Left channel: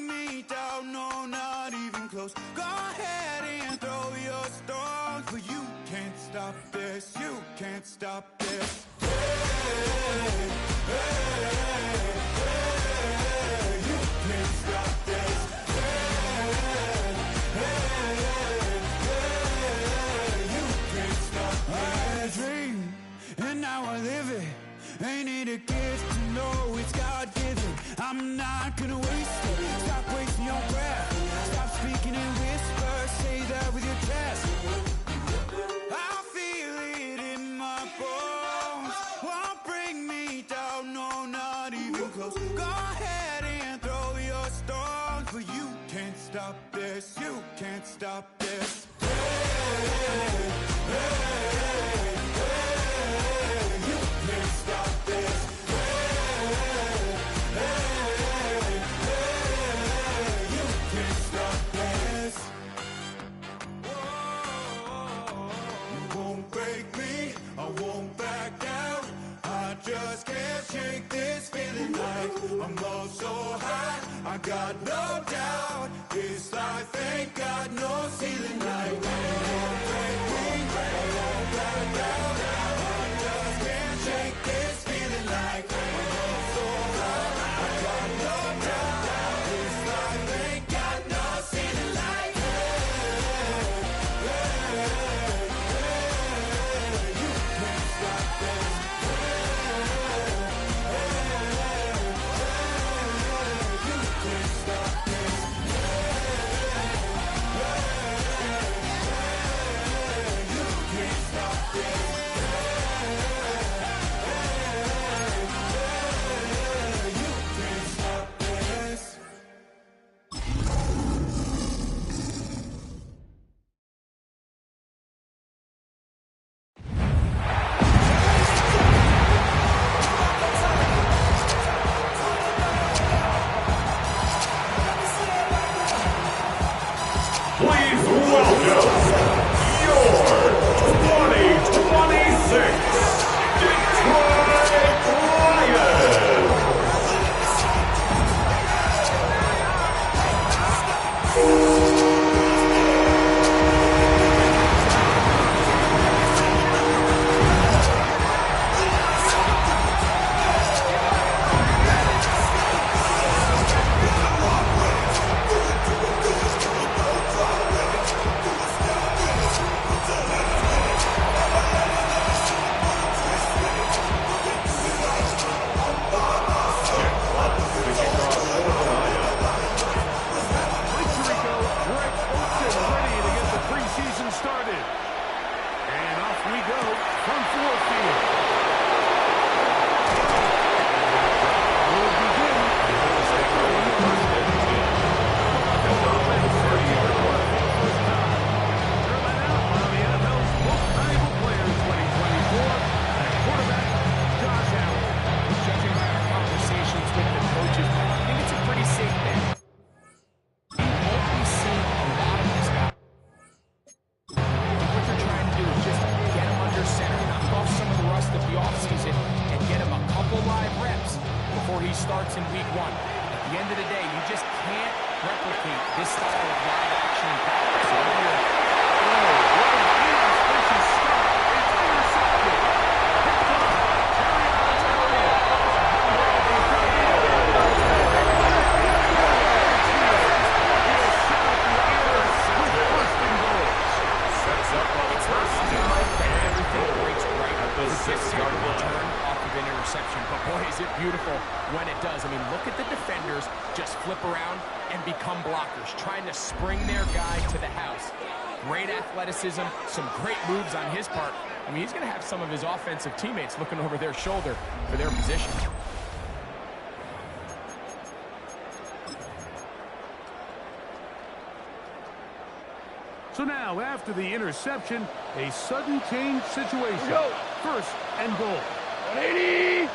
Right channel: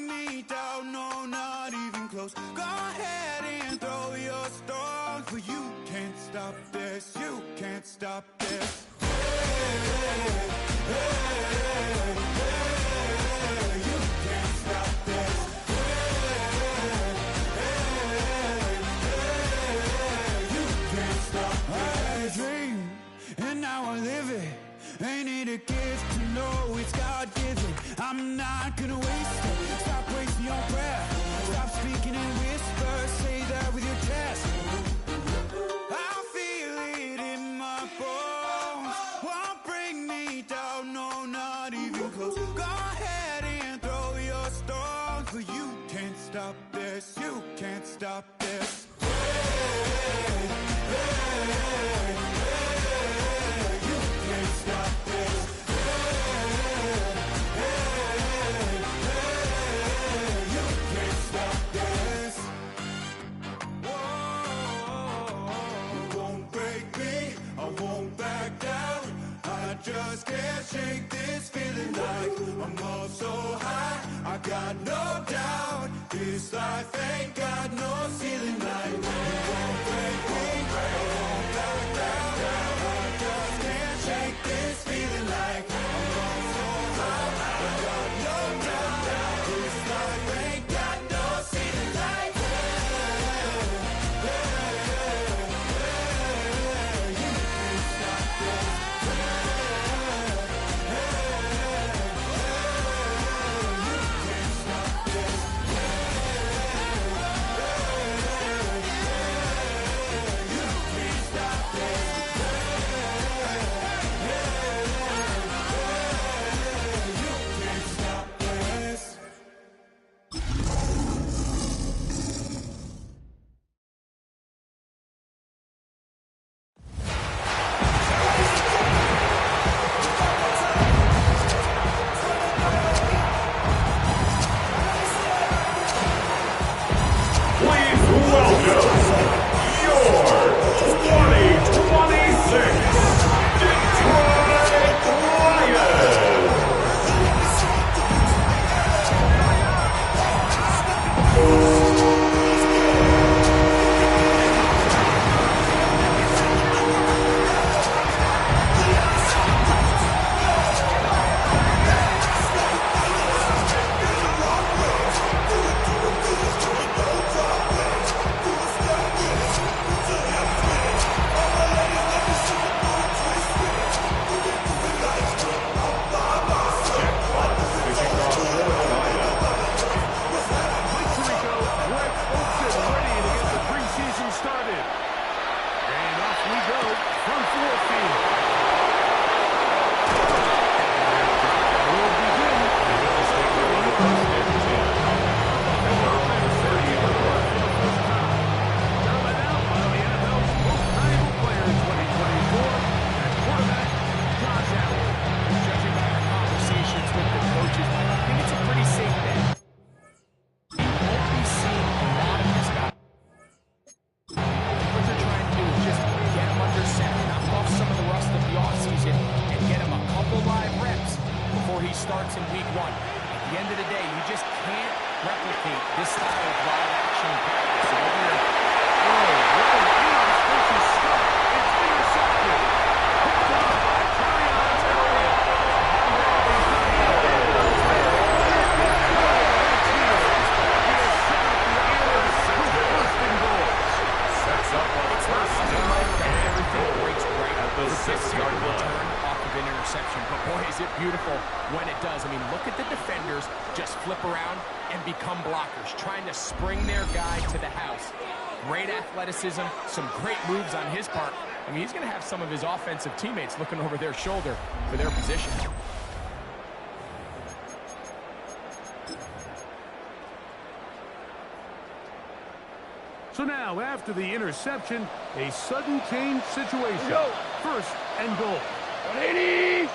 bring me down, no, not even close. Go ahead and throw your stones, but you can't stop this, you can't stop this. Hey, hey, hey, you can't stop this. Hey, hey, hey, you can't stop this. I had a dream, and now I live it. Ain't it a gift to know it's God-given? I'm not gonna waste it. Stop wasting your breath. Stop speaking in whispers. Say that with your chest. I feel it in my bones. Won't bring me down, no, not even close. Go ahead and throw your stones, but you can't stop this. You can't stop this. Hey, hey, hey, you can't stop this. Hey, hey, hey, you can't stop this. Whoa, you won't break me, I won't back down. I just can't shake this feeling like I'm up so high. I got no doubt this life ain't got no ceiling like. You won't break me, I won't back down. I just can't shake this feeling like I'm up so high. I got no doubt this life ain't got no ceiling like. Hey, hey, hey, you can't stop this. Please welcome your 2026 Detroit Lions. Started. And off we go from Ford Field. We'll begin. They're going to stick with the first and 10. And they're only 30-yard mark for the first time. They're led out by the NFL's most valuable player in 2024, and quarterback Josh Allen. Judging by our conversations with the coaches, I think it's a pretty safe bet. You won't be seeing a lot of this guy. What they're trying to do is just get him under center, knock off some of the rust of the offseason, and get him a couple live reps before he starts in week 1. At the end of the day, you just can't replicate this style of live action in practice. So what an inauspicious start. It's intercepted. Picked off by Terrion Elliott. Sets up on the first down, and everything breaks right at the 6-yard return off of an interception. But boy, is it beautiful when it does. I mean, look at the defenders just flip around and become blockers, trying to spring their guy to the house. Great athleticism, some great moves on his part. I mean, he's going to have some of his offensive teammates looking over their shoulder for their position. So now, after the interception, a sudden change situation. First and goal. 180!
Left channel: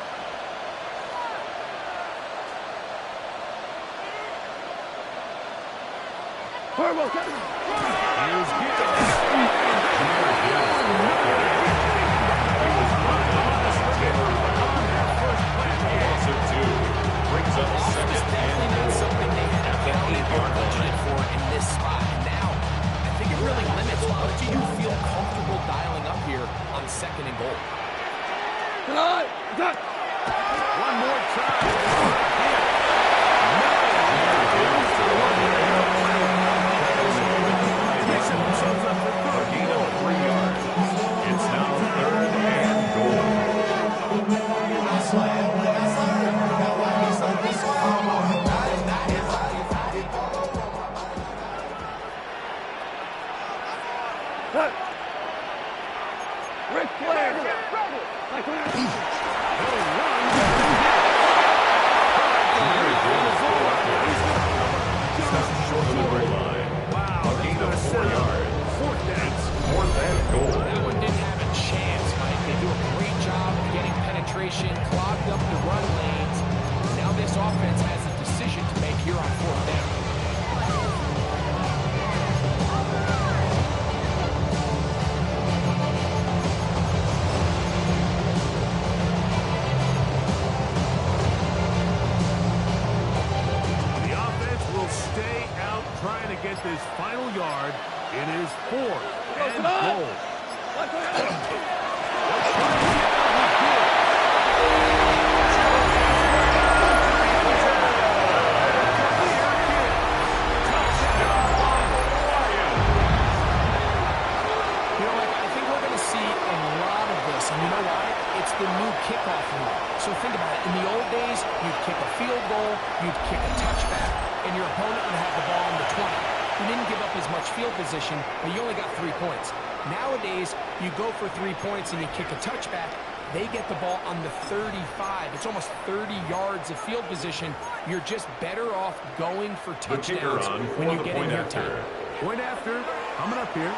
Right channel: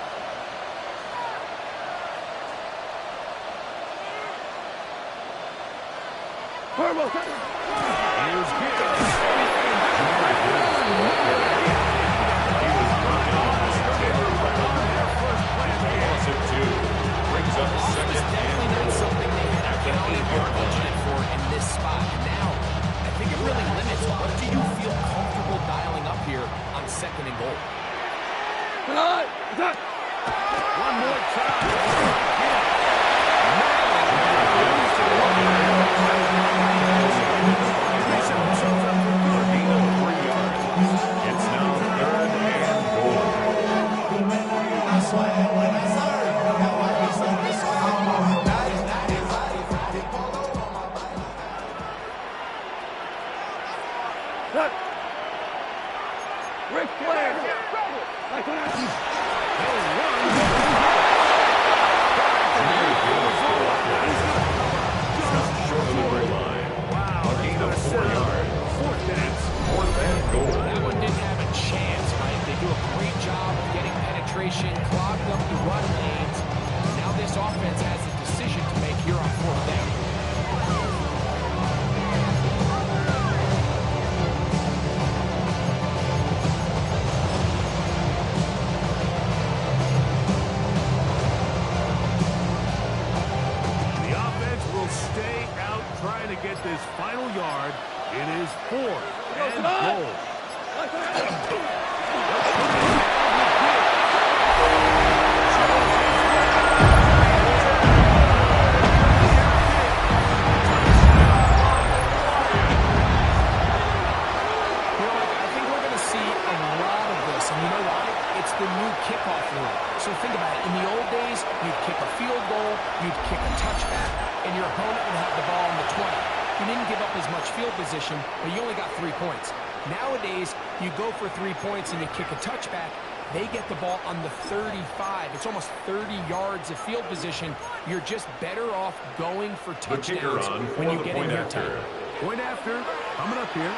Here's Gibbs. Loss of 2. Brings up second and definitely not something they had to count have budgeted for it in this spot. And now, I think it really limits what do you feel comfortable dialing up here on 2nd and goal. One more time. Themselves up for a gain of 3 yards. It's now 3rd and goal. Ric Flair. They'll run. Stop short of the goal line. Wow. A gain of 4 yards. It's 4th and goal. That one didn't have a chance, Mike. They do a great job of getting penetration, clogged up the run lanes. And now this offense has a decision to make here on 4th down. Stay out trying to get this final yard. It is 4th and goal. And you know why? It's the new kickoff rule. So think about it. In the old days, you'd kick a field goal, you'd kick a touchback, and your opponent would have the ball on the 20. You didn't give up as much field position, but you only got 3 points. Nowadays, you go for 3 points and you kick a touchback. They get the ball on the 35. It's almost 30 yards of field position. You're just better off going for touchdowns when you get in here tight. Point after, coming up here.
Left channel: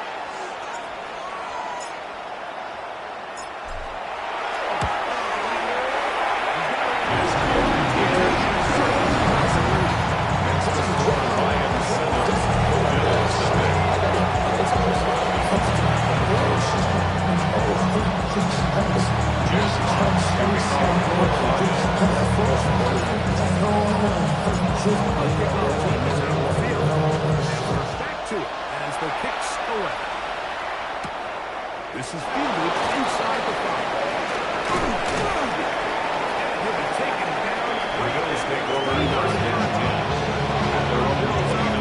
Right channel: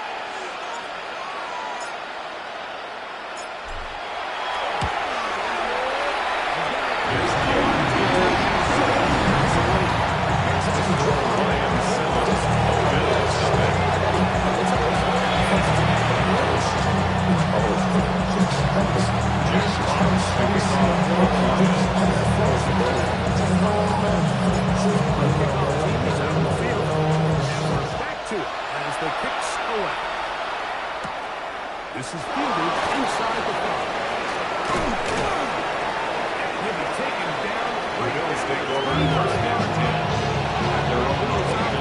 This is fielded inside the 5. And he'll be taken down. The Bills take over 1st and 10. At their own goal line.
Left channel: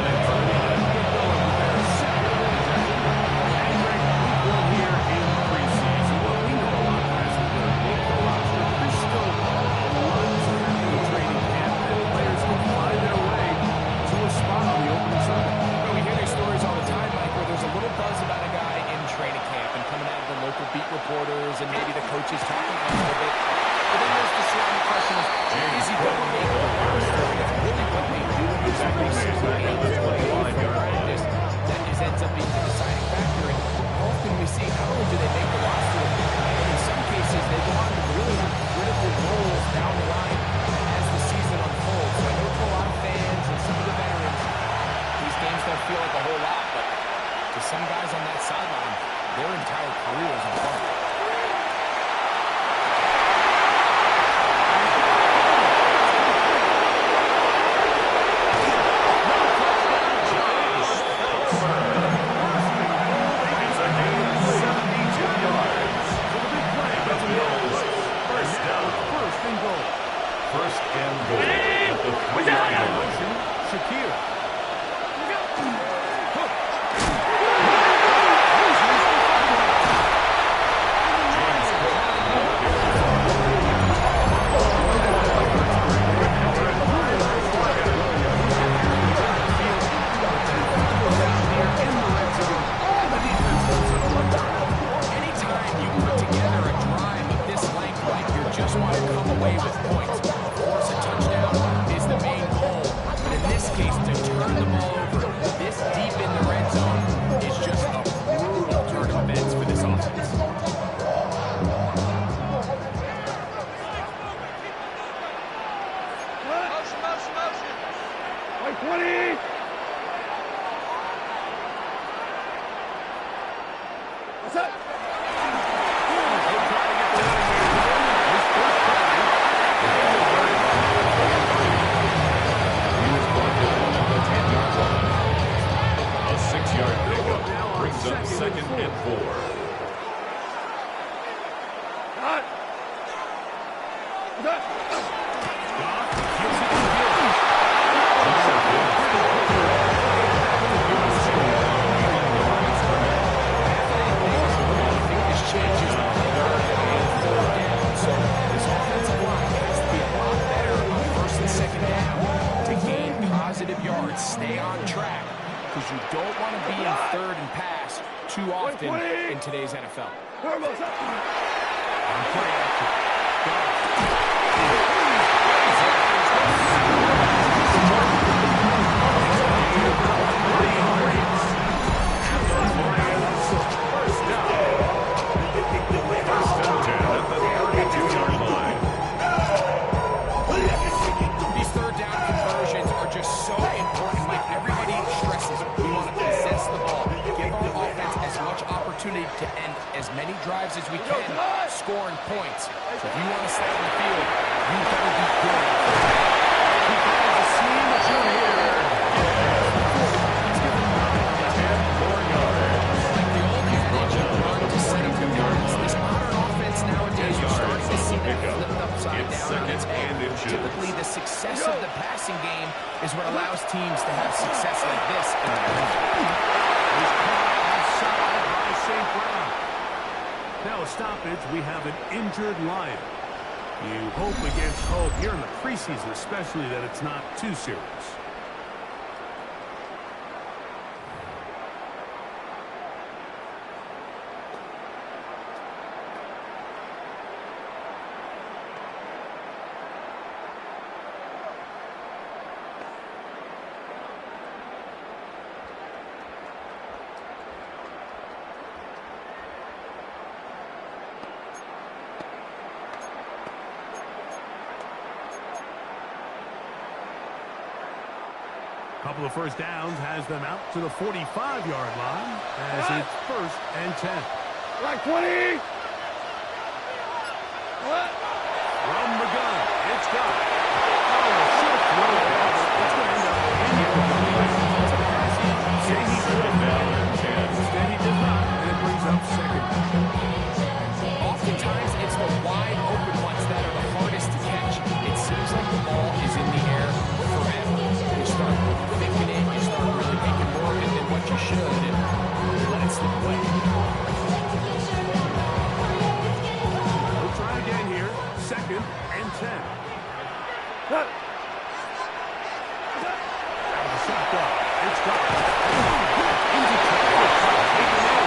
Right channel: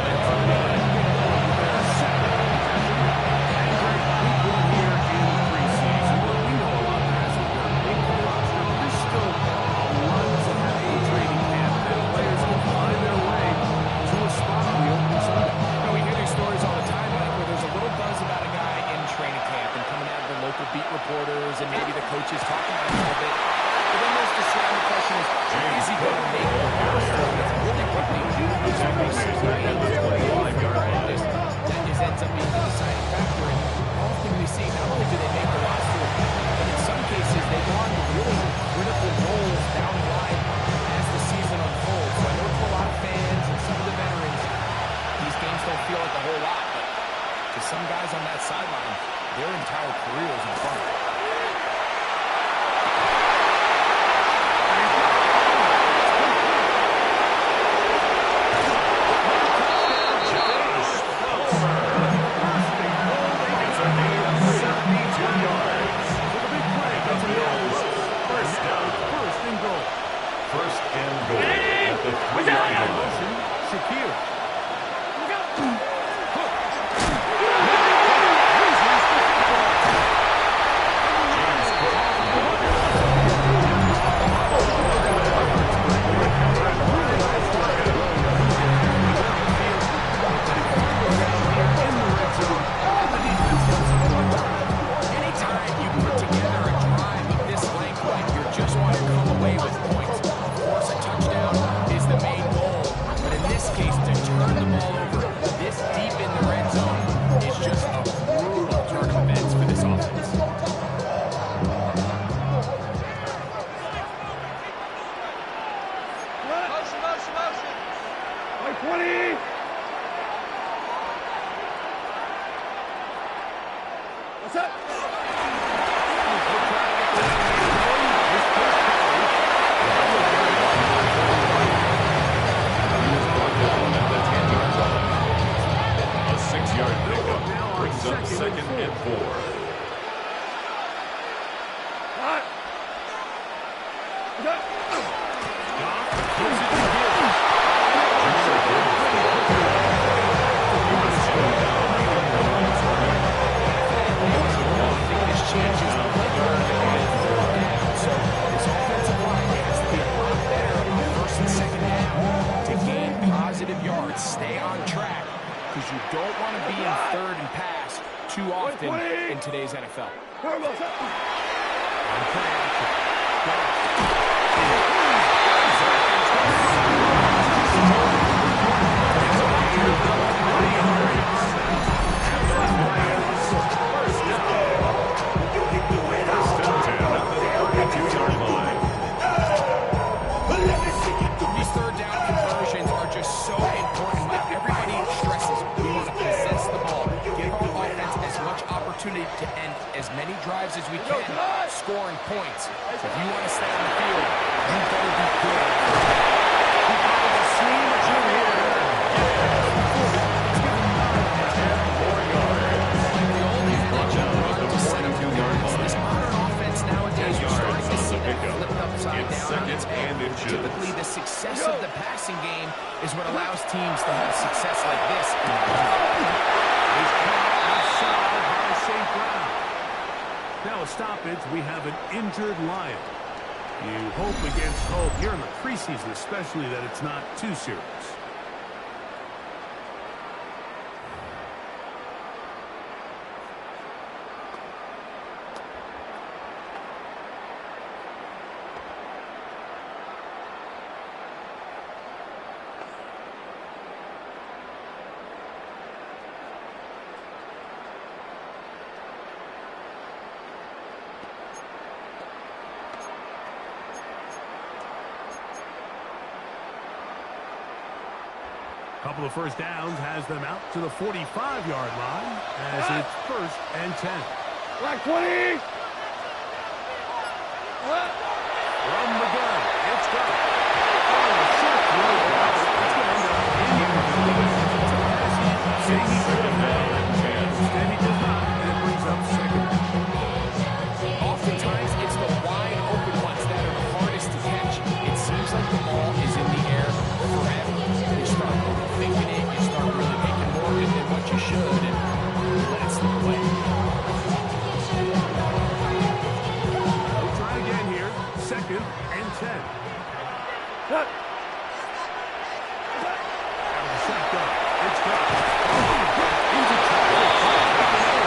Get going with their 2nd possession. And Greg, week 1 here in preseason. Well, we know a lot of guys are going to make the roster, but there's still a lot to happen in training camp that players can find their way to a spot on the opening Sunday. We hear these stories all the time, Mike, where there's a little buzz about a guy in training camp and coming out of the local beat reporters and maybe the coaches talking about it a little bit. But then there's the surrounding question is he going to make the roster? That's really what they do. Exactly 6 practice. That ends up being the deciding factor. And often we see not only do they make the roster, but in some cases they go on to really have critical roles down the line as the season unfolds. So I know to a lot of fans and some of the veterans, these games don't feel like a whole lot, but to some guys on that sideline, their entire career is in front of them. First and goal at the 3-yard line. Shakir. Hook. James anytime you put together a drive of this length, like you just want to come away with points. Of course, a touchdown is the main goal, but in this case, to turn the ball over this deep in the red zone is just a brutal turn of events for this offense. Motion. Like 20. What's up? He'll try to get the running game going. His first carry. He was brought down at the 10-yard line. second and 4. Hot. What's up? Goff gives it to Gibbs. I think this changes the play card on 4th down. So this offensive line has to be a lot better on 1st and 2nd down to gain positive yards. Stay on track because you don't want to be in 3rd and pass too often in today's NFL. On play action. Goff. First and 10 at the 32-yard line. These 3rd down conversions are just so important, Mike. Everybody stresses we want to possess the ball, give our offense as much opportunity to end as many drives as we can, scoring points. So if you want to stay on the field, you better be good. He finds a seam through here. He's given 9 on that. 10 more yards. Like the old adage, run to set up the yards. This modern offense nowadays, we're starting to see that flipped upside down on its head. Typically, the success of the passing game is what allows teams to have success like this in the run game. He's caught offside by St. Brown. Now a stoppage. We have an injured Lion. You hope against hope here in the preseason, especially that it's not too serious. Couple of first downs has them out to the 45-yard line as it's 1st and 10. Like 20. From the gun, it's got. Oh, a short throw down. It's going to end up incomplete. It's a pass he said he could have done. Instead, he does not, and it brings up 2nd down. Oftentimes, it's the wide open ones that are the hardest to catch. It seems like the ball is in the air forever. You start thinking it, you start really making more of it than what you should, and let it slip away. We'll try again here. 2nd and 10. Hot. Out of the shotgun. It's got. Into traffic. Taken in.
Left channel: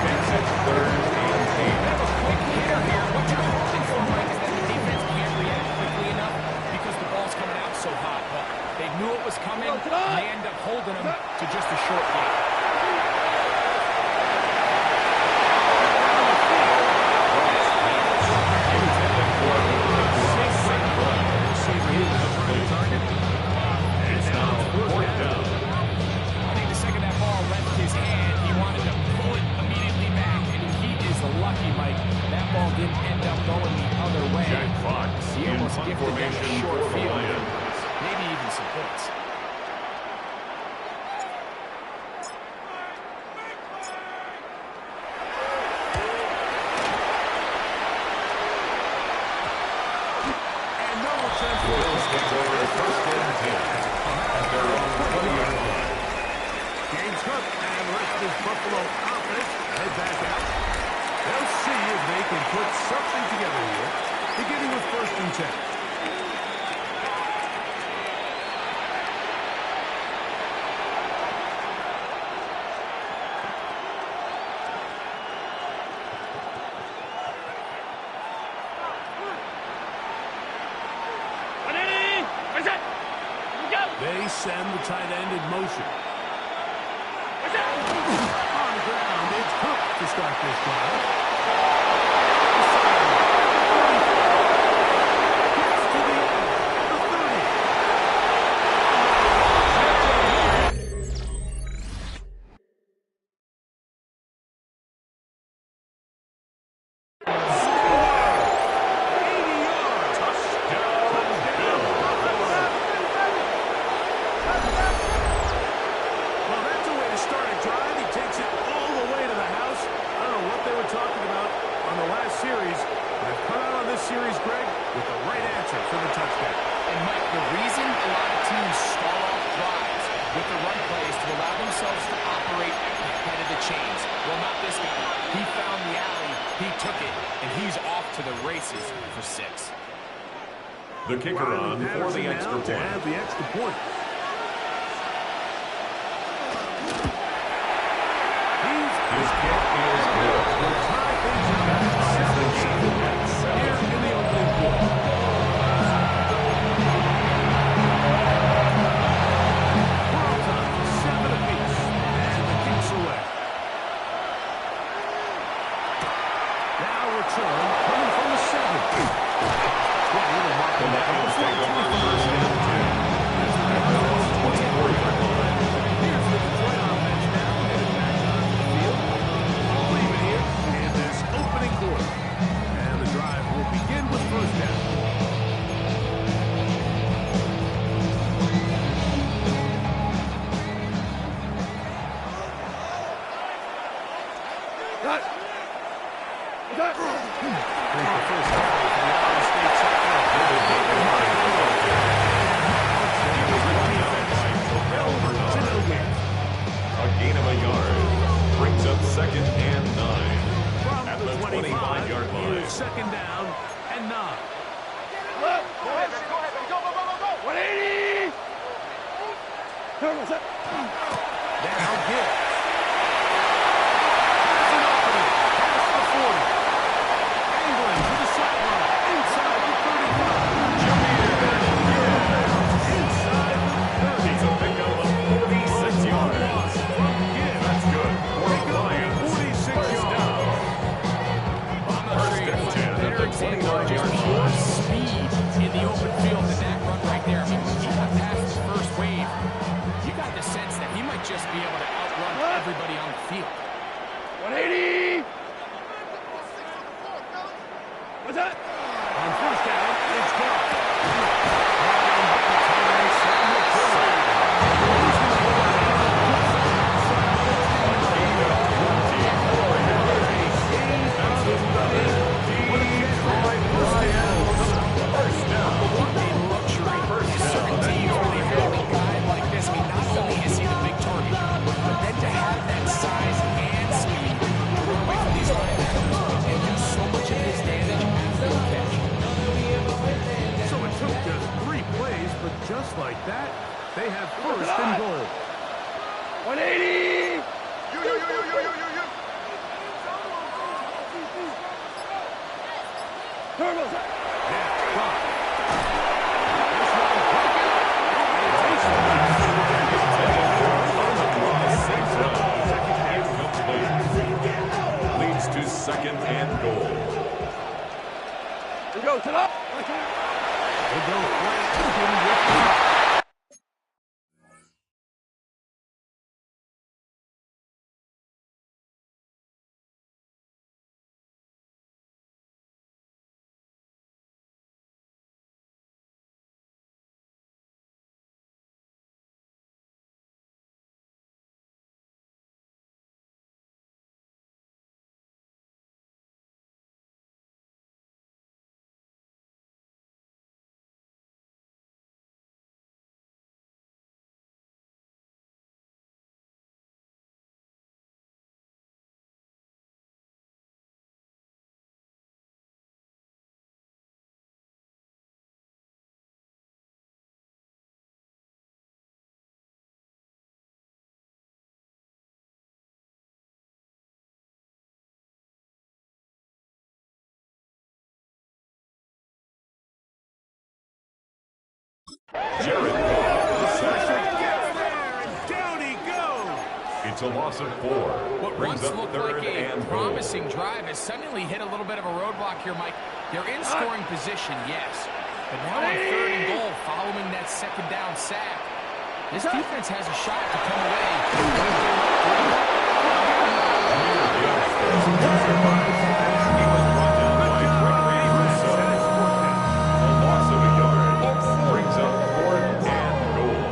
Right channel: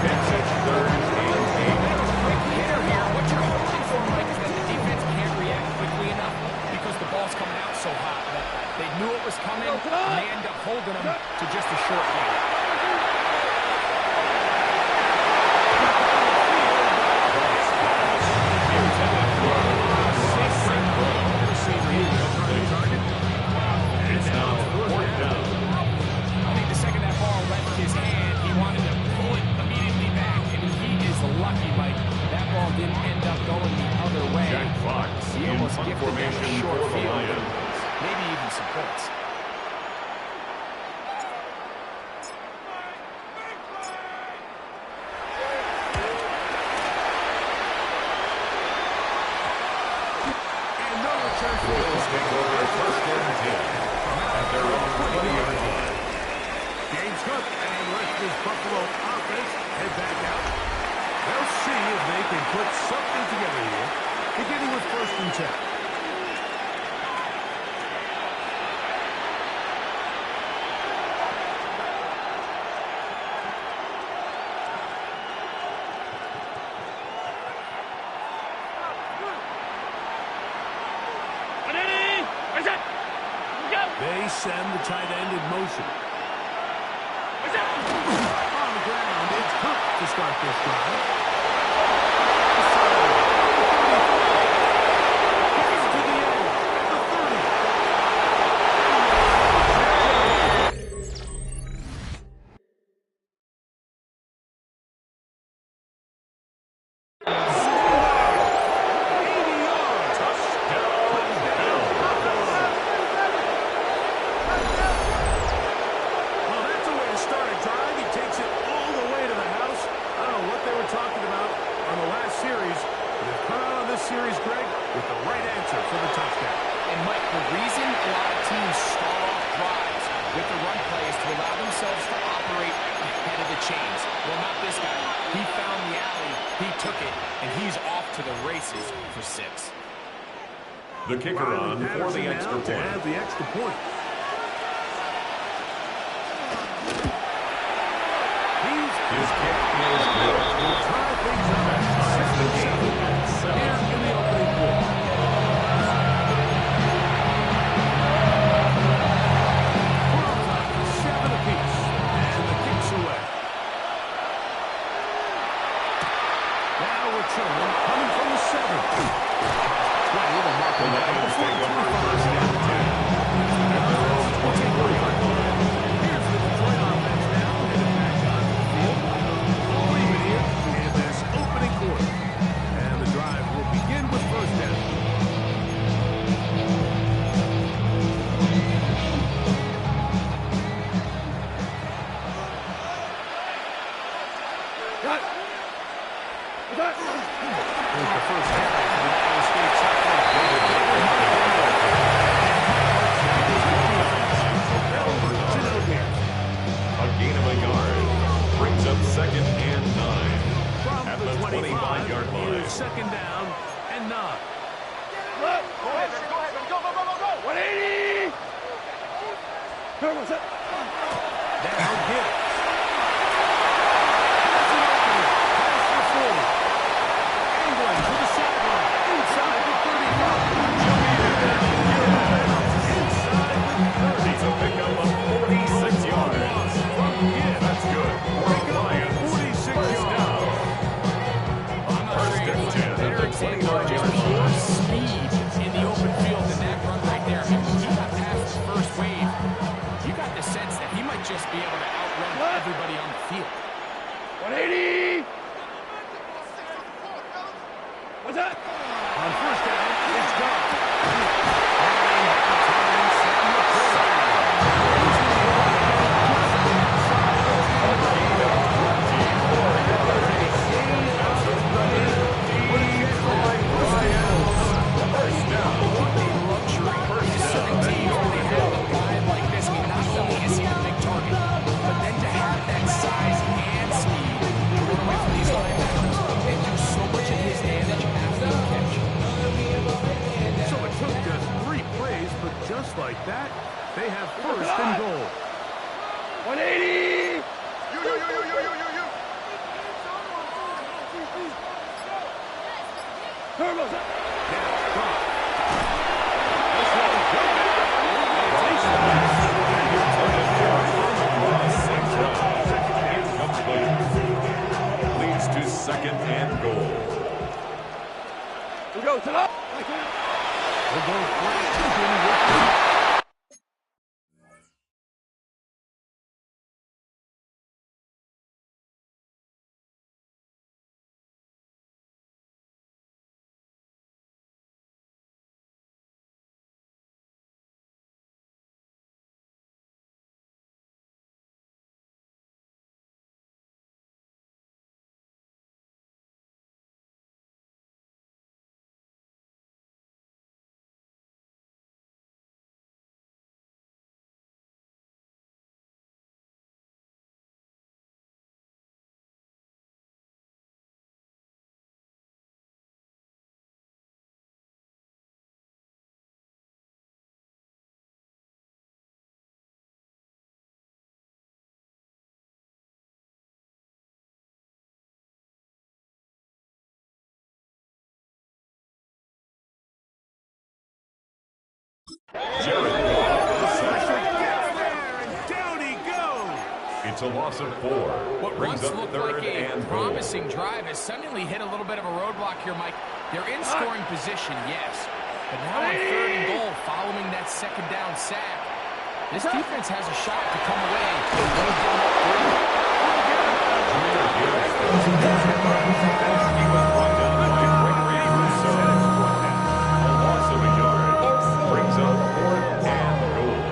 Makes it 3rd and 8. Bit of a quick hitter here. What you're hoping for, Mike, is that the defense can't react quickly enough because the ball's coming out so hot. But they knew it was coming, and they end up holding them to just a short game. I think the second that ball left his hand, he wanted to pull it immediately back, and he is lucky, Mike. That ball didn't end up going the other way. Jack Fox He in almost punt gifted them a formation short for the field, Lions. maybe even some points. And no return The for Bills take over 1st and 10 at their own 20-yard line. James Cook and the rest of his Buffalo offense head back out. They'll see if they can put something together here, beginning with 1st and 10. They send the tight end in motion. On the ground, it's Cook to start this drive. Gets to the end at the 30. 80 yards. Touchdown, Bills. answer for the touchdown. And, Mike, the reason a lot of teams start off drives with the run play is to allow themselves to operate ahead of the chains. Well, not this guy. He found the alley, he took it, and he's off to the races for 6. The kicker on for the extra to point. have the extra point. His kick is good. Will tie things up. That ties the game at 7. Here in the opening quarter. We're on time, 7 apiece, and the kick's away. Now return coming from the 7. 20 to mark the net at the 25. Here's the Detroit offense now, headed back onto the field. All even here in this opening quarter. And the drive will begin with first down. Cut. Cut. Here's the first carry for the Iowa State Cyclones. A gain of a yard brings up 2nd and 9 From at the the 25-yard line. Here's 2nd down and 9. Look. Go ahead, baby. Go ahead, baby. Go, go, go, go, go. 180. Turbo set. Now Gibbs. Has an opening. Past the 40. Angling to the sideline. Inside the 35. Inside the 30. He's a pickup of 46 yards. From Gibbs. That's good for Pick up Lions. 46 First yards. down. I'm not First sure and you 10 find a better at the example of 29-yard just line. pure speed in the open field than that run right there. I mean, when he got past the first wave, you got the sense that he might just be able to outrun everybody on the field. 180. What's that? On first down, it's gone. Running back to tight end Sam LaPorta. A gain of 24 yards. That's a running Detroit Lions. First down. What a luxury. There's certain teams where they have a guy like this. I mean, not only is he the big target, but then to have that size and speed to run away from these linebackers and do so much of his damage after the catch. So it took just 3 plays, but just like that, they have first and goal. 180. You. Turbo set. That's 5. This one broken up. And it takes the pass. Incomplete. Leads to 2nd and goal. We go to the. We'll go flat open with the Jared Goff. gets there, and down he goes. It's a loss of 4. What Brings once up looked 3rd like a and goal. promising drive has suddenly hit a little bit of a roadblock here, Mike. They're in scoring position, yes. But now on 3rd and goal, following that 2nd down sack, this defense has a shot to come away with Jameer Gibbs goes to as he was brought down by Gregory Rousseau. A loss of a yard brings up 4th and goal.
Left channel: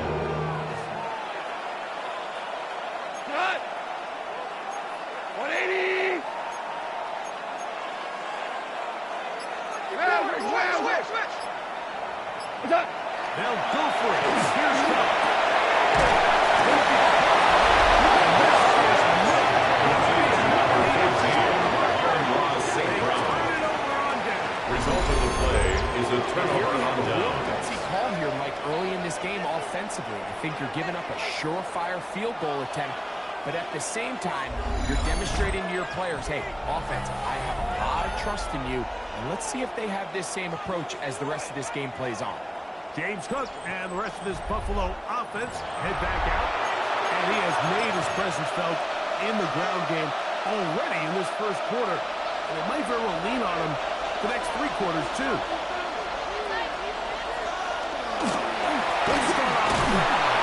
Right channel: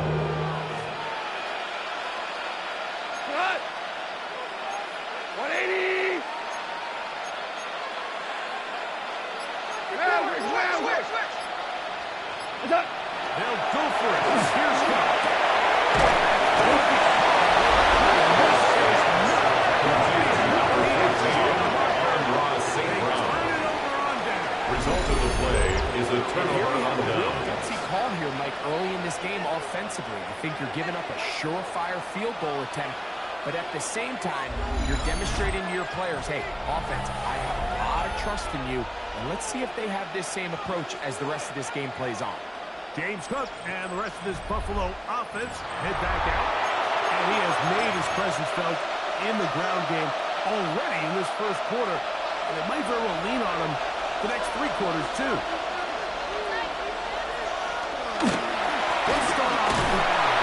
Cut. 180. Switch. They'll go for it. Here's Cup. Result of the play is a turnover on Real down. gutsy call here, Mike, early in this game offensively. I think you're giving up a surefire field goal attempt, but at the same time, you're demonstrating to your players, hey, offense, I have a lot of trust in you, and let's see if they have this same approach as the rest of this game plays on. James Cook and the rest of this Buffalo offense head back out, and he has made his presence felt in the ground game already in this first quarter, and it might very well lean on him the next 3 quarters, too. Let's start off the ground.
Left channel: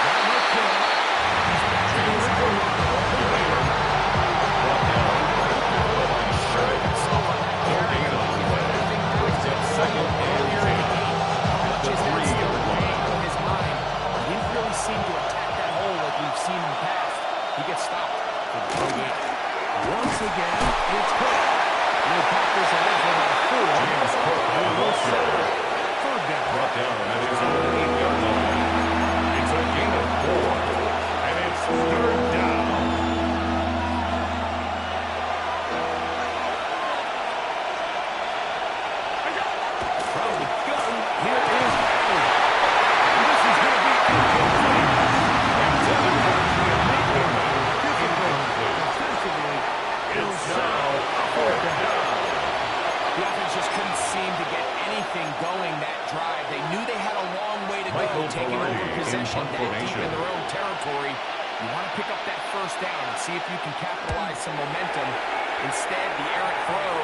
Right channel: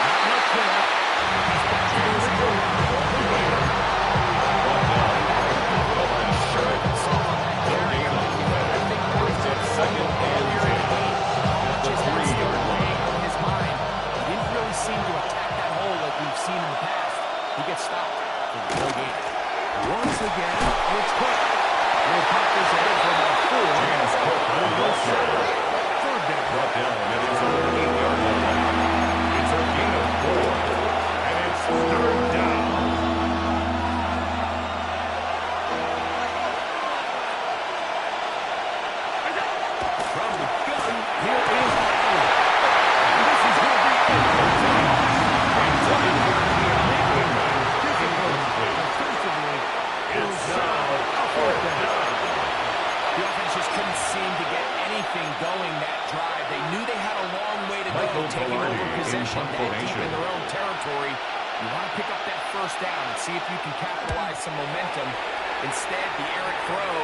Not much there. He's back to his corner. Brought down by the insurance. Brings up second and 10 at the 3-yard line. On his mind, he didn't really seem to attack that hole like we've seen in the past. He gets stopped for the whole game. Once again, it's Cook. He'll pop this ahead for about 4. James Cook on the shot. Third down. Brought down at his own 8-yard line. It's a gain of 4, and it's third down. From the gun, here is Allen. And this is going to be incomplete. Intended for incomplete. Defensively, It's now a fourth down. The offense just couldn't seem to get anything going that drive. They knew they had a long way to Michael go, taking Pilardi over in possession punt that deep formation. in their own territory. You want to pick up that first down and see if you can capitalize some momentum. Instead, the errant throw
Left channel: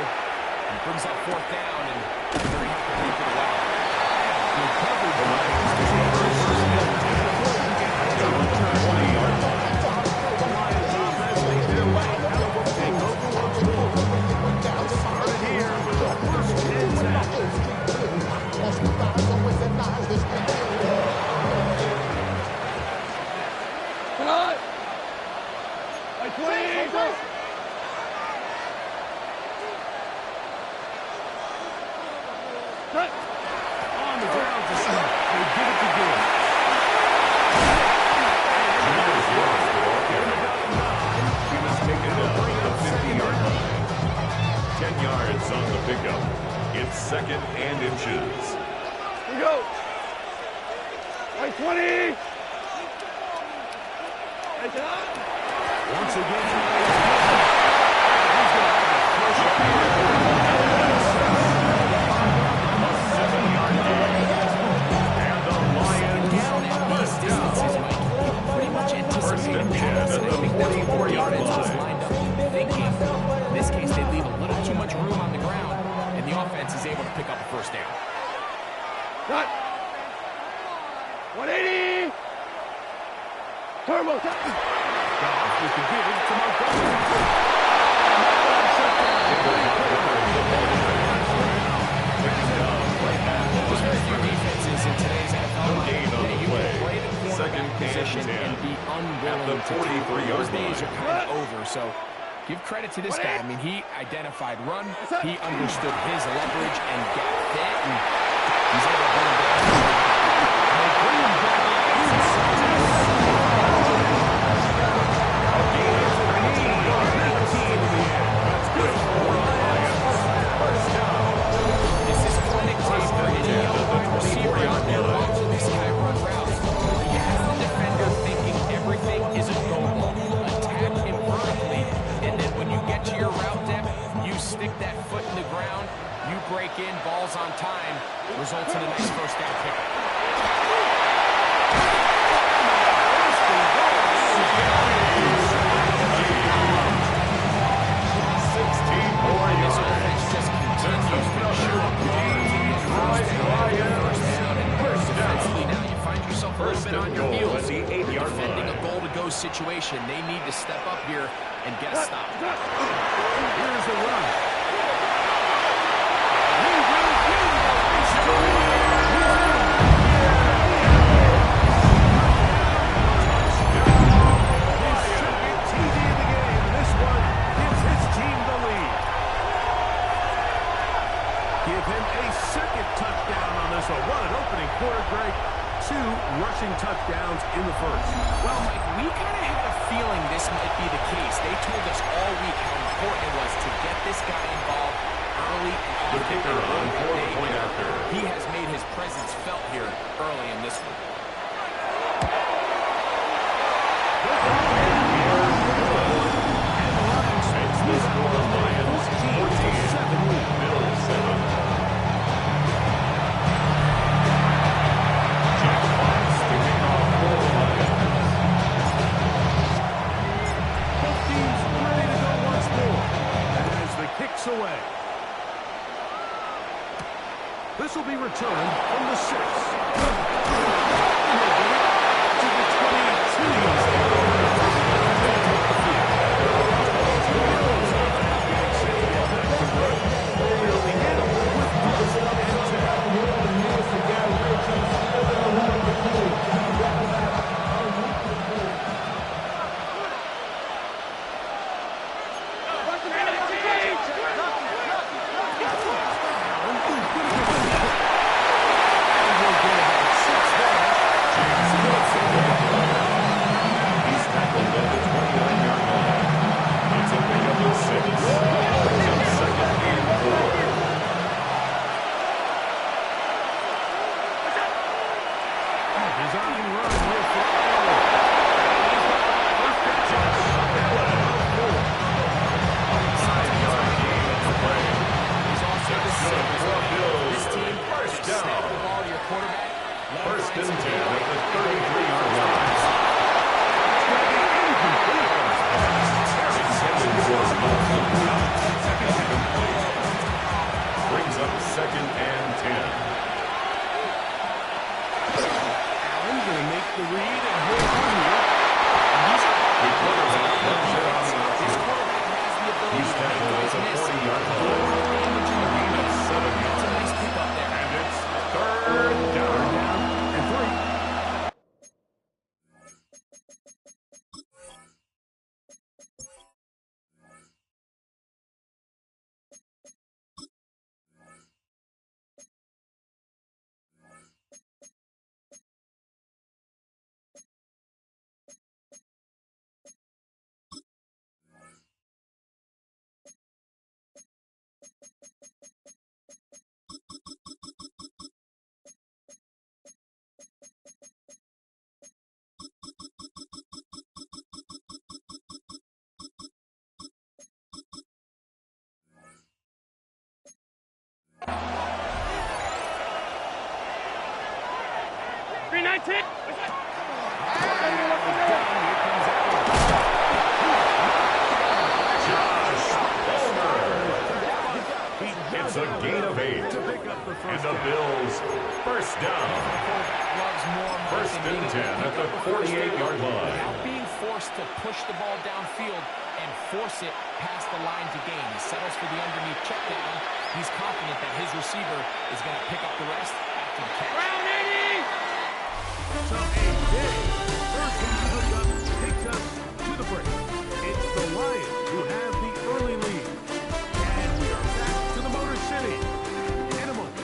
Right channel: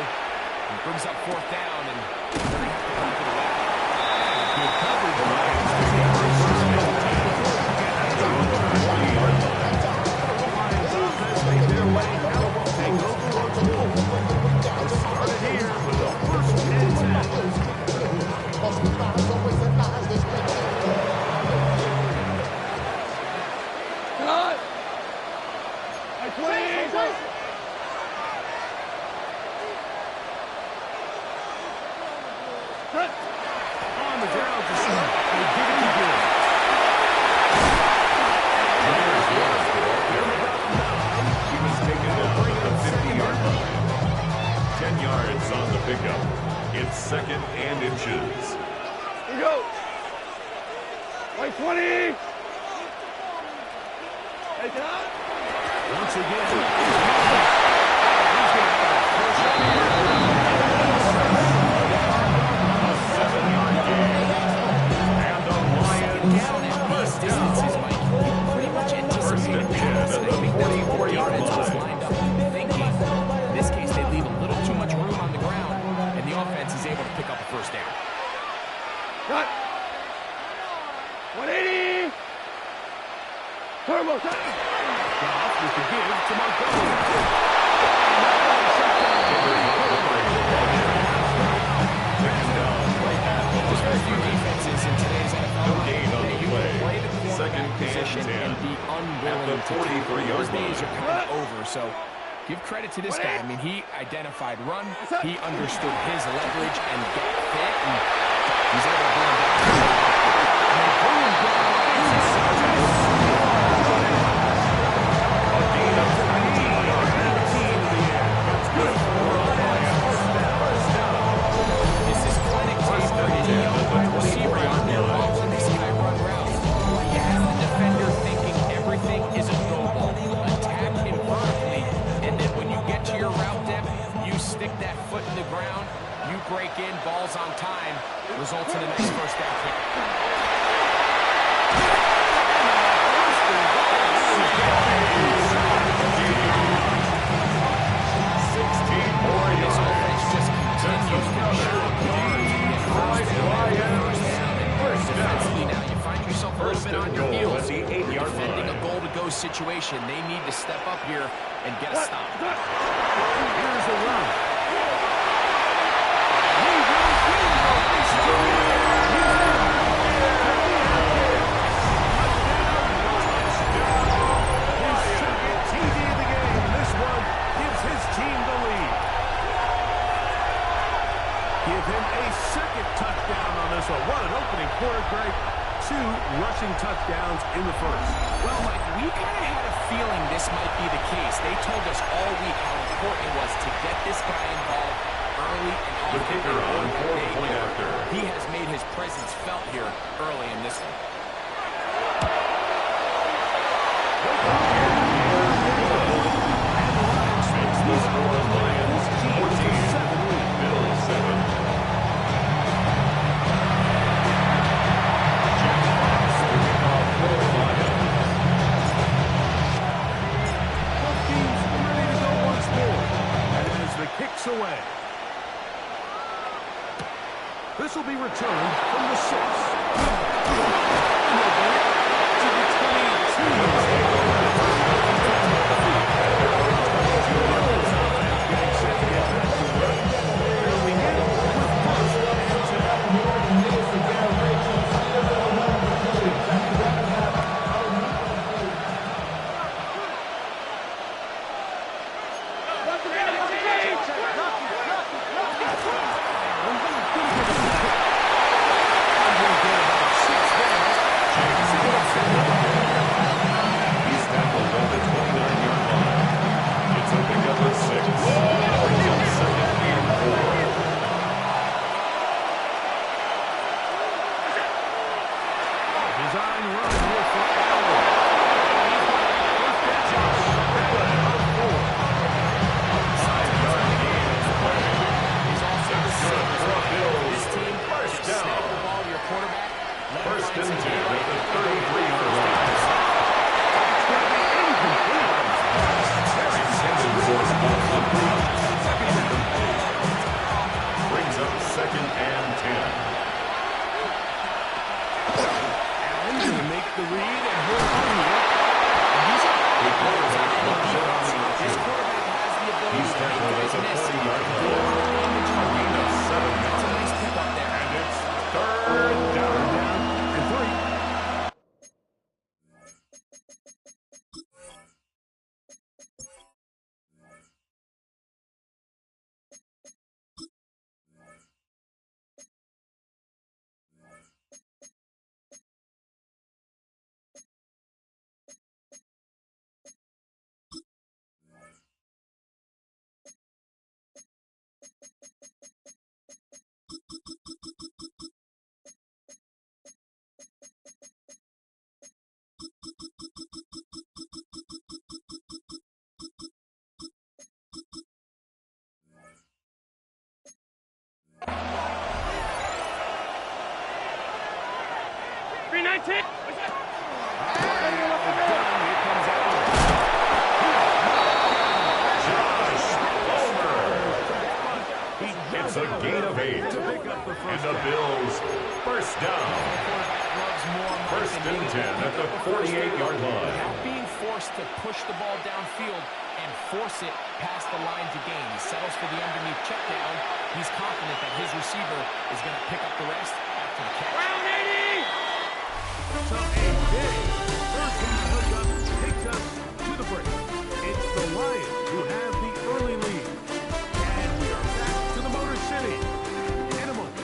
brings up fourth down, and they're going to have to punt it away. Good coverage. The Lions take over first and 10 at their own 20-yard line. The Lions offense made their way out. Take over once more. Started here with a first and 10. Cut! Like 20! Cut! On the ground to start. They give it to Gill. Here's Gibbs, the ball carrier. He was taken down at the 50-yard line. 10 yards on the pickup. It's second and inches. Here we go! Like 20! Hey, cut! Once again, it's Gill. He's going to have a first A 7-yard gain. And the Lions Down at these distances, Mike, you pretty much First anticipate and 10 pass, at and I the think that's what the 44-yard defense was line. lined up thinking. In this case, they leave a little too much room on the ground, and the offense is able to pick up a first down. Cut! 180! Turbo time! Goff with the give to Montgomery. Montgomery, the ball carrier. Taken down right at the There's very line. few defenses in today's NFL. No gain on the You play. can play the Second quarterback and position 10 and be unwilling at the to tackle. 43-yard Those days line. are kind of over, so give credit to this guy. I mean, he identified run, he understood his leverage and gap fit, and he's able to bring him down. And they bring him down inside. A gain of 19 yards. 19 in the air. That's good for the Lions. First down. This is clinic tape for any young wide receiver out there watching this guy run routes. He has the defender thinking everything is a go ball. Attack him vertically, and then when you get to your route depth, you stick that foot in the ground, you break in, balls on time, results in a nice first down pickup. 16 more This yards. offense just continues to chew up yards and get first down after first down. And defensively now, you find yourself a little bit on your heels. At the 8-yard Defending a line. goal-to-go situation, they need to step up here and get a stop. Here's a run. He will win the race to the His second TD of the game, and this one gives his team the lead. Give him a second touchdown So what an opening quarter, Greg. 2 rushing touchdowns in the first. Well, Mike, we kind of had a feeling this might be the case. They told us all week how important it was to get this guy involved early and often. The kicker on for the point after. He has made his presence felt here early in this one. And the Lions Makes the score Lions 14, Bills 7. Jack Fox, the kickoff for the Lions. Both teams ready to go once more. And as the kick's away. This will be returned from the 6. And they'll bring it to the 22. Getting set to get back to work. They'll begin with first and 10. He's tackled at the 29-yard line. It's a pickup of 6. Brings up 2nd and 4. Design run here for Allen. First down. Josh Allen of 4. A 5-yard gain on the play. He's also the Good for Bills. This team First just snap down. the ball to your quarterback. let him First find and 10 some at daylight, the and go 33-yard first line. down. It's going to be incomplete. Intended for a touchdown. Incomplete. Brings up 2nd and 10. Allen's going to make the read and hold on here. And he's up. The quarterback runs it on the This option. quarterback has the ability He's to make tackled at guys the miss. 40-yard More line. damage A gain of 7 That's a yards. nice pickup there. And it's 3rd down. And 3. Josh Palmer. It's a gain of 8. And the Bills first down. Quarterback loves more money First than and being 10 able to at pick the up a first 48-yard down. line. Without being forced to push the ball downfield and force it past the line to gain. He settles for the underneath check down. He's confident that his receiver is going to pick up the rest after the catch. So a big first-down hookup takes us to the break. It's the Lions who have the early lead. And we are back to the Motor City in a moment.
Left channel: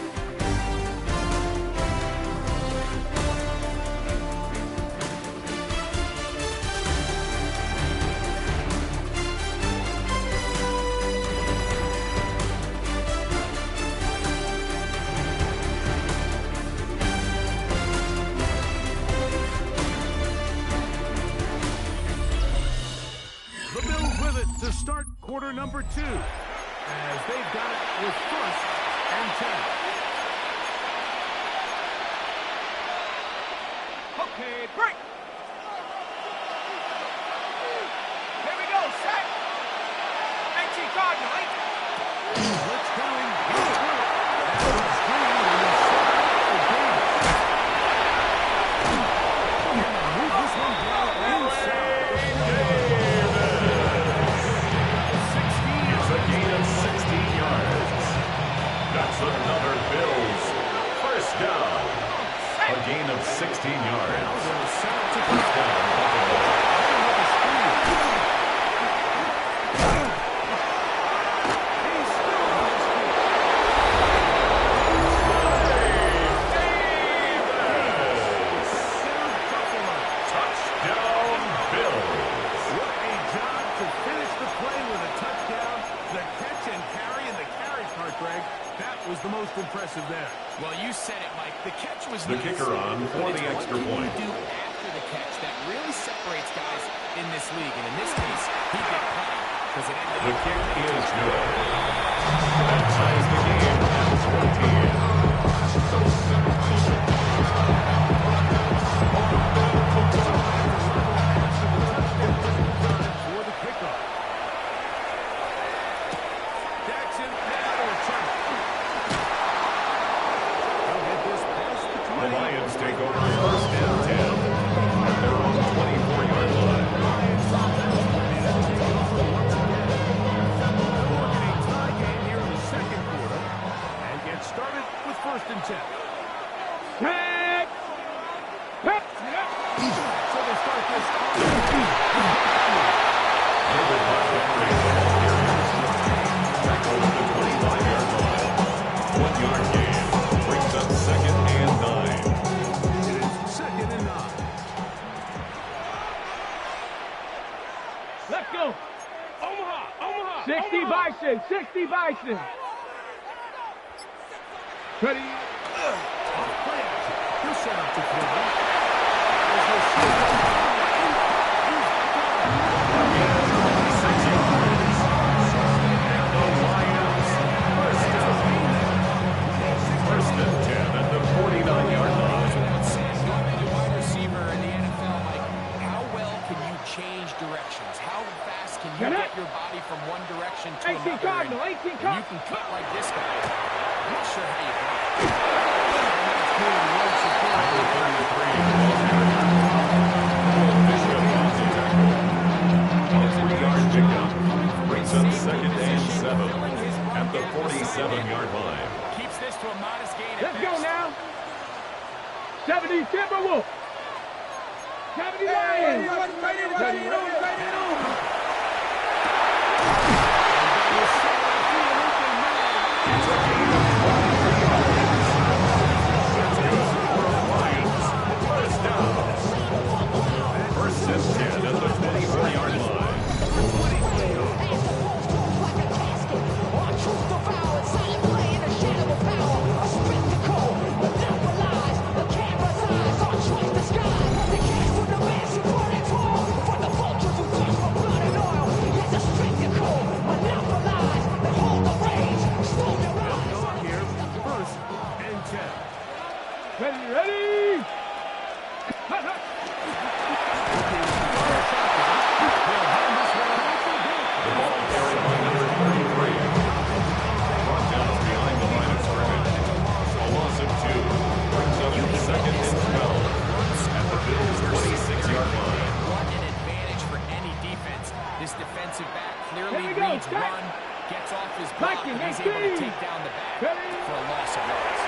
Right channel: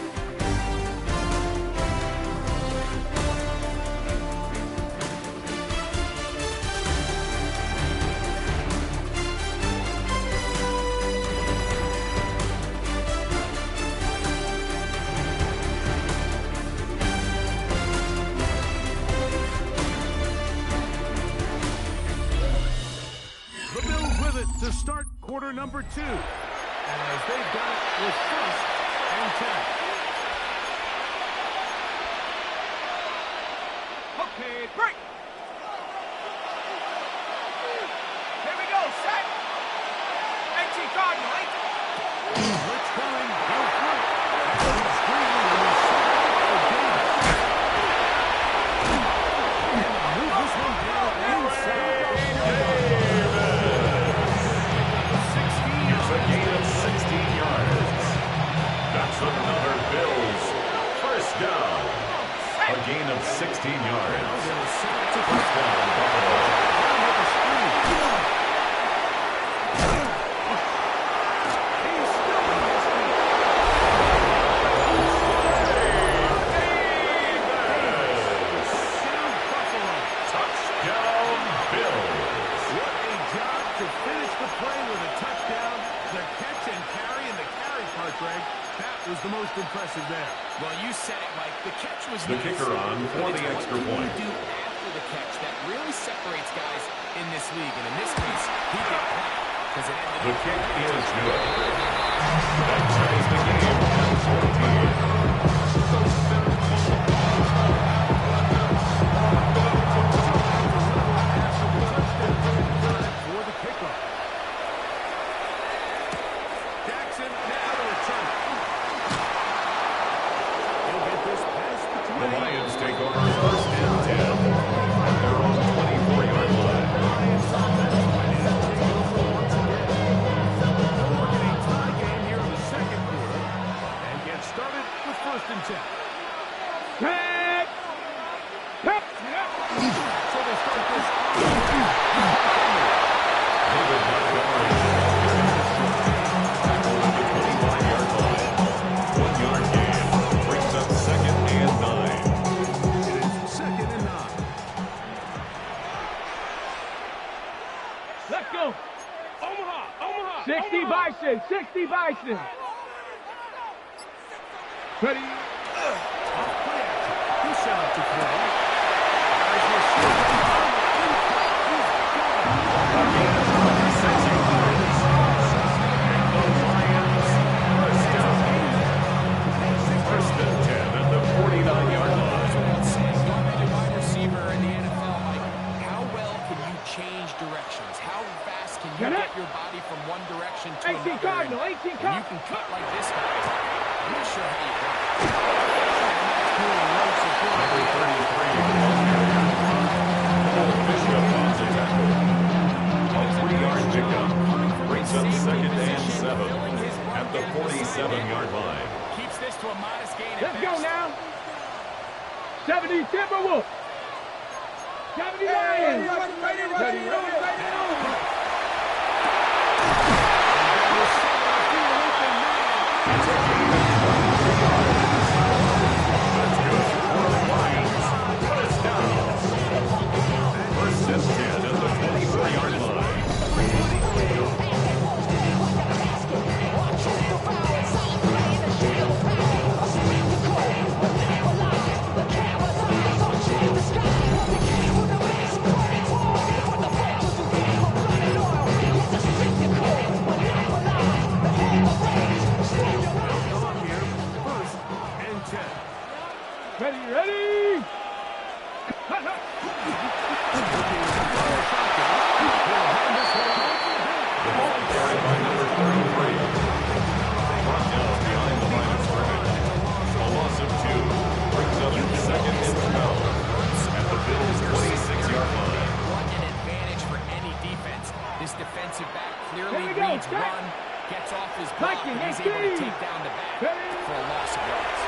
The Bills with it to start quarter number 2, as they've got it with first and 10. Okay, break. Here we go, set. 18 Cardinal, 18. Blitz coming, he'll throw it. And he's green, and he's set up for Davis. And to move this one down inside. It's a gain of 16 yards. That's another Bills first down. A gain of 16 yards. First down, Buffalo. impressive there. Well, you said it, Mike. The catch was The nice, kicker on for but the it's extra what point. can you do after the catch that really separates guys in this league. And in this case, he did plenty because it ended The up kick is good. That ties the game at 14. For the kickoff. Jackson now to return it. He'll get this past the 20. The Lions take over first and 10 at their own 24-yard line. Lions ready to take it over once again. They'll work in a tie game here in the second quarter and get started with first and 10. Tag! Tag! So they start this David Montgomery, the ball carrier. Tackle at the 25-yard line. 1-yard gain. Brings up second and 9. It is second and 9. Let's go! Omaha! Omaha! 60 Bison! 60 Bison! Ready? Off play action. He'll set up to throw. As he'll shoot. Again, 6 yards. And the Lions first down. First and 10 at the 49-yard line. without saying. You're a wide receiver in the NFL, Mike. How well can you change directions? How fast can you get your body from one direction to 18 another? Cardinal, And 18 when you can cut like this guy, I'm not sure how you do it. Number 33, the ball carrier. Paul Bishop on the tackle. A 3-yard pickup brings up second and 7 at the 47-yard line. Keeps this to a modest gain. Let's go now. 70 Timberwolves. 70 Lions. Ready. It's a gain of 23 yards. That's good for the Lions. First down. First and 10 at the 24-yard line. They'll go up here. First and 10. Ready. Hut, hut. The ball carried by number 33. Brought down behind the line of scrimmage. A loss of 2 brings up second and 12 at the Bills' 26-yard line. What an advantage for any defense. This defensive back clearly Here we go, reads check. run, gets off his block, Viking, and he's able to 18. take down the back Ready. for a loss of yards.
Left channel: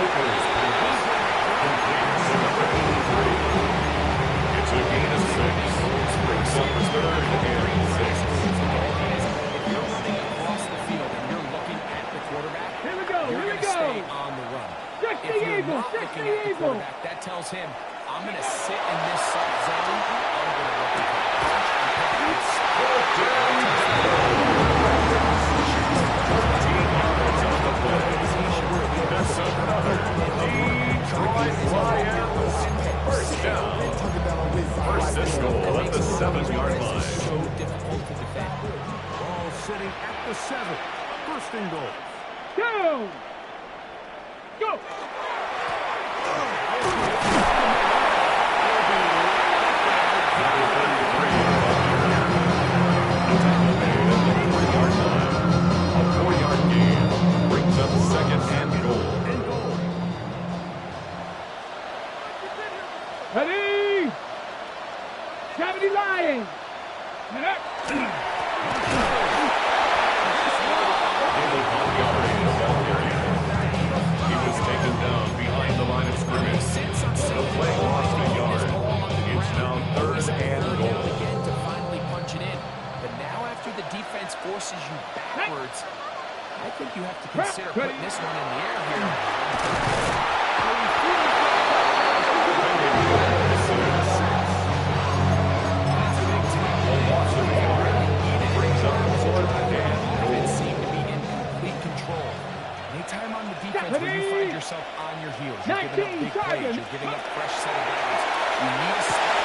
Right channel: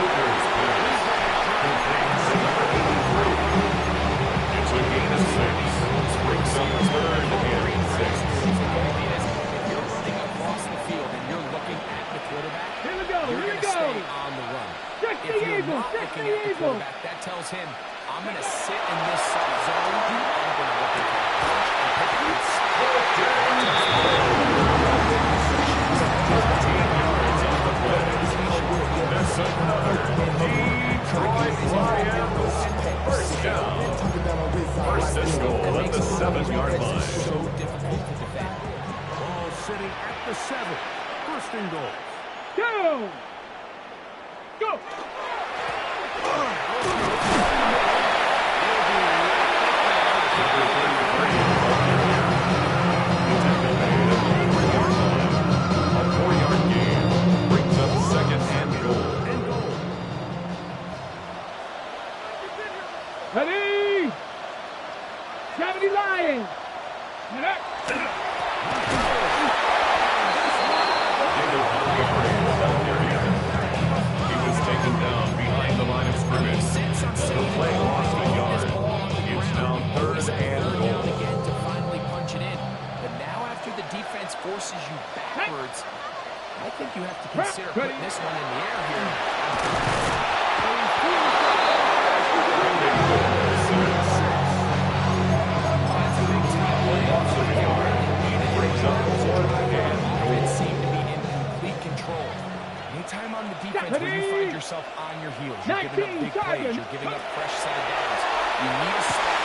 Hooker's pass complete to number 83. It's a gain of 6. Brings up third and 6. The idea is if you're running across the field and you're looking at the quarterback, Here we go, you're here we going to stay go. on the run. 60 If you're Eagles, not 60 looking at the Eagles. quarterback, that tells him, I'm going to sit in this soft zone. I'm going to look at the punch and pivot and Fourth down. 13 yards on the play. That's another Detroit Lions first down. First and goal at the 7-yard line. so difficult to defend. Ball sitting at the 7. First and goal. Go. Go. Number 33, ball carrier. The tackle made at the 3-yard line. A 4-yard gain brings up second and goal. And goal. Ready. 70 Lions. Get up. David Montgomery, the ball carrier. He was taken down behind the line of scrimmage. Sits on The play lost a yard. This ball on the It's ground. now third Third and down goal. again to finally punch it in. But now after the defense forces you backwards, I think you have to consider putting this one in the air here. A loss of a yard brings up fourth and goal. offense seemed to be in complete control. Anytime on the defense where you find yourself on your heels, you're giving up big plays, you're giving up fresh set of downs. You need a stop.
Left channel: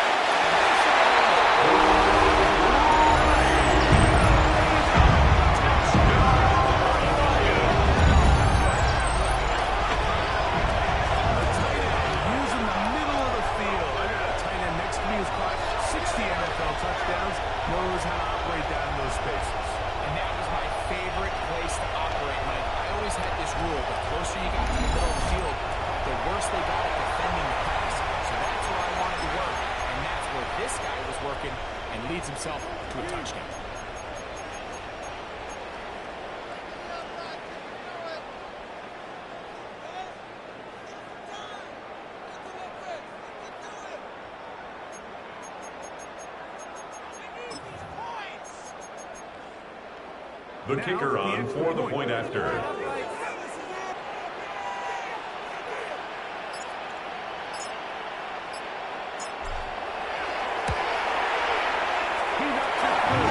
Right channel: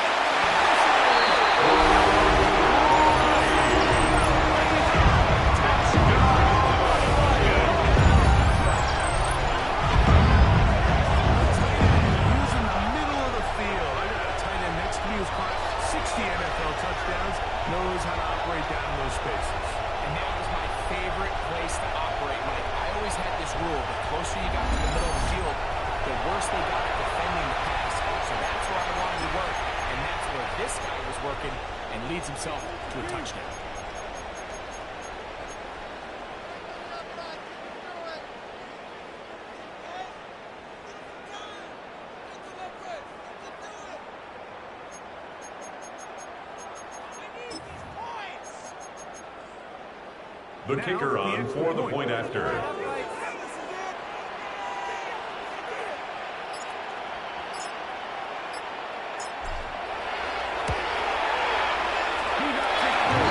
Who's caught 60 NFL touchdowns, knows how to operate down in those spaces. And that was my favorite place to operate, Mike. I always had this rule: the closer you got to the middle of the field, the worse they got at defending the pass. So that's where I wanted to work, and that's where this guy was working and leads himself to a touchdown. The kicker on for the point after. He knocks it through.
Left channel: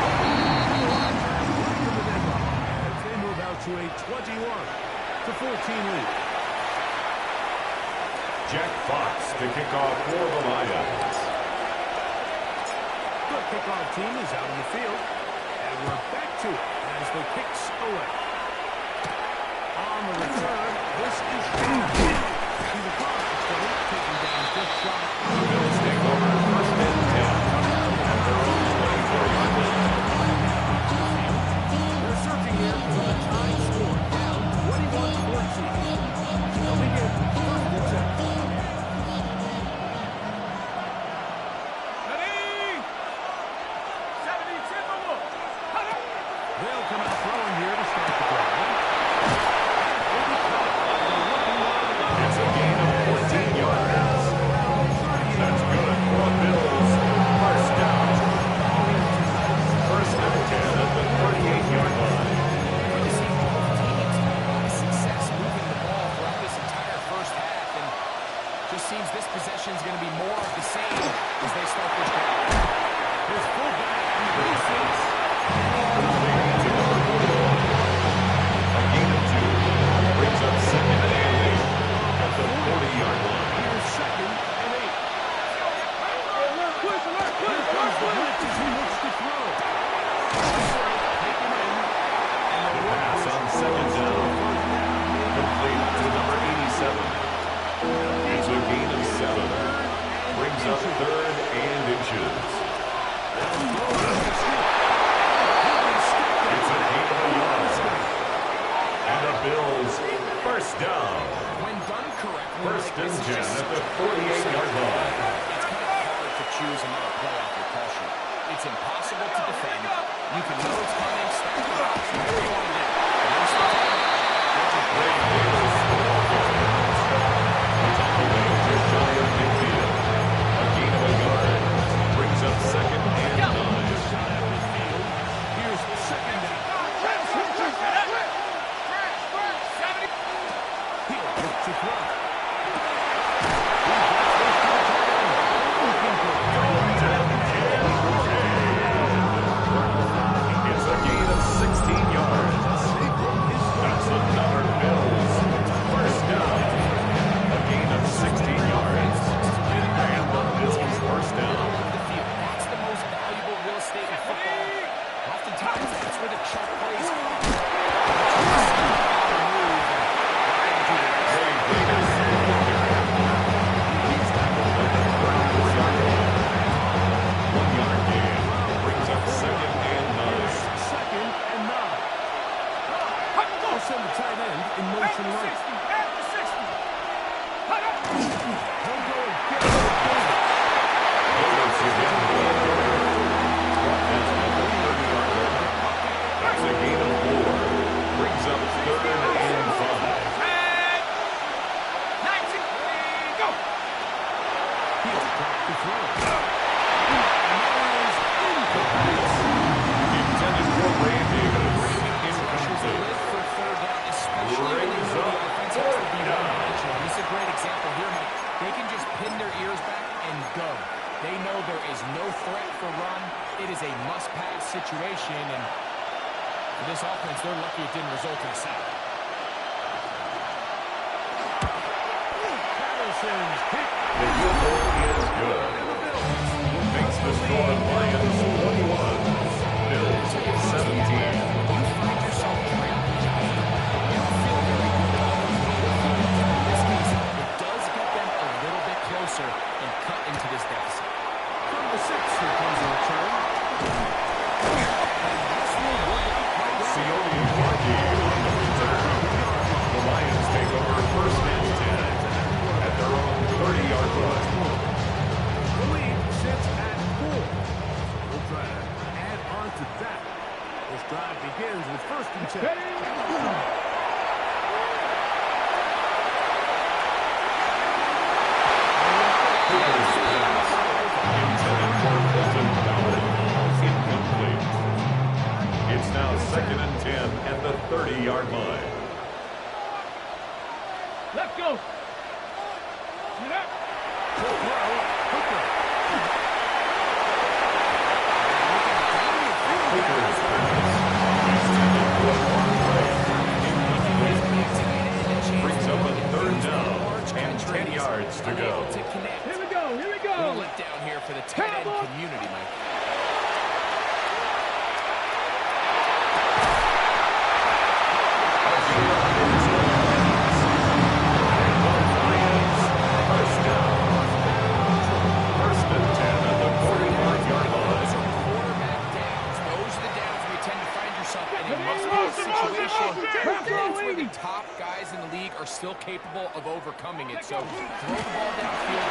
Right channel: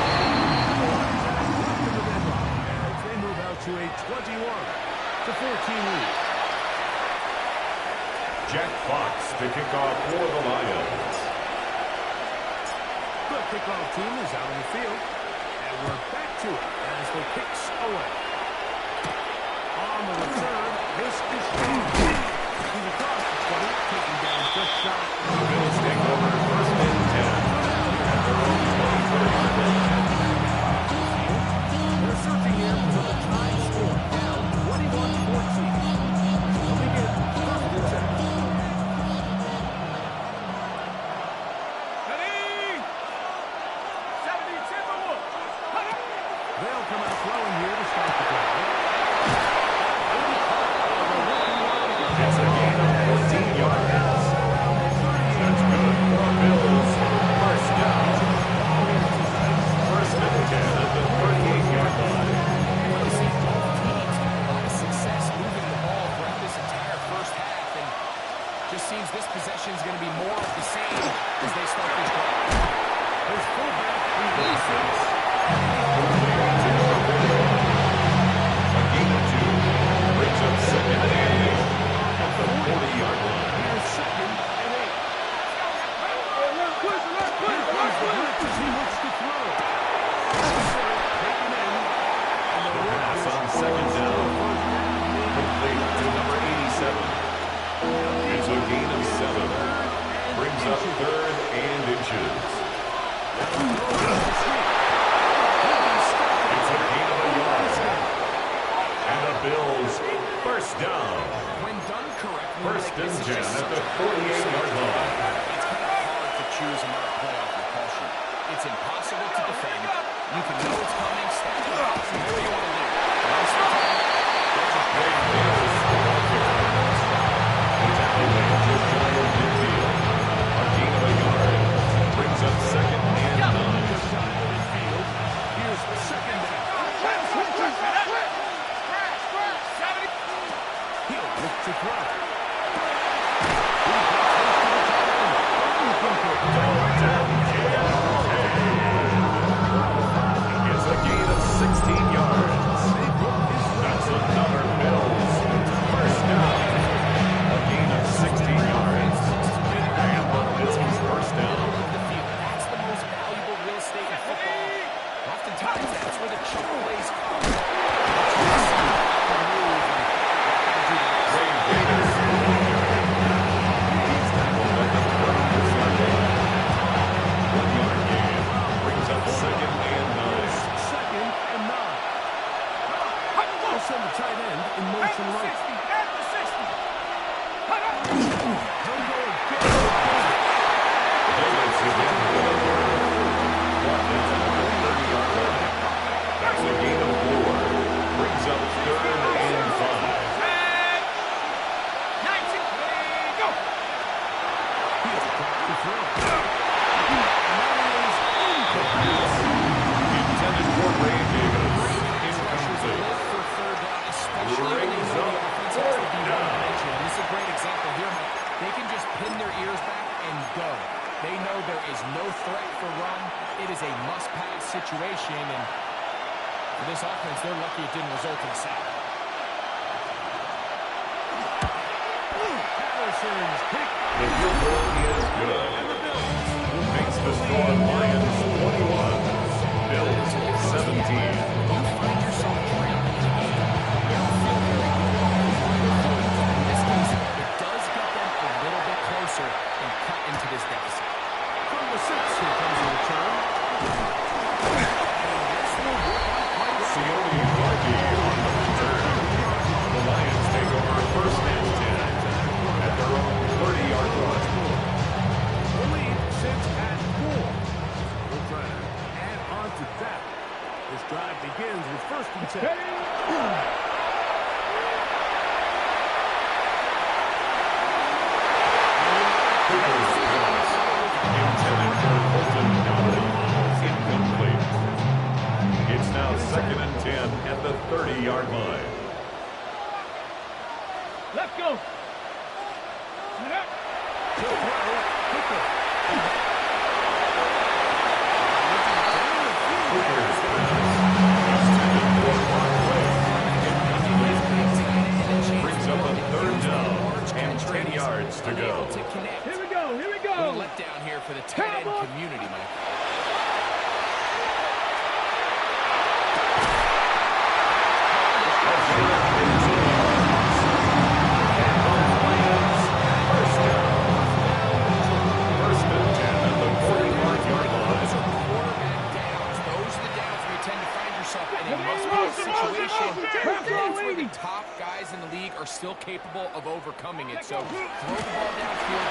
The Lions have come to the deadline as they move out to a 21-14 lead. Jack Fox to kick off for the Lions. The kickoff team is out on the field, and we're back to it as the kicks away. On the return, this is he's across the 20, taking down just shy. The Bills take over first and 10 at their own 24-yard line. They're searching here for the tying score, down 21-14. They'll begin first and 10. They'll come out throwing here to start the drive. It's a gain of 14 yards. That's good for Bills. First down. First and 10 at the 38-yard line. Really see both teams have a lot of success moving the ball throughout this entire first half, and just seems this possession is going to be more of the same as they start this drive. His fullback releases. Complete to number 41. A gain of 2 brings up second and 8 at the 40-yard line. Here's second and 8. Here comes the blitz as he looks to throw. Taken in. And The pass on second down. Complete to number 87. It's a gain of 7. Brings up third and inches. It's a gain of a yard. And the Bills first down. When done correctly, First like, and this is 10 just at the such a 48-yard line. It's kind of hard to choose another play off your call sheet. It's impossible to defend. You can know it's coming, stack the box, whatever you want to do. But most of the time, Ray Davis, the ball carrier. The tackle made just shy of midfield. A gain of a yard. Brings up second and 9. Just shy of midfield. Here's second down. He'll look to throw. He gets this to the tight end. It's a gain of 16 yards. That's another Bills first down. A gain of 16 yards. And the Bills first down. the field. That's the most valuable real estate in football. Oftentimes, that's where the chunk plays come. Ray Davis, the ball carrier. He's tackled at the 34-yard line. 1-yard gain brings up second and 9. Second and 9. They'll send the tight end in motion right. He'll go again. Davis again, the ball carrier. Brought down at the 30-yard line. That's a gain of 4. Brings up third and 5. He'll drop the throw. And that is incomplete. Intended for Ray Davis. Incomplete. For third down, especially when they know the offense has to be one-dimensional. This is a great example here, Mike. They can just pin their ears back and go. They know there is no threat for run. It is a must-pass situation, and For this offense, they're lucky it didn't result in a sack. Patterson's kick. The field goal is good. And the Bills Makes the score Lions 21, Bills 17. When you find yourself trailing in a game, you don't feel very good about those little feelings. In this case, it does get them a little bit closer and cut into this deficit. from the 6, here comes the return. And this will work out quite well. Sione Markey on the return. The Lions take over first and 10 at their own 30-yard line. The lead sits at 4. We'll try to add on to that. This drive begins with first and 10. Cooper's pass, intended for Colton Dowling, incomplete. It's now second and 10 at the 30-yard line. Let's go. To throw, Hooker. Cooper's pass, intended for Ron Ray, incomplete. Brings up a third down and 10 yards to go. Here we go. Here we A little go. letdown here for the tight end community, Mike. First down. First and 10 at the 41-yard line. Those are quarterback downs. Those are the downs where you tend to find yourself in a must-win situation. That's where the top guys in the league are still capable of overcoming it. So throw the ball downfield.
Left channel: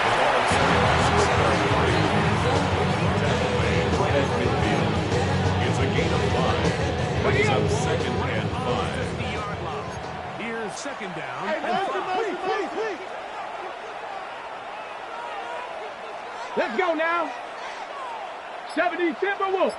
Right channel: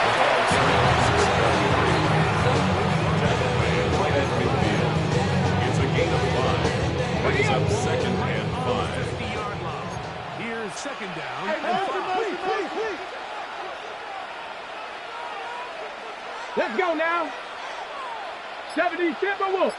The ball carried by quarterback 3. Tackle made right at midfield. It's a gain of 5. Brings up second and 5. 50-yard line. Here's second down and Please, 5. please, please. Let's go now. 70 Timberwolves.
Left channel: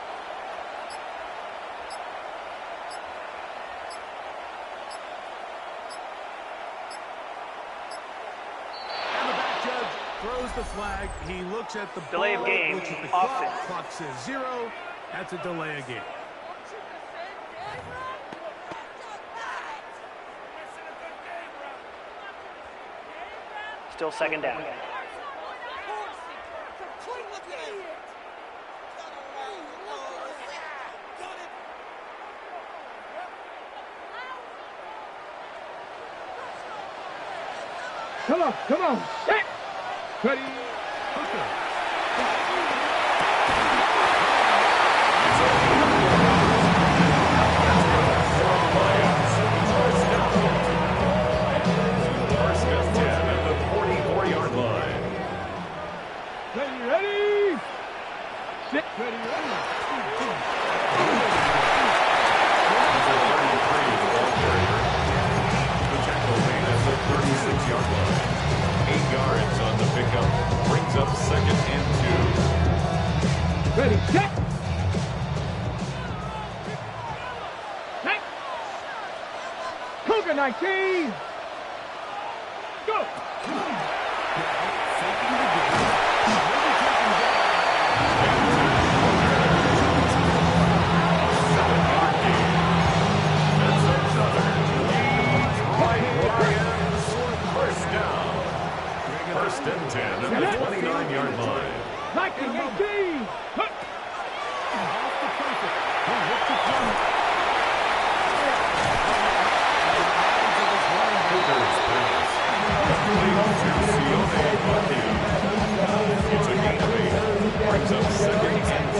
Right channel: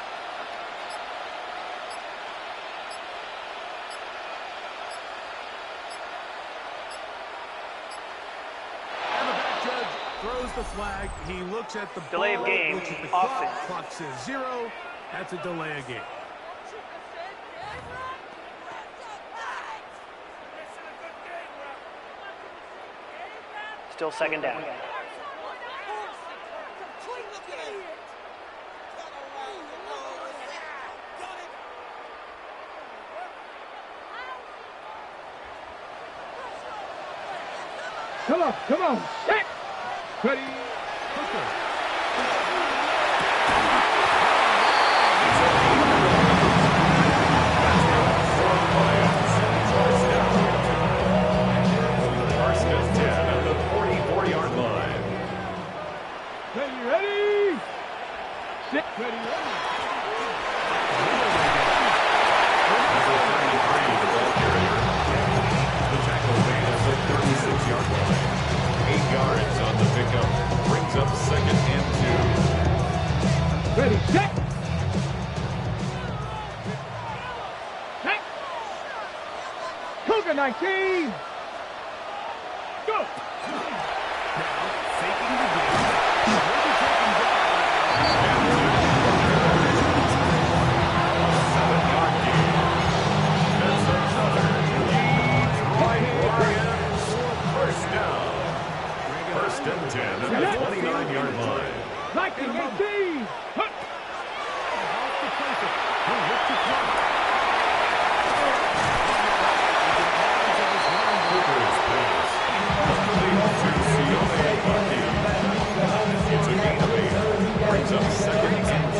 And the back judge throws the flag. He looks at the Delay ball, of game. looks at the Offense. clock. Clock says 0. That's a delay of game. Still second down. Come on, come on. Set. Ready. Hooker. First and 10 at the 44-yard line. Ready, ready. Sit. Ready, ready. Number 33, the ball carrier. The tackle made at the 36-yard line. 8 yards on the pickup. Brings up second and 2. Ready, set. Set. Cougar 19. Go. Now, faking the game. Maybe taking down. A 7-yard gain. That's another. Detroit Lions. First down. First and 10 at the 29-yard line. 1918. Hut. Off the playbook. He'll look to throw. Cooper's pass. Complete to Sione Markey. It's a gain of 8. Brings up second and 2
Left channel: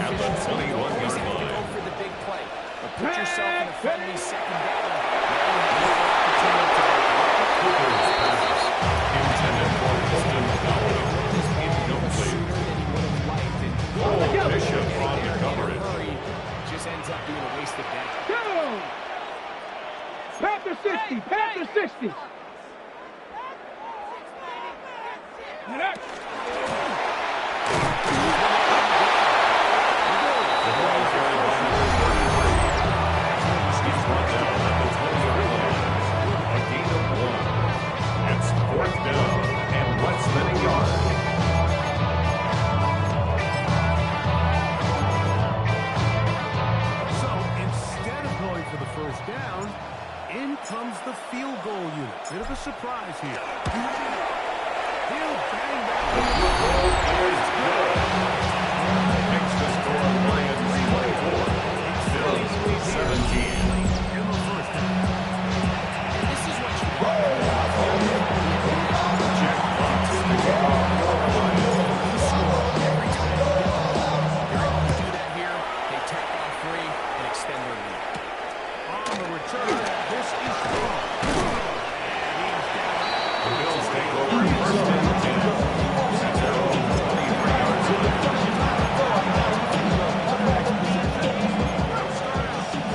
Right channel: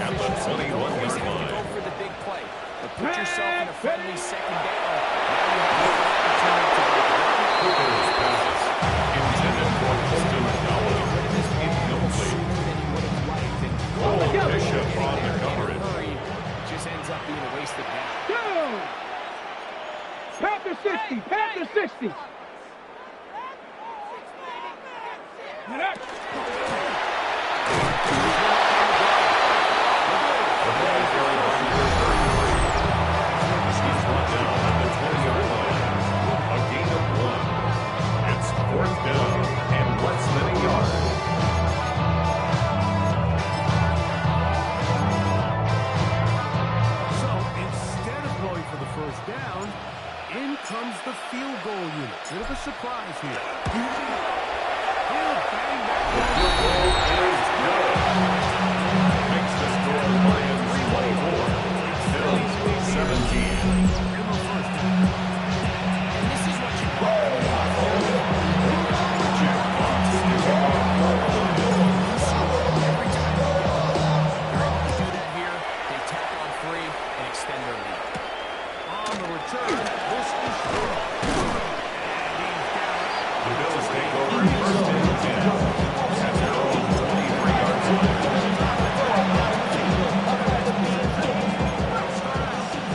at the 21-yard Always have to go line. for the big play. But put yourself in a friendly second down. Now you have the opportunity to both run. Cooper's pass. Intended for Colton Dowling. Incomplete. Sooner than he would have liked. And Cole Bishop getting on the there in a coverage. hurry just ends up being a wasted down. Go. Panther 60. Panther 60. Get up. The ball carried by number 33. He's brought down at the 20-yard line. A gain of 1. It's fourth down and less than a yard. first down. In comes the field goal unit. Bit of a surprise here. He'll bang that. The field goal is good. Makes the score Lions 24. Bills 17. In the first half. And this is what you want. Jack Fox to kick off for the Lions. You score every time you get the ball. They're able to do that here. They tack on 3 and extend their lead. On the return, this is strong. And he's down. The Bills take over first and 10 at their own 23-yard line.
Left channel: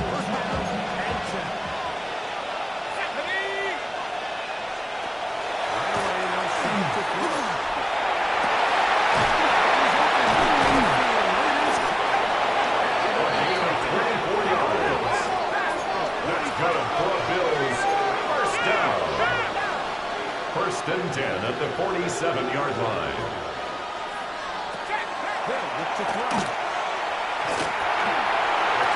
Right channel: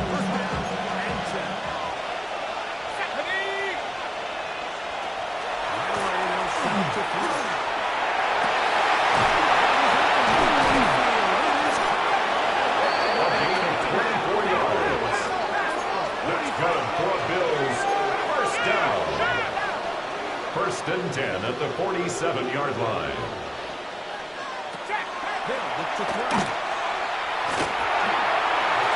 First down and 10. Right away, they'll set up to throw. A gain of 24 yards. That's good for Bills. First down. First and 10 at the 47-yard line. They'll look to throw. It's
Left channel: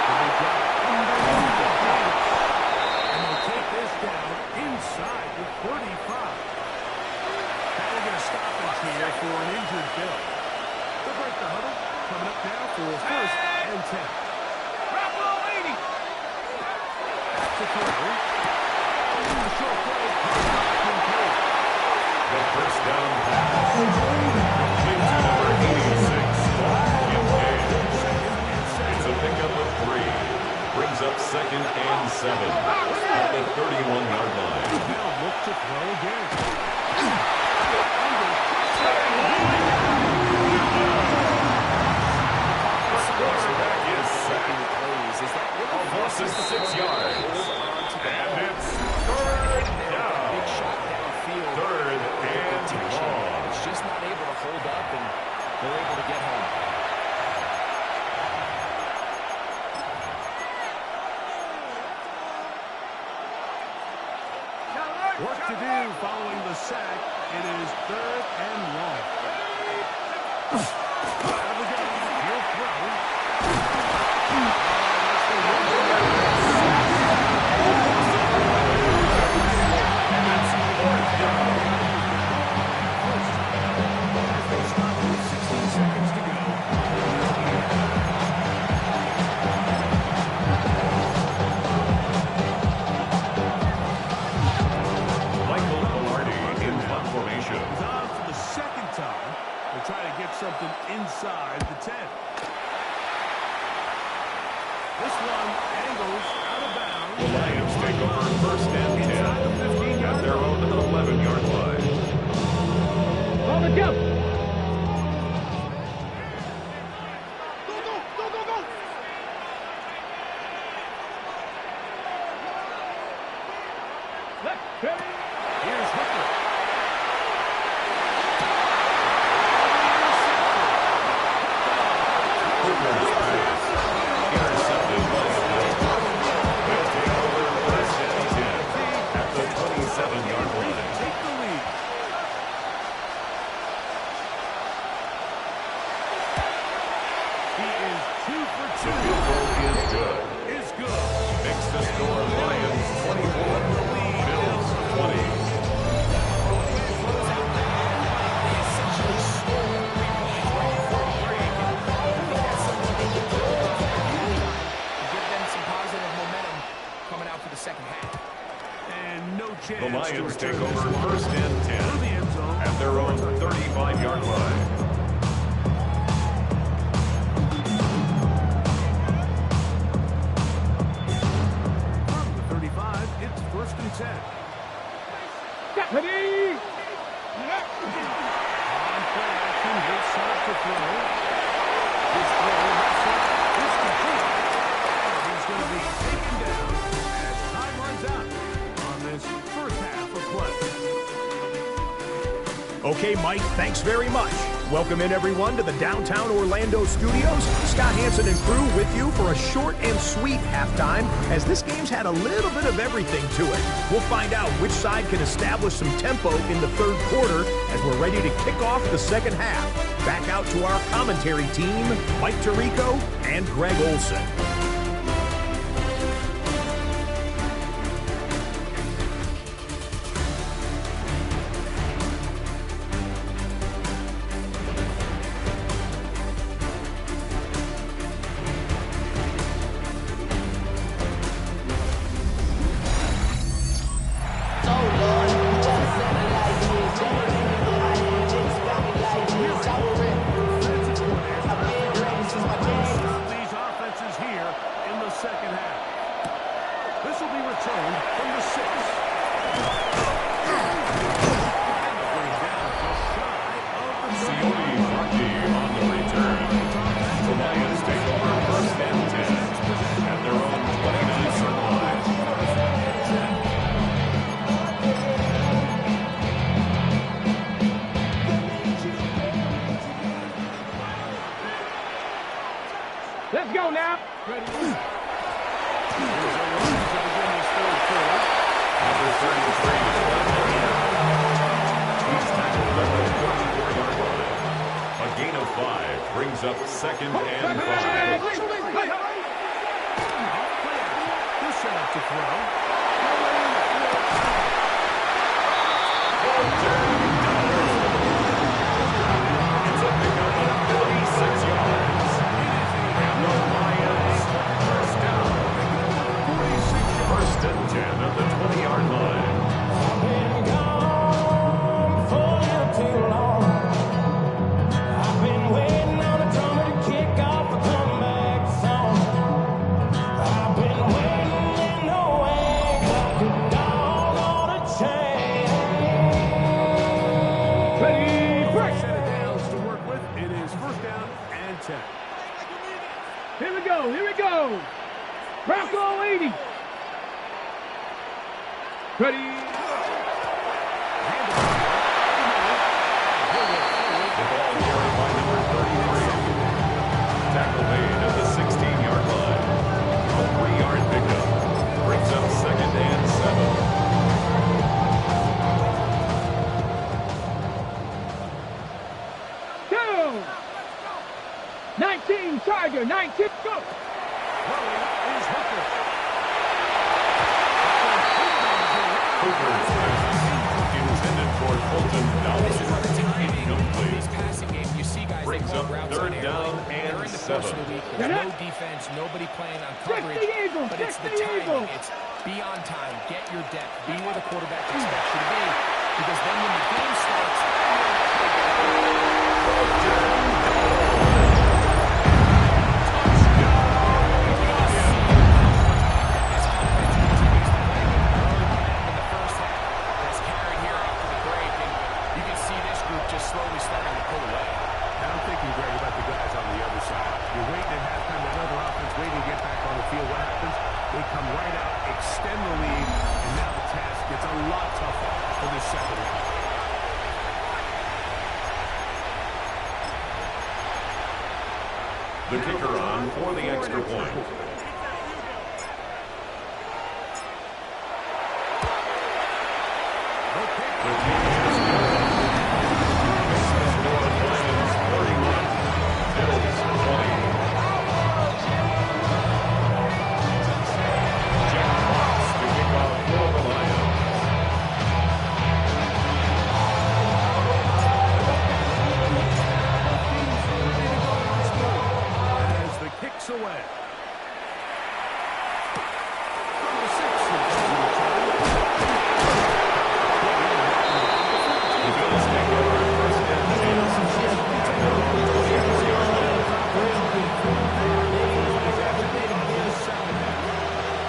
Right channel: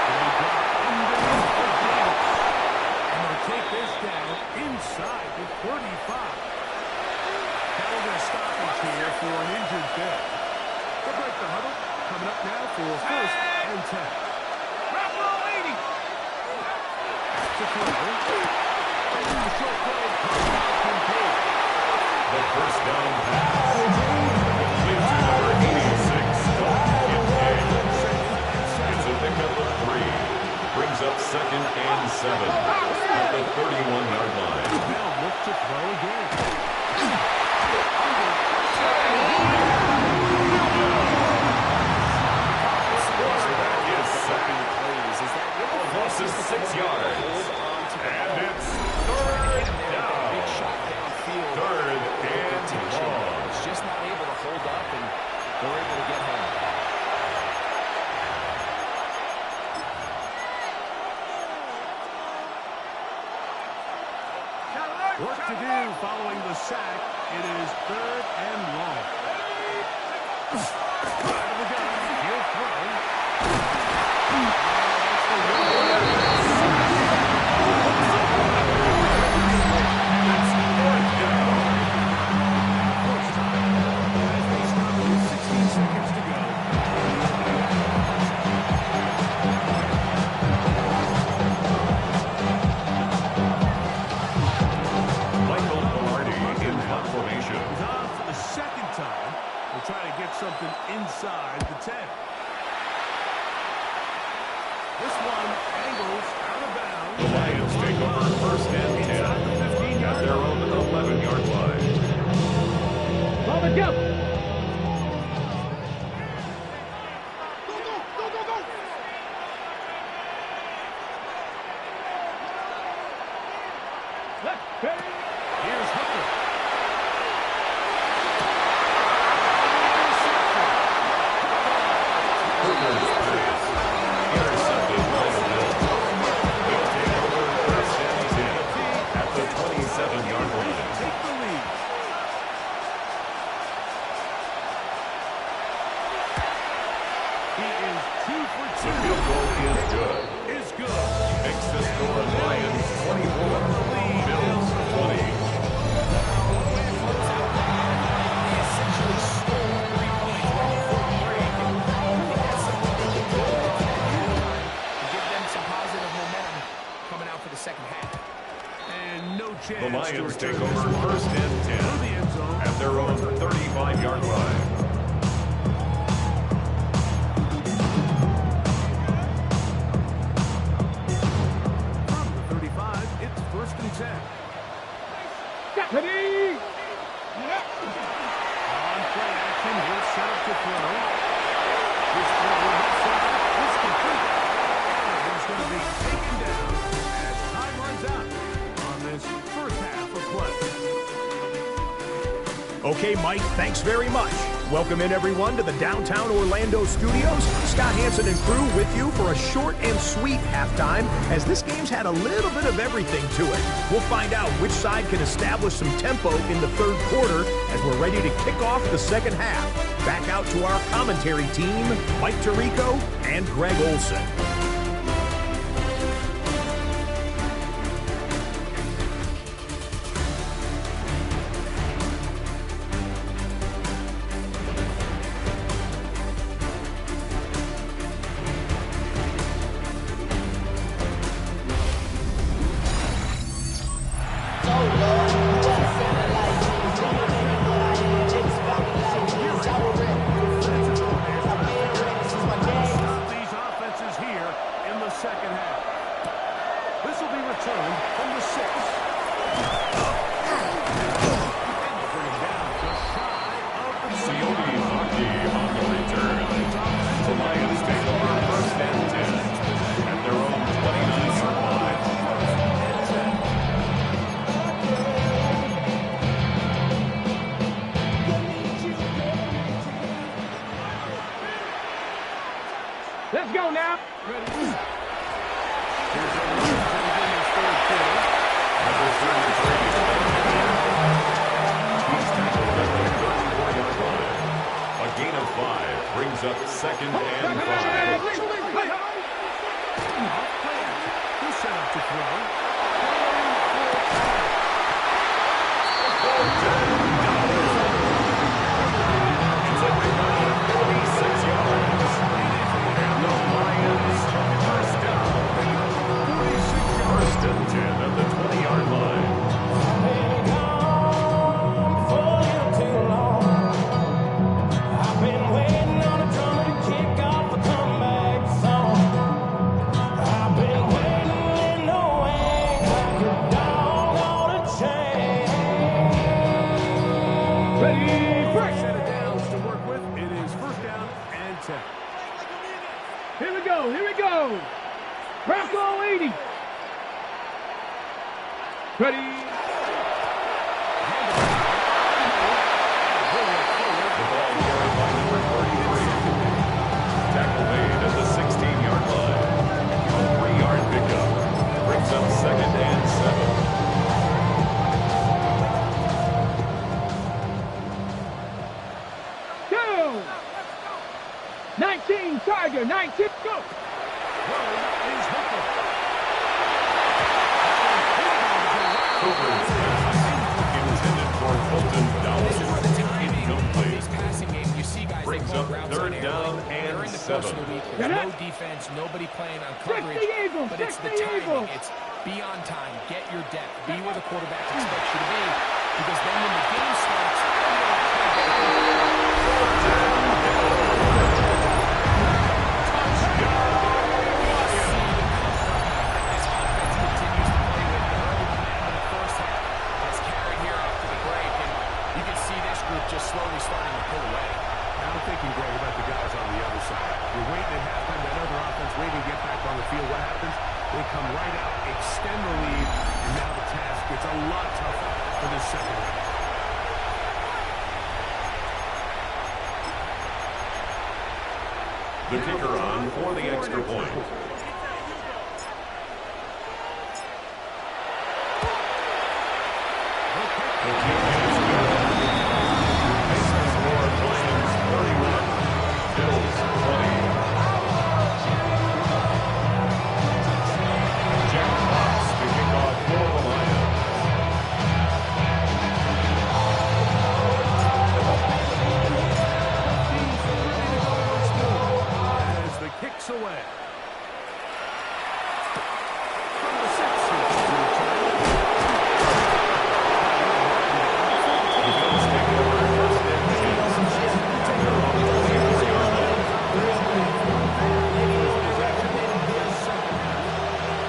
going to be dropped underneath the Davis. And they'll take this down inside the 35. Now we're going to stoppage here for an injured Bill. They'll break the huddle. Coming up now for first and 10. To throw. A short play. Complete. The first down pass. Complete to number 86, Dalton Kincaid. It's a pickup of 3. Brings up second and 7 at the 31-yard line. They'll look to throw again. Quarterback is sacked. A loss of 6 yards. And it's third down. Big shot downfield. Third and long. It's just not able to hold up, and they're able to get home. Work to do following the sack. It is third and long. Out of the gun. He'll throw. That's the And it's fourth down. first time as they stop it with 16 seconds to go. In the opening half. Michael Palardy in punt formation. He's on for the second time. They're trying to get something inside the 10. This one angles out of bounds. The Lions take over first and 10 Inside the 15-yard at their own 11-yard line. Ball the jump. Left, ready. Here's Hooker. Hooker's pass intercepted by the Bills. They'll take over first and 10 at the 27-yard line. Take the lead. He is 2 for 2. The field goal is good. Is good. Makes the score Lions 24, Bills 20. They essentially stole 3 points right before the break, and I think that's something they can build on at halftime and give them some positive momentum coming out for the second half. And no chance The Lions to take return over this one. first and Through the 10 end zone. at their own 35-yard line. From the 35, it's first and 10. Ready. On play action, he'll set up to throw. His throw left side is complete. And he's going to be taken down as time runs out on this first half of play. Okay, Mike, thanks very much. Welcome in, everyone, to the downtown Orlando studios. Scott Hansen and crew with you for a short and sweet halftime, as this game's had a little bit of everything to it. We'll find out which side can establish some tempo in the third quarter as we're ready to kick off the second half. Back out to our commentary team, Mike Tirico and Greg Olson. second half. This will be returned from the 6. And they'll bring him down just shy of the Sione Vaki on the return. The Lions take over 1st and 10 at their own 29-yard line. Let's go now. Ready. Here's a run to begin this third quarter. Number 33 is Walker. He's tackled at the 34-yard line. A gain of 5 brings up 2nd and 5. Off play action. He'll set up to throw. It's a pickup of 46 yards. And the Lions first down. 46 yards. 1st and 10 at the 20-yard line. I've been gone for a little too long. I've been waiting on a drummer to kick off a comeback song. I've been waiting in the wings like a dog on a chain. Ready, break. Set of downs to work with. It is 1st down and 10. Here we go. Here we go. Bronco 80. Ready. The ball carried by number 33. Tackle made at the 16-yard line. A 3-yard pickup brings up 2nd and 7. Go. 19, Tiger, 19, go. Throwing is Hooker. Hooker's pass intended for Colton This is where the Dowell. timing of Incomplete. this passing game, you see guys, they Brings call up routes 3rd on air. down and During the course of 7. the week, there's no defense, nobody playing on coverage, Eagle, but it's the 60 timing. Eagle. It's be on time, get your depth, be where the quarterback expects you to be, because then when the game starts, this offense continues to play with early momentum in the first half. That's carried here after the break, and you can see this group just slowly starting to pull away. Now I'm thinking, Greg, about the guys on the other side. You're waiting at halftime, that other offense waiting to get back on the field. What happens? They come right out, extend the lead, and now the task gets a lot tougher for this second half. The kicker on for the extra point. The kick is good. Makes the score Lions 31, Bills 20. Jack Fox to kick off for the Lions. As the kick's away. From the 6, here's the return. The Bills take over at 1st and 10 at their own 24-yard line.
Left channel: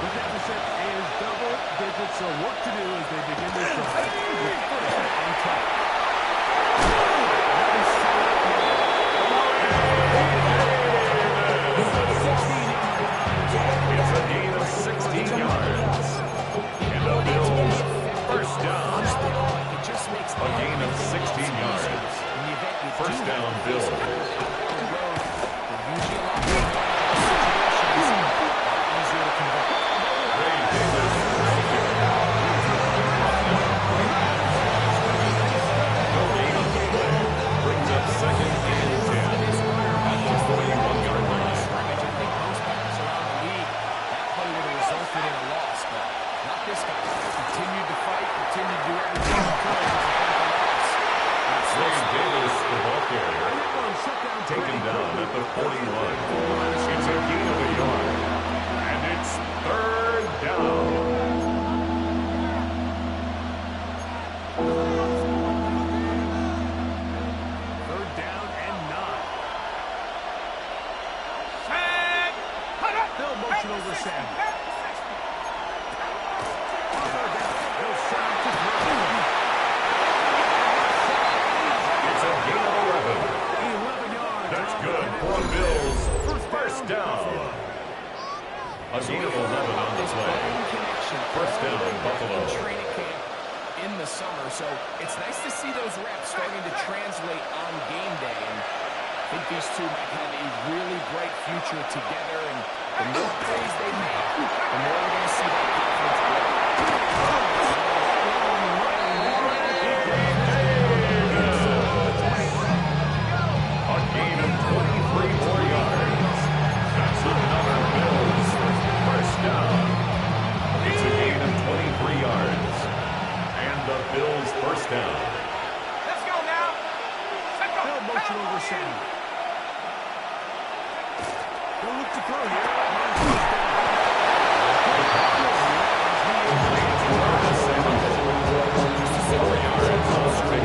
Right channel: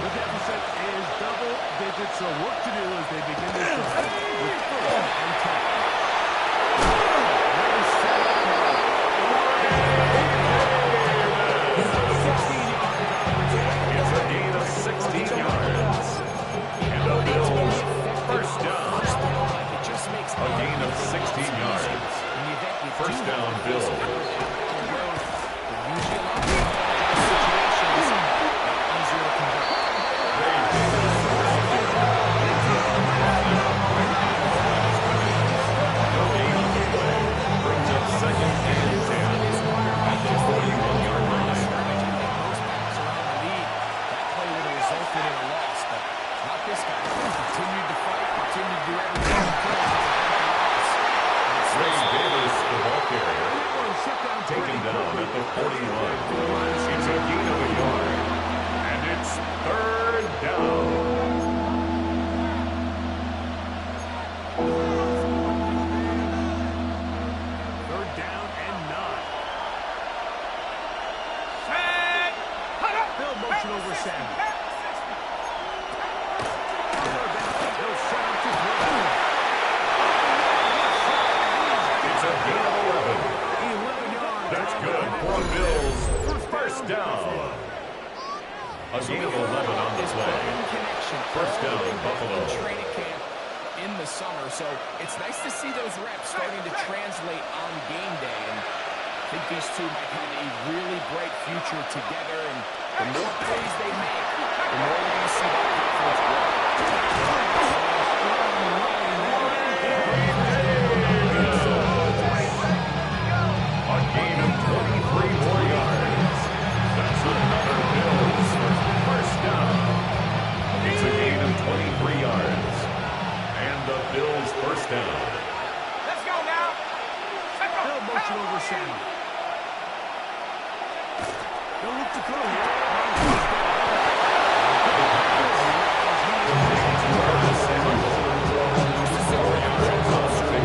The deficit is double digits, so work to do as they begin this drive with 1st and 10. It's a gain of 16 yards. And the Bills first down. A gain of 16 yards. First down, Bills. Ray Davis. No gain on the play. Brings up 2nd and 10 at the 41-yard line. I think most backs around the league, that play would have resulted in a loss, but not this guy. He continued to fight, continued to do everything he could to prevent the loss. Ray Davis, the ball carrier, taken down at the 41. It's a gain of a yard, and it's 3rd down. They'll motion over Sam. They'll set up to throw. It's a gain of 11. 11 yards. That's good for Bills. First down. A gain of 11 on the play. First down, Buffalo. Training camp in the summer, so it's nice to see those reps starting to translate on game day. And I think these two might have a really bright future together. And the more plays they make, the more we're going to see that confidence grow. A gain of 23 more yards. That's another Bills first down. It's a gain of 23 yards. And the Bills first down. Let's go now. They'll motion over Sam. They'll look to throw here.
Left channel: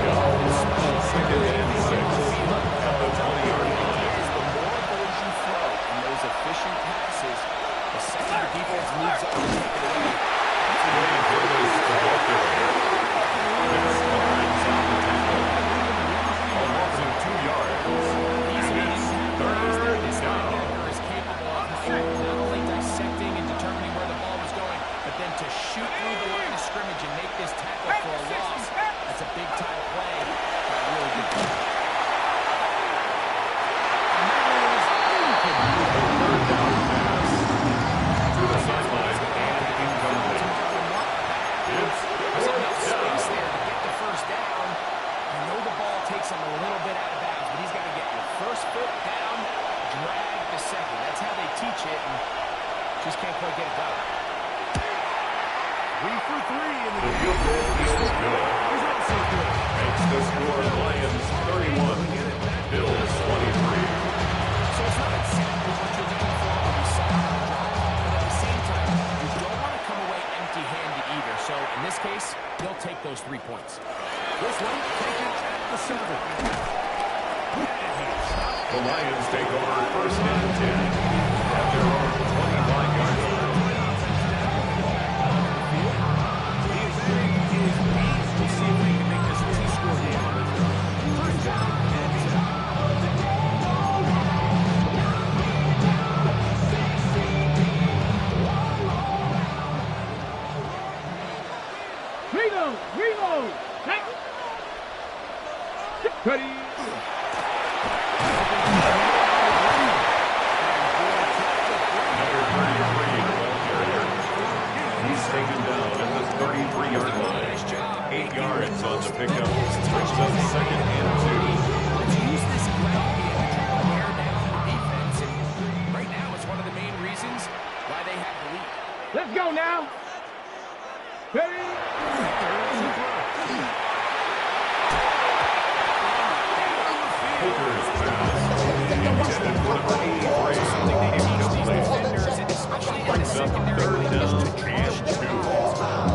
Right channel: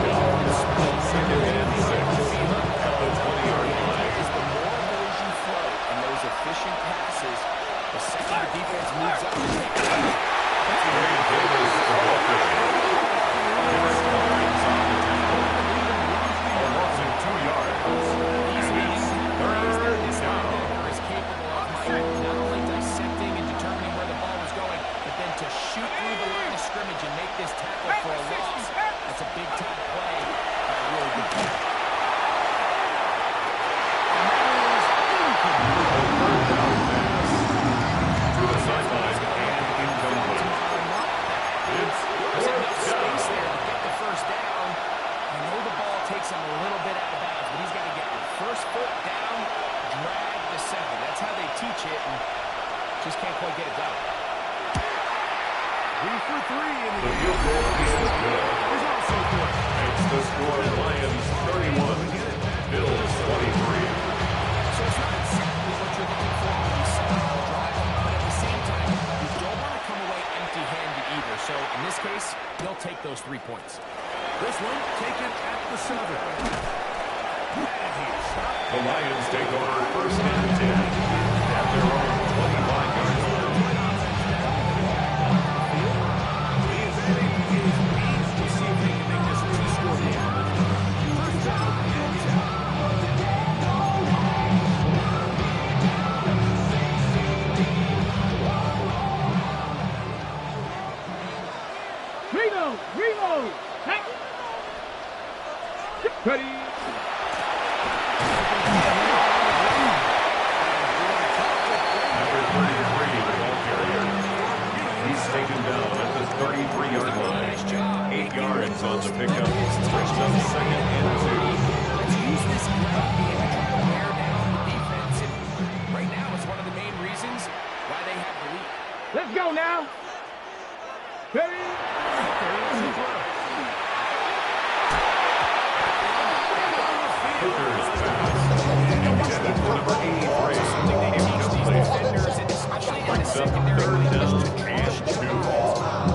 Second and 6 at the 20-yard line. The more of those you throw and those efficient passes, the second the defense moves up to take it away. Ray Davis to ball carrier. Dennis Barnes on the tackle. A loss of 2 yards. These And it's third down. linebacker is capable of not only dissecting and determining where the ball was going, but then to shoot through the line of scrimmage and make this tackle for a loss. That's a big-time play by a really good player. Third down pass to the sideline and incomplete. It's There's enough fourth space down. there to get the first down. I know the ball takes him a little bit out of bounds, but he's got to get your first foot down, drag the second. That's how they teach it, and just can't quite get it done. 3 for 3 in the The game. field goal is good. Is also good. Makes the score Lions 31, Bills 23. So it's not exactly what you're looking for when you set out on a drive, but at the same time, you don't want to come away empty-handed either. So in this case, they'll take those 3 points. This one taken at the 7. And he stopped. The Lions take over first and 10 at their own 25-yard line. The advantage is 8. We'll see if they can make this a 2-score game. First down and 10. Reload. Ready. Number 33, the ball carrier. He's taken down at the 33-yard line. 8 yards on the pickup. Brings up second and 2. Let's use this ground game to try to wear down the defense. And right now, it's one of the main reasons why they have the lead. Let's go now. Ready. Hooker's pass. Intended for number 83. Something they teach these defenders, Incomplete. and especially in the Brings up secondary, third when down there's 2 and 2.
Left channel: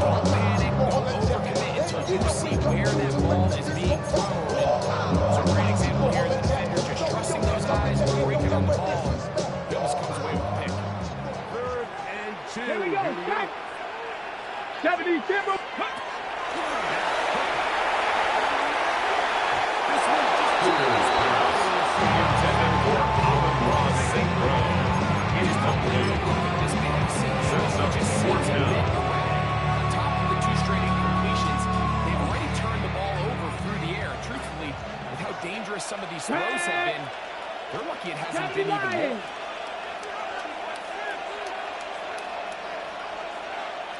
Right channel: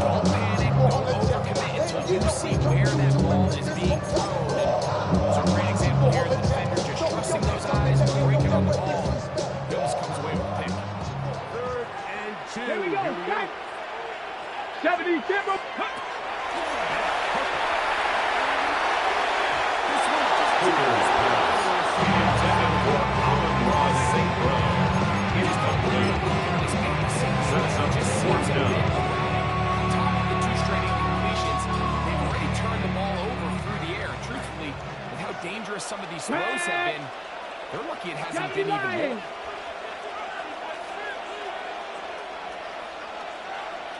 Don't panic, don't overcommit until you see where that ball is being thrown. And it's a great example here. The defender just trusting those guys and breaking on the ball. And he almost comes away with a pick. 3rd and 2. Here we go. 70 timber. This one just Hooker's pass. Intended for Amon-Ra St. Brown. Incomplete. This passing Sets up just fourth seems a bit down. erratic. On top of the 2 straight incompletions, they've already turned the ball over through the air. And truthfully, with how dangerous some of these throws have been, they're lucky it hasn't been even more.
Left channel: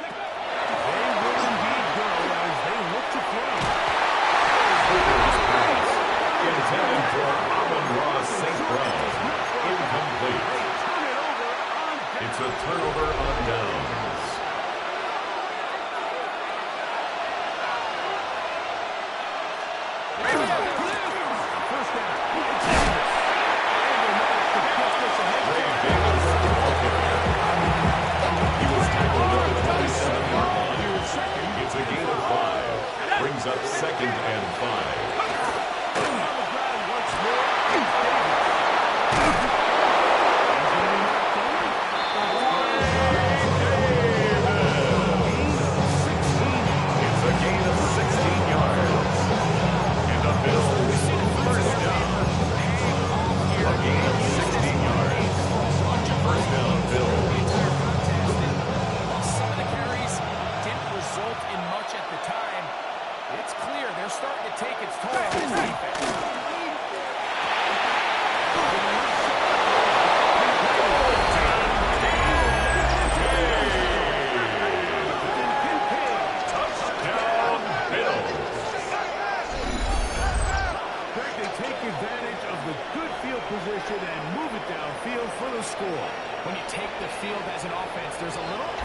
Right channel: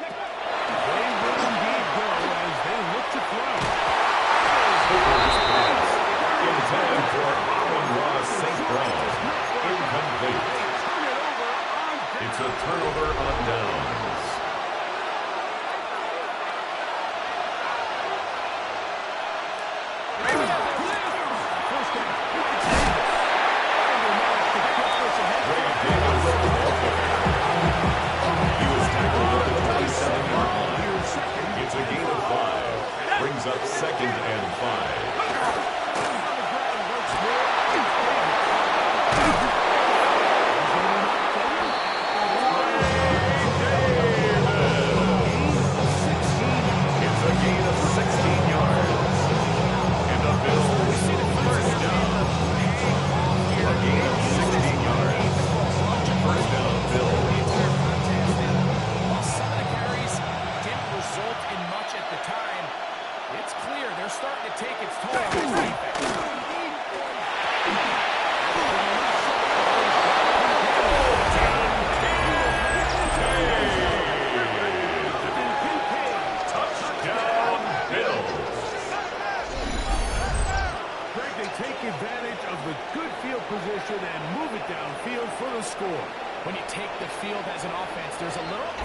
they will indeed go as they look to throw. Hooker's pass. Intended for Amon-Ra St. Brown. Incomplete. Turn it over on down. It's a turnover on downs. First down. It's Davis. And they managed to get this ahead. Ray Davis, the ball carrier. He was tackled at the 27-yard line. Here's second. It's a gain of 5. Brings up second and 5. On the ground once more. It's Davis. He's going to be knocked over.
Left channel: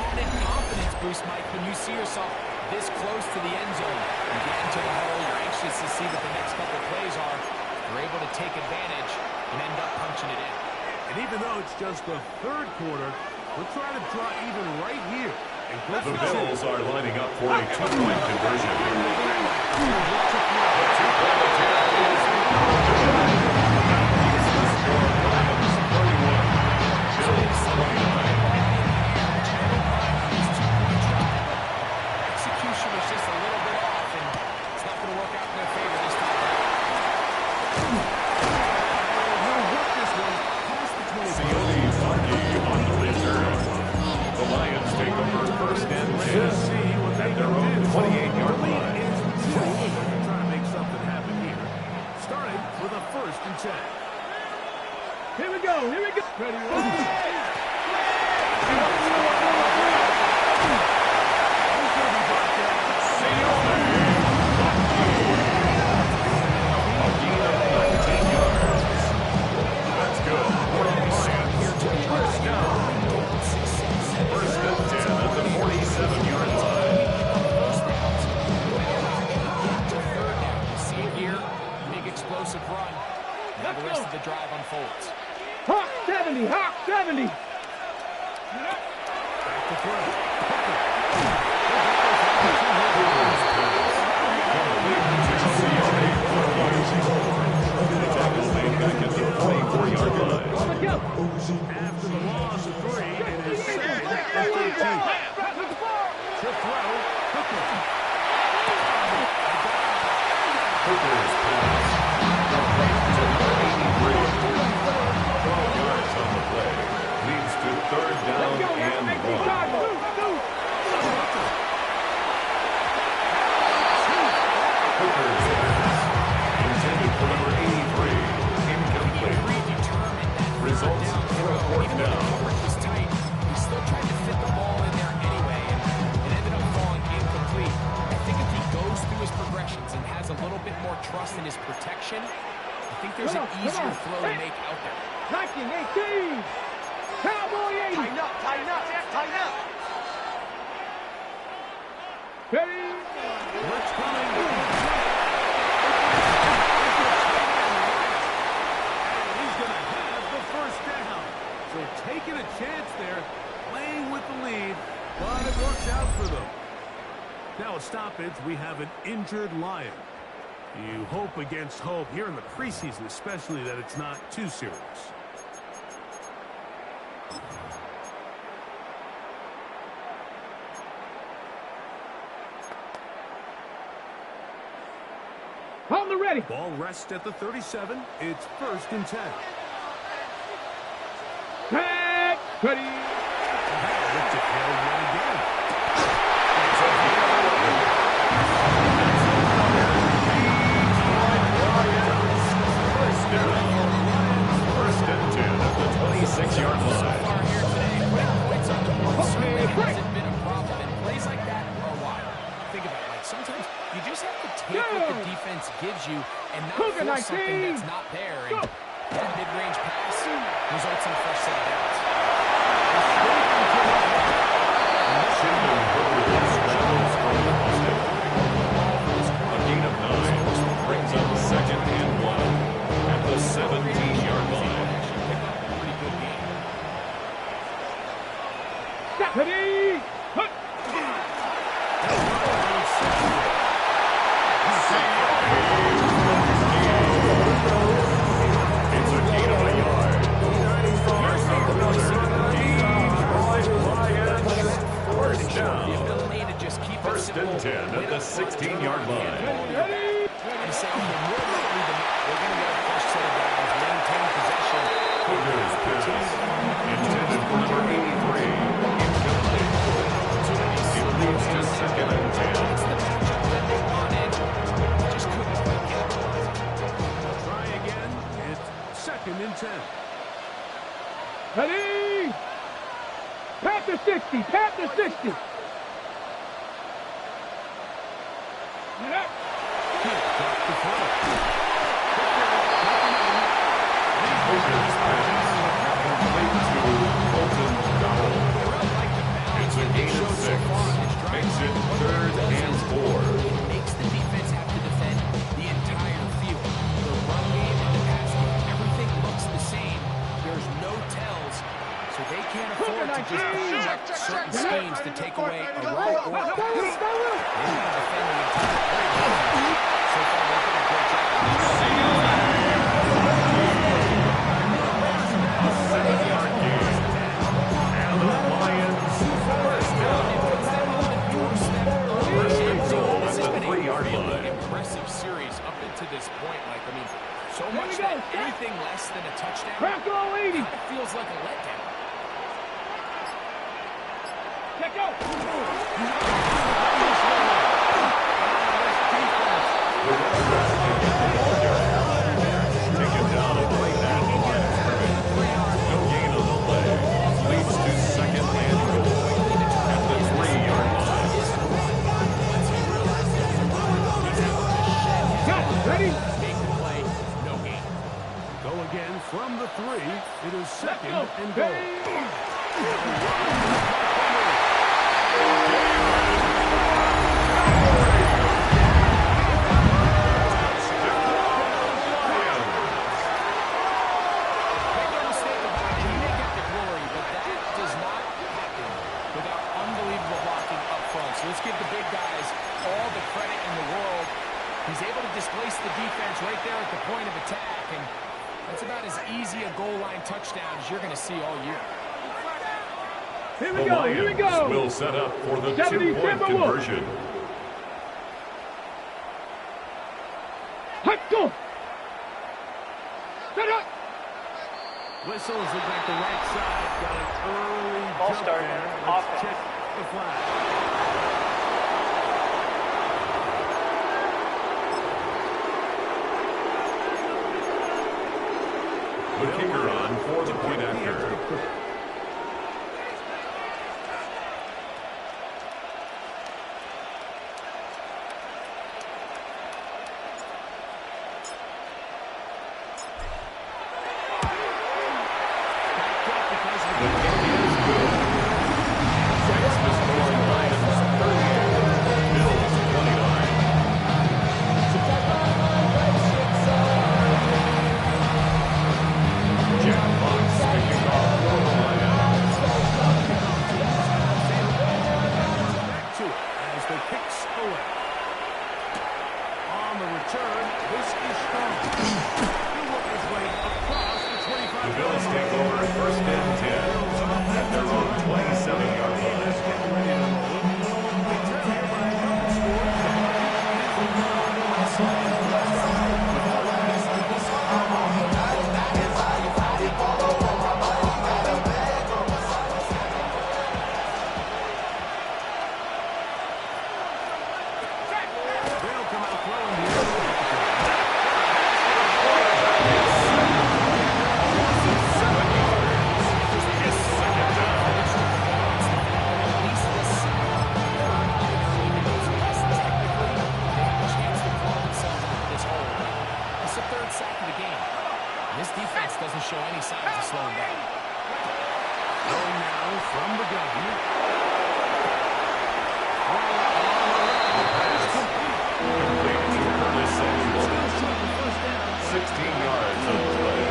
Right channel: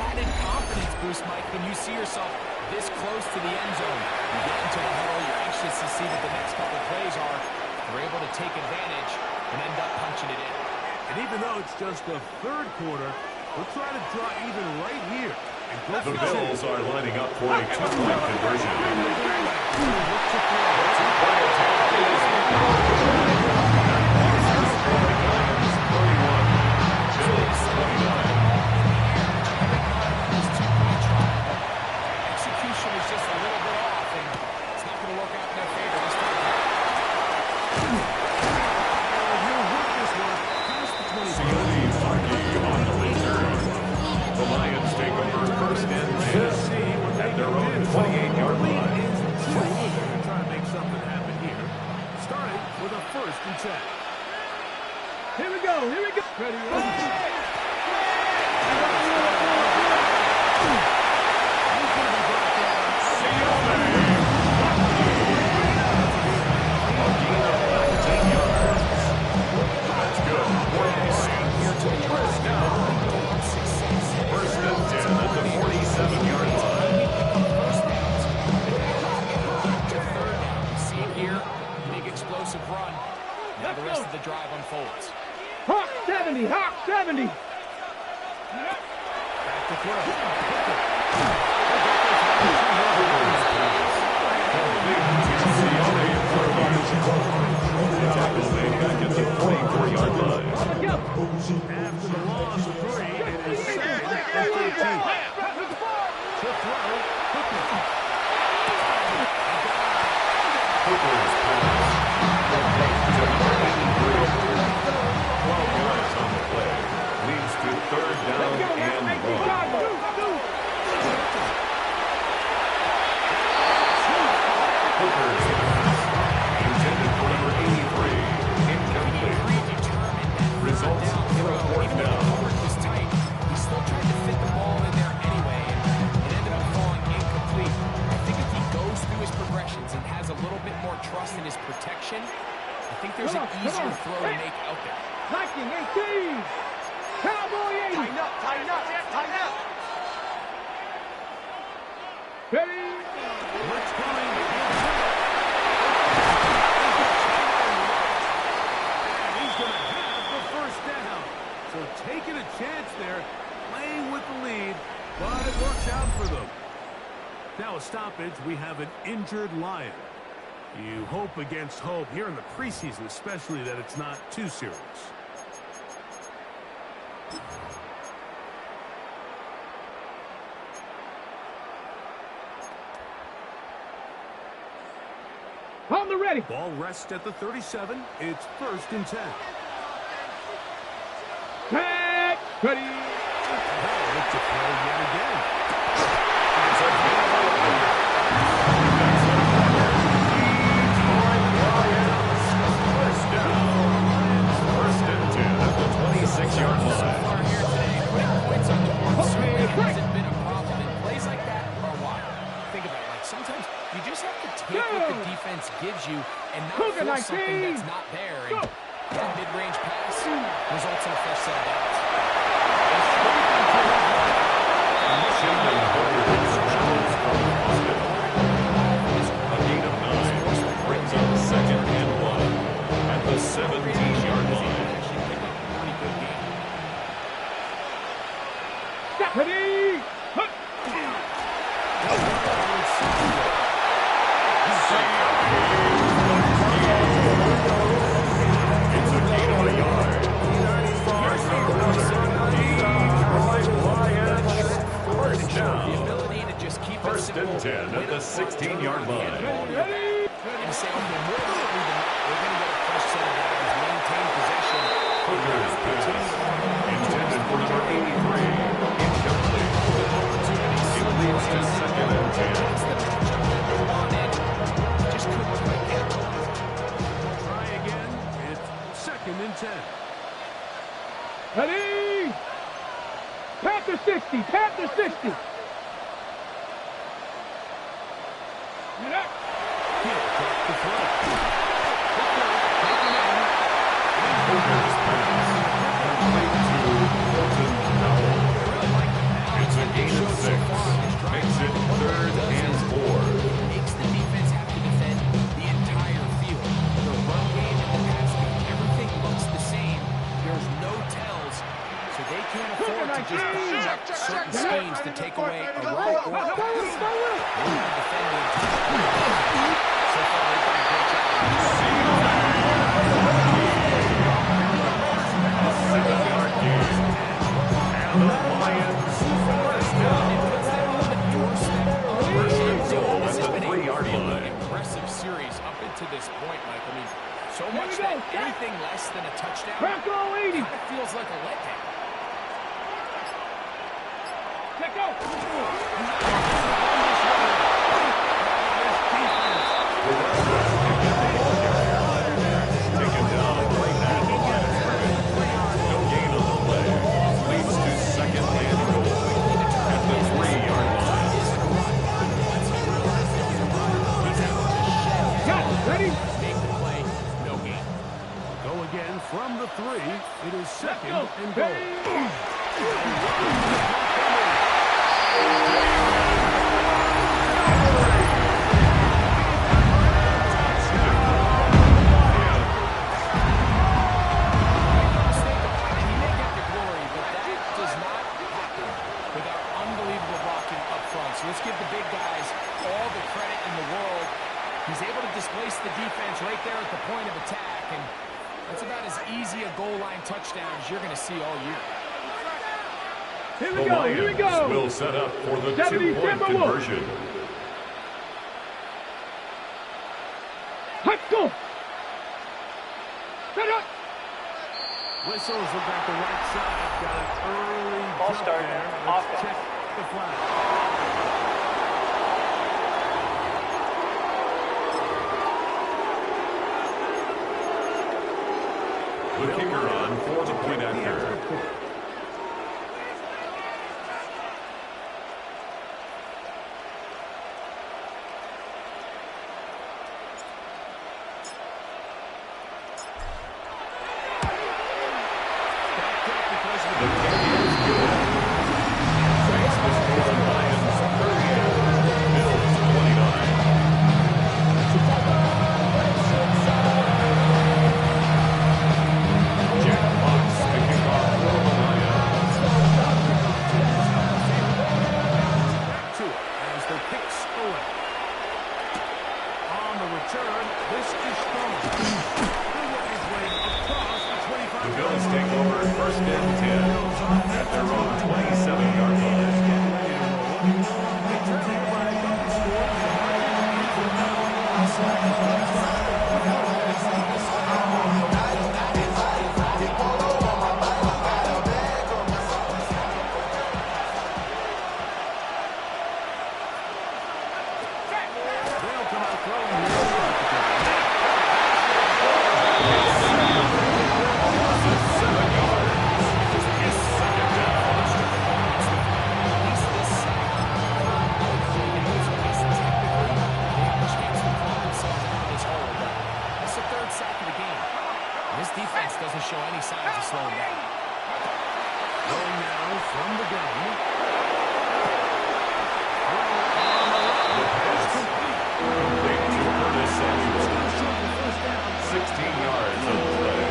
added confidence boost, Mike, when you see yourself this close to the end zone. You get into the huddle, you're anxious to see what the next couple plays are. You're able to take advantage and end up punching it in. And even though it's just the third quarter, we'll try to draw even right here. The Bills are lining up for a two-point conversion. The two-point attempt is Lions 31, Bills 29. Execution was just a little bit off, and it's not going to work out in their favor this time around. He'll work this one past the 20. Sione Faki on the return. The Lions take over first and 10 at their own 28-yard line. They're going to try to make something happen here. Starting with a first and 10. Here we go. Here we go. Ready? That's good. Here to the first down. First and 10 at the 47-yard line. First downs. Get to third down. You see it here. Big explosive run. Now the rest of the drive unfolds. Hawk 70. Hawk 70. Back to throw. The tackle made back at the 44-yard line. After the loss of 3, it is second and 13. To throw, Hooker. Hooker's pass. To number 83. 12 yards on the play. Leads to third down and 1. Hooker's pass. Intended for number 83. Incomplete. Predetermined that Results for a fourth even though the down. coverage was tight, he still tried to fit the ball in there anyway, and it ended up falling incomplete. I think if he goes through his progressions and has a little bit more trust in his protection, I think there's an easier throw to make out there. Viking 18. Cowboy 80. Tighten up, tighten up, tighten up. Ready? Blitz coming. And he's going to have the first down. So taking a chance there, playing with the lead, but it works out for them. Now a stoppage, we have an injured Lion. You hope against hope here in the preseason, especially that it's not too serious. On the ready. Ball rests at the 37. It's first and 10. Tag. Ready. Now look to throw yet again. It's a gain of 11. That's another Detroit Lions. First down. First and 10 at the 26-yard So line. far here today, putting points on the board certainly hasn't been a problem, and plays like that are wild. Think about it, like sometimes you just have to take what the defense gives you and not force something that's not there. And that mid-range pass results in a fresh set of downs. Shendon Hooker scrambles from the pocket. A gain of 9 brings up second and 1 at the 17-yard line. Actually pick up a pretty good game. Ready. Hut. It's a gain of a yard. Here's another Detroit Lions. First The down. ability to just keep First it simple. and 10 at the 16-yard line. And say, okay, more likely than not, we're going to get a fresh set of downs, maintain possession. Hooker's pass. Intended for number 83. Incomplete. It leads to second and 10. That's the matchup that they wanted. Just couldn't quite capitalize on it. Try again. It's second and 10. Ready. Panther 60. Panther 60. He'll drop the throw. Hooker's pass. Complete to Colton Dowell. I really like the balance. It's a gain of 6. Makes it 3rd and 4. It makes the defense have to defend the entire field. The run game and the pass game, everything looks the same. There's no tells, so they can't afford to just dial up certain schemes to take away a run or a pass. They got to defend the entire field. So far, they've done a great job. A 7-yard gain. And the Lions first down. First and goal at the 3-yard line. Impressive series up into this point, Mike. I mean, so much that anything less than a touchdown kind of feels like a letdown. Let go. The running back can get the ball carrier. Taken down and right at the line of scrimmage. No gain on the play. Leads to 2nd and goal at the 3-yard line. Ready? Make the play, no gain. Go again from the 3. It is 2nd and goal. So let's give the big guys all the credit in the world. He's able to displace the defense right there at the point of attack, and that's about as easy a goal line touchdown as you're going to see all year. Here The we go. Here we Lions go. will set up for the 70, 2-point conversion. Hut, go. Set up. Whistles look like the right side. Got an early Ball jump start. there. Let's Offense. check the flag. The kicker on for the point after. The kick is good. Makes the score Lions 38, Bills 29. Jack Fox to kick off for the Lions. Back to it as they kicks away. On the return, this is strong. He'll work his way across the 25. The Bills take over 1st and 10 at their own 27-yard line. Getting ready to roll. They trail here by a couple scores. The margin is they'll come out throwing here. Losses 7 yards. It's 2nd down. At least this sack earned an early down, so I guess technically they have a chance to claw themselves out of this hole, but that's the 3rd sack of the game. This defense doesn't show any signs of slowing down. Going now from the gun. The pass complete to Curtis Samuel. 16 yards on the play.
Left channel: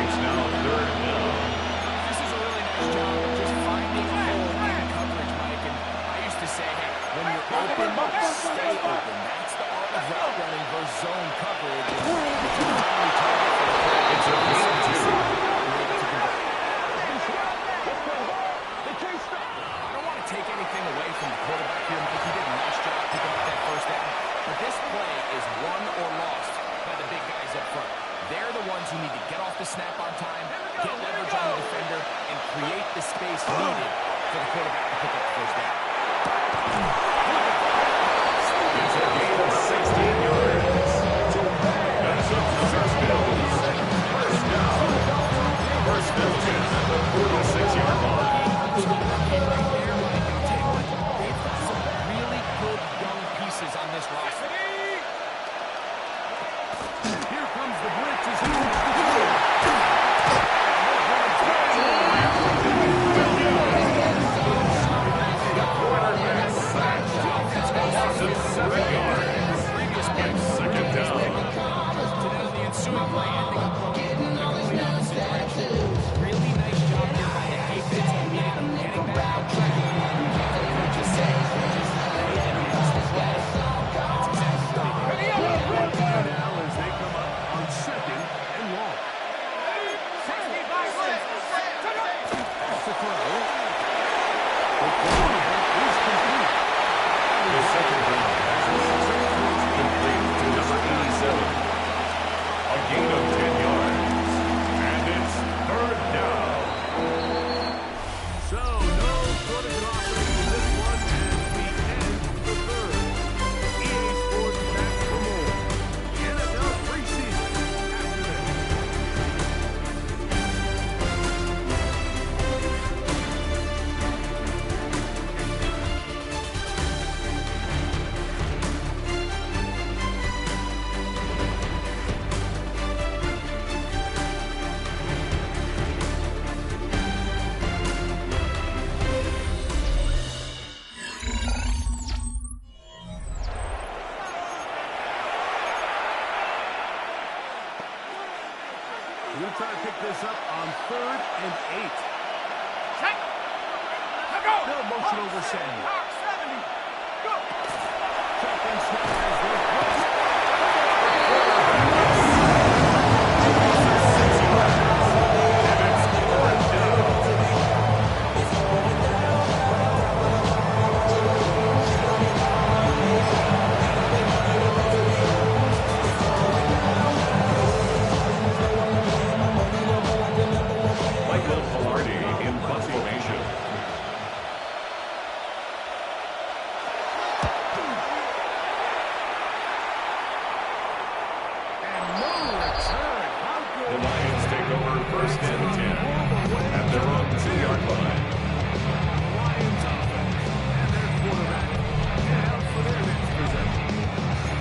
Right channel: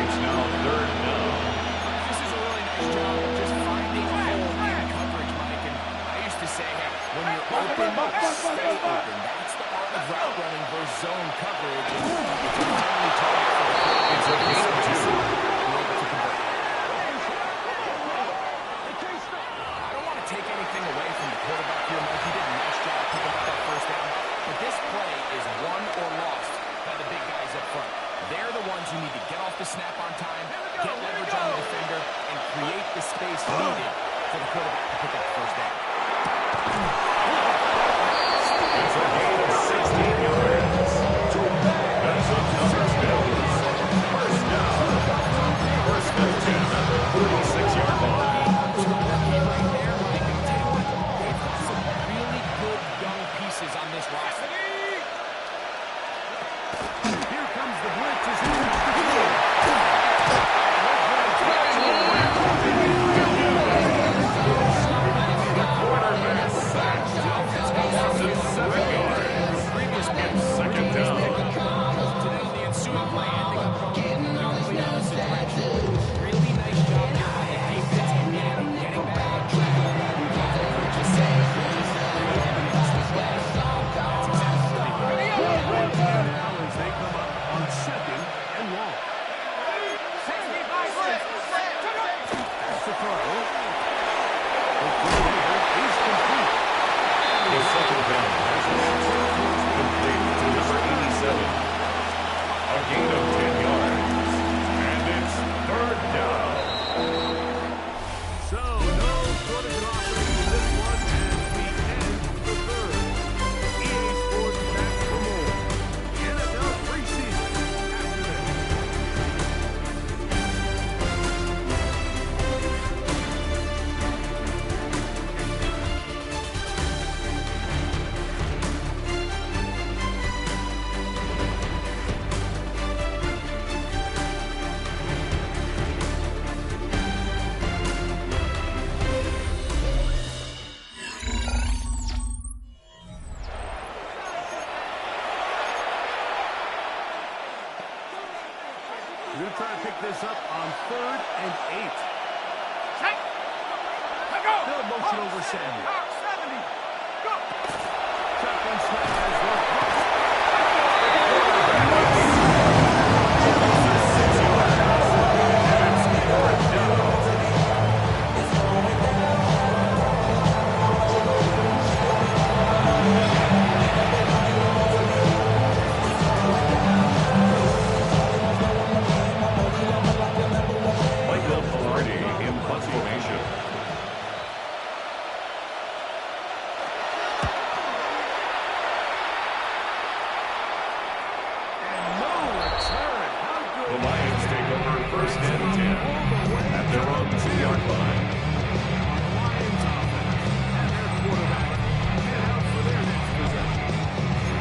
It's now 3rd down. This is a really nice job of just finding a hole in coverage, Mike. And I used to say, hey, when you're open, stay open. That's the art of route running versus zone coverage. And it's a friendly target for the player. It's a gain of 2. You're able to convert. I don't want to take anything away from the quarterback here, Mike. He did a nice job picking up that 1st down. But this play is won or lost by the big guys up front. They're the ones who need to get off the snap on time, get leverage on the defender, and create the space needed for the quarterback to pick up the 1st down. It's a gain of 16 yards. That's another Bills. 1st down. 1st and 10 at the 46-yard line. Right there, Mike, and I'll tell you what, they've got some really good young pieces on this roster. Here comes the blitz. Loss of 7 yards. Previous play. It's second down. To then on the ensuing play, ending up going in the complete opposite direction. Really nice job here by the defense, immediately getting back on track. What the coaches say, just let evidence the play. That's exactly what they did. Now as they come up on 2nd and long. That's the throw. The throw here is complete. The second down pass complete to number 87. A gain of 10 yards. And it's 3rd down. So, no protocol offering in this one as we end the 3rd. EA Sports back for more. The NFL preseason after this. We're going to try to pick this up on 3rd and 8. Still motion over Samuel. Shotgun snap as they're close. And it's 4th down. Michael Palardi in punt formation. And no return. How good. The Lions take over 1st and 10 at their own 2-yard line. The Lions offense and their quarterback head out for their next possession.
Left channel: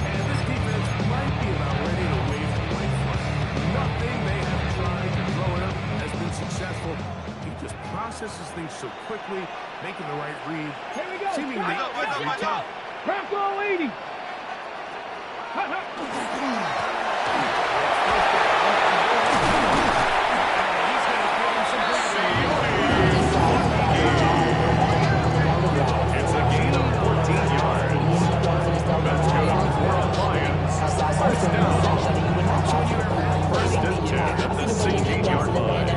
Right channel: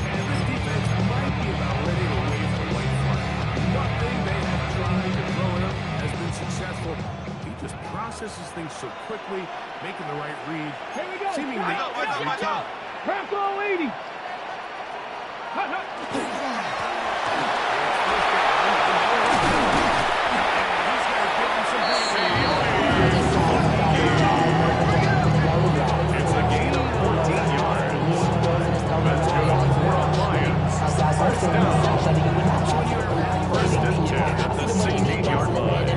And this defense might be about ready to wave the white flag. Nothing they have tried to throw at him has been successful. He just processes things so quickly, making the right read. Here we go. Seemingly every time. Crack all 80. Hut, hut. He's going to give him some breathing. It's a gain of 14 yards. That's good for the Lions. 1st down. 1st and 10 at the 16-yard line.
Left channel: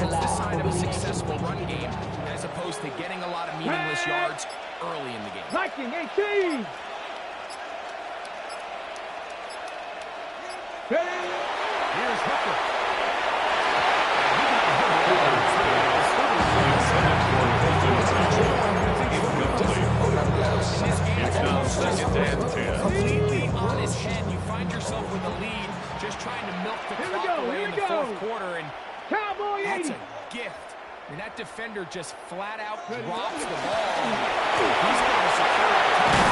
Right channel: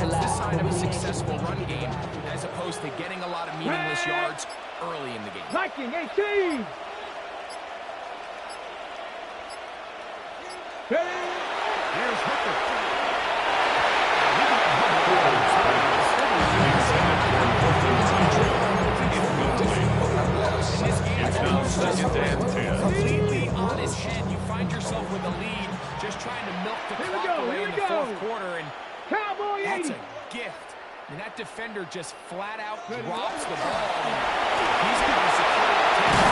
That's the sign of a successful run game, as opposed to getting a lot of meaningless yards early in the game. Viking 18. Ready? Here's Hooker. Intended for Colton Townsend. Incomplete. It's now 2nd and 10. Completely on his head. You find yourself with a lead, just trying to milk the Here we clock go, away here in we the go. 4th quarter, and Cowboy that's 80. a gift. I mean, that defender just flat out drops the ball. He's able to secure that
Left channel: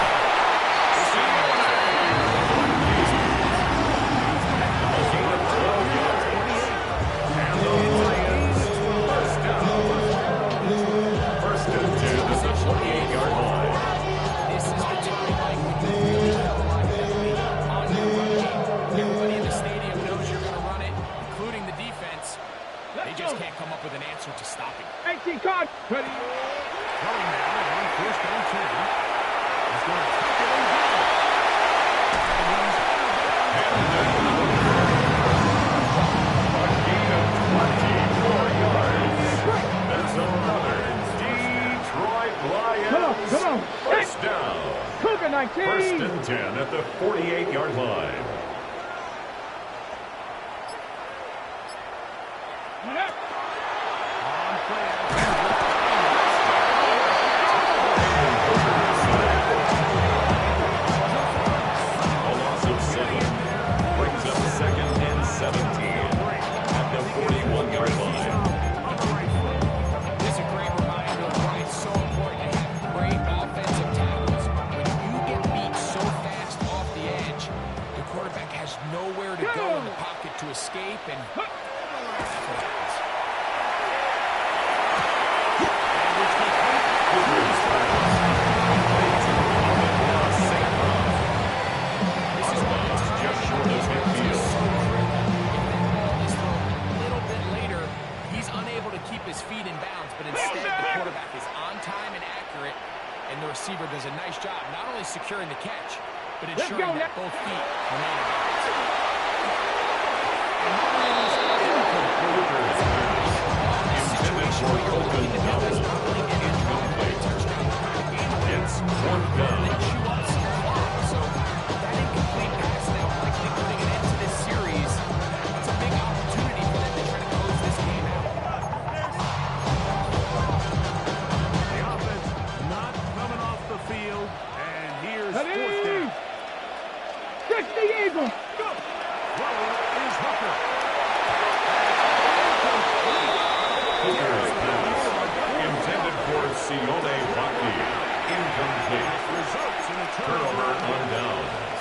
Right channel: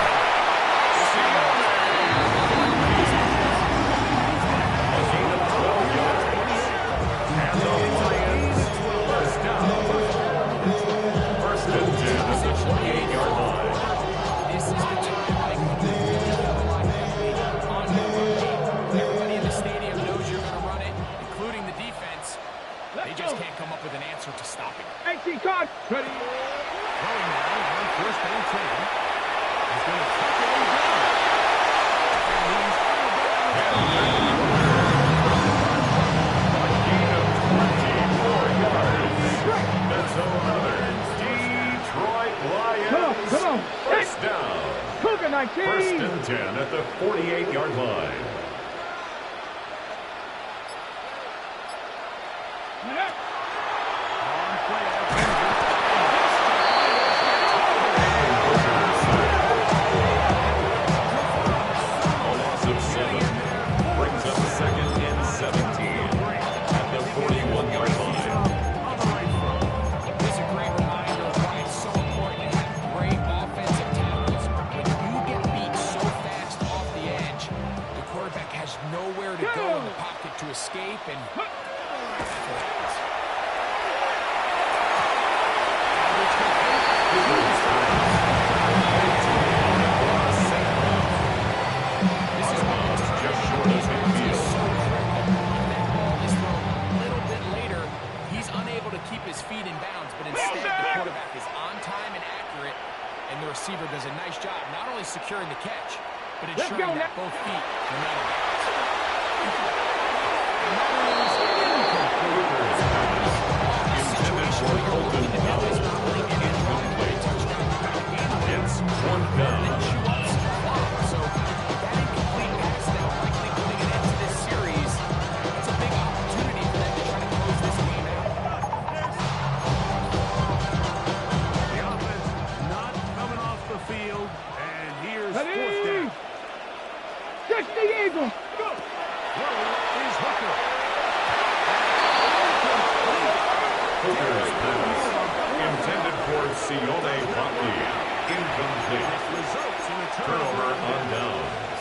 A gain of 12 yards. And the Lions 1st down. 1st and 10 at the 28-yard line. This is the time, Mike, when you really got to rely heavily on your run game. Everybody in the stadium knows you're going to run it, including the defense. They just can't come up with an answer to stopping it. 18 card. Ready? Throwing now on 1st and 10. He's going to tuck it in down. And he's out of bounds. A gain of 24 yards. That's another Detroit Lions. Come on. 1st down. Cougar 19. 1st and 10 at the 48-yard line. On play action. A loss of 7 brings up 2nd and 17 at the 41-yard line. On the right foot. This is a great reminder of why it's so important to have great offensive tackles. When you get beat so fast off the edge, the quarterback has nowhere to go in the pocket to escape, and that's what happens. This is what the just short of midfield. If that ball is thrown a little bit later, he's unable to keep his feet in bounds, but instead the quarterback is on time and accurate, and the receiver does a nice job not only securing the catch, but ensuring that both feet remain in bounds. And that is a situation where you're looking to do is not only get a drive, but a touchdown to put the game away. It's fourth down. Then chew up some clock. So that incomplete pass now likely putting an end to this series. That's a big opportunity for them to try to close this game out. The offense not coming off the field, and here's fourth down. Catch the Eagle. Go. Throwing is Hooker. Hooker's pass intended for Sione Vaki. Incomplete. Results in a Turnover on downs.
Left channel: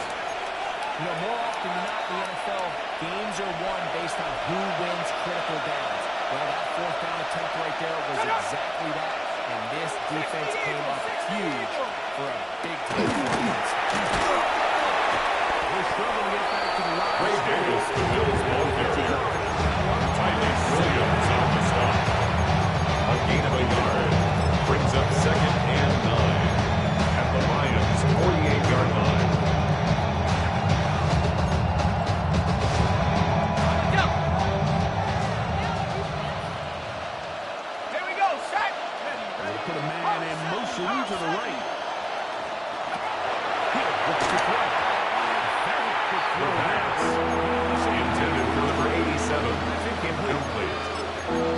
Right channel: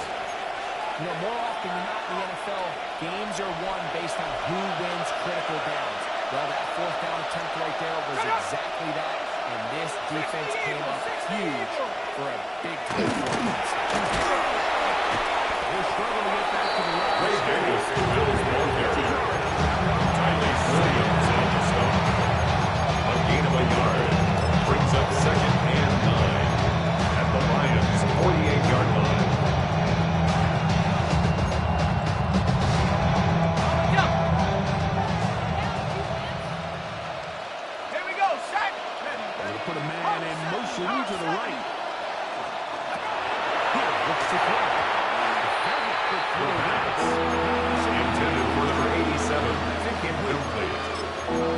You know, more often than not in the NFL, games are won based on who wins critical downs. Well, that fourth down attempt right there was exactly that, and this defense came up huge for a big-time performance. We'll struggle to get back to the line. Ray Davis, the Bills ball carrier. Tyrese Williams on the stop. A gain of a yard. Brings up 2nd and 9. At the Lions' 48-yard line. Here we go, set. They put a man in motion to the right. Here, looks to throw. Very quick The throw. pass intended for number 87. Incomplete.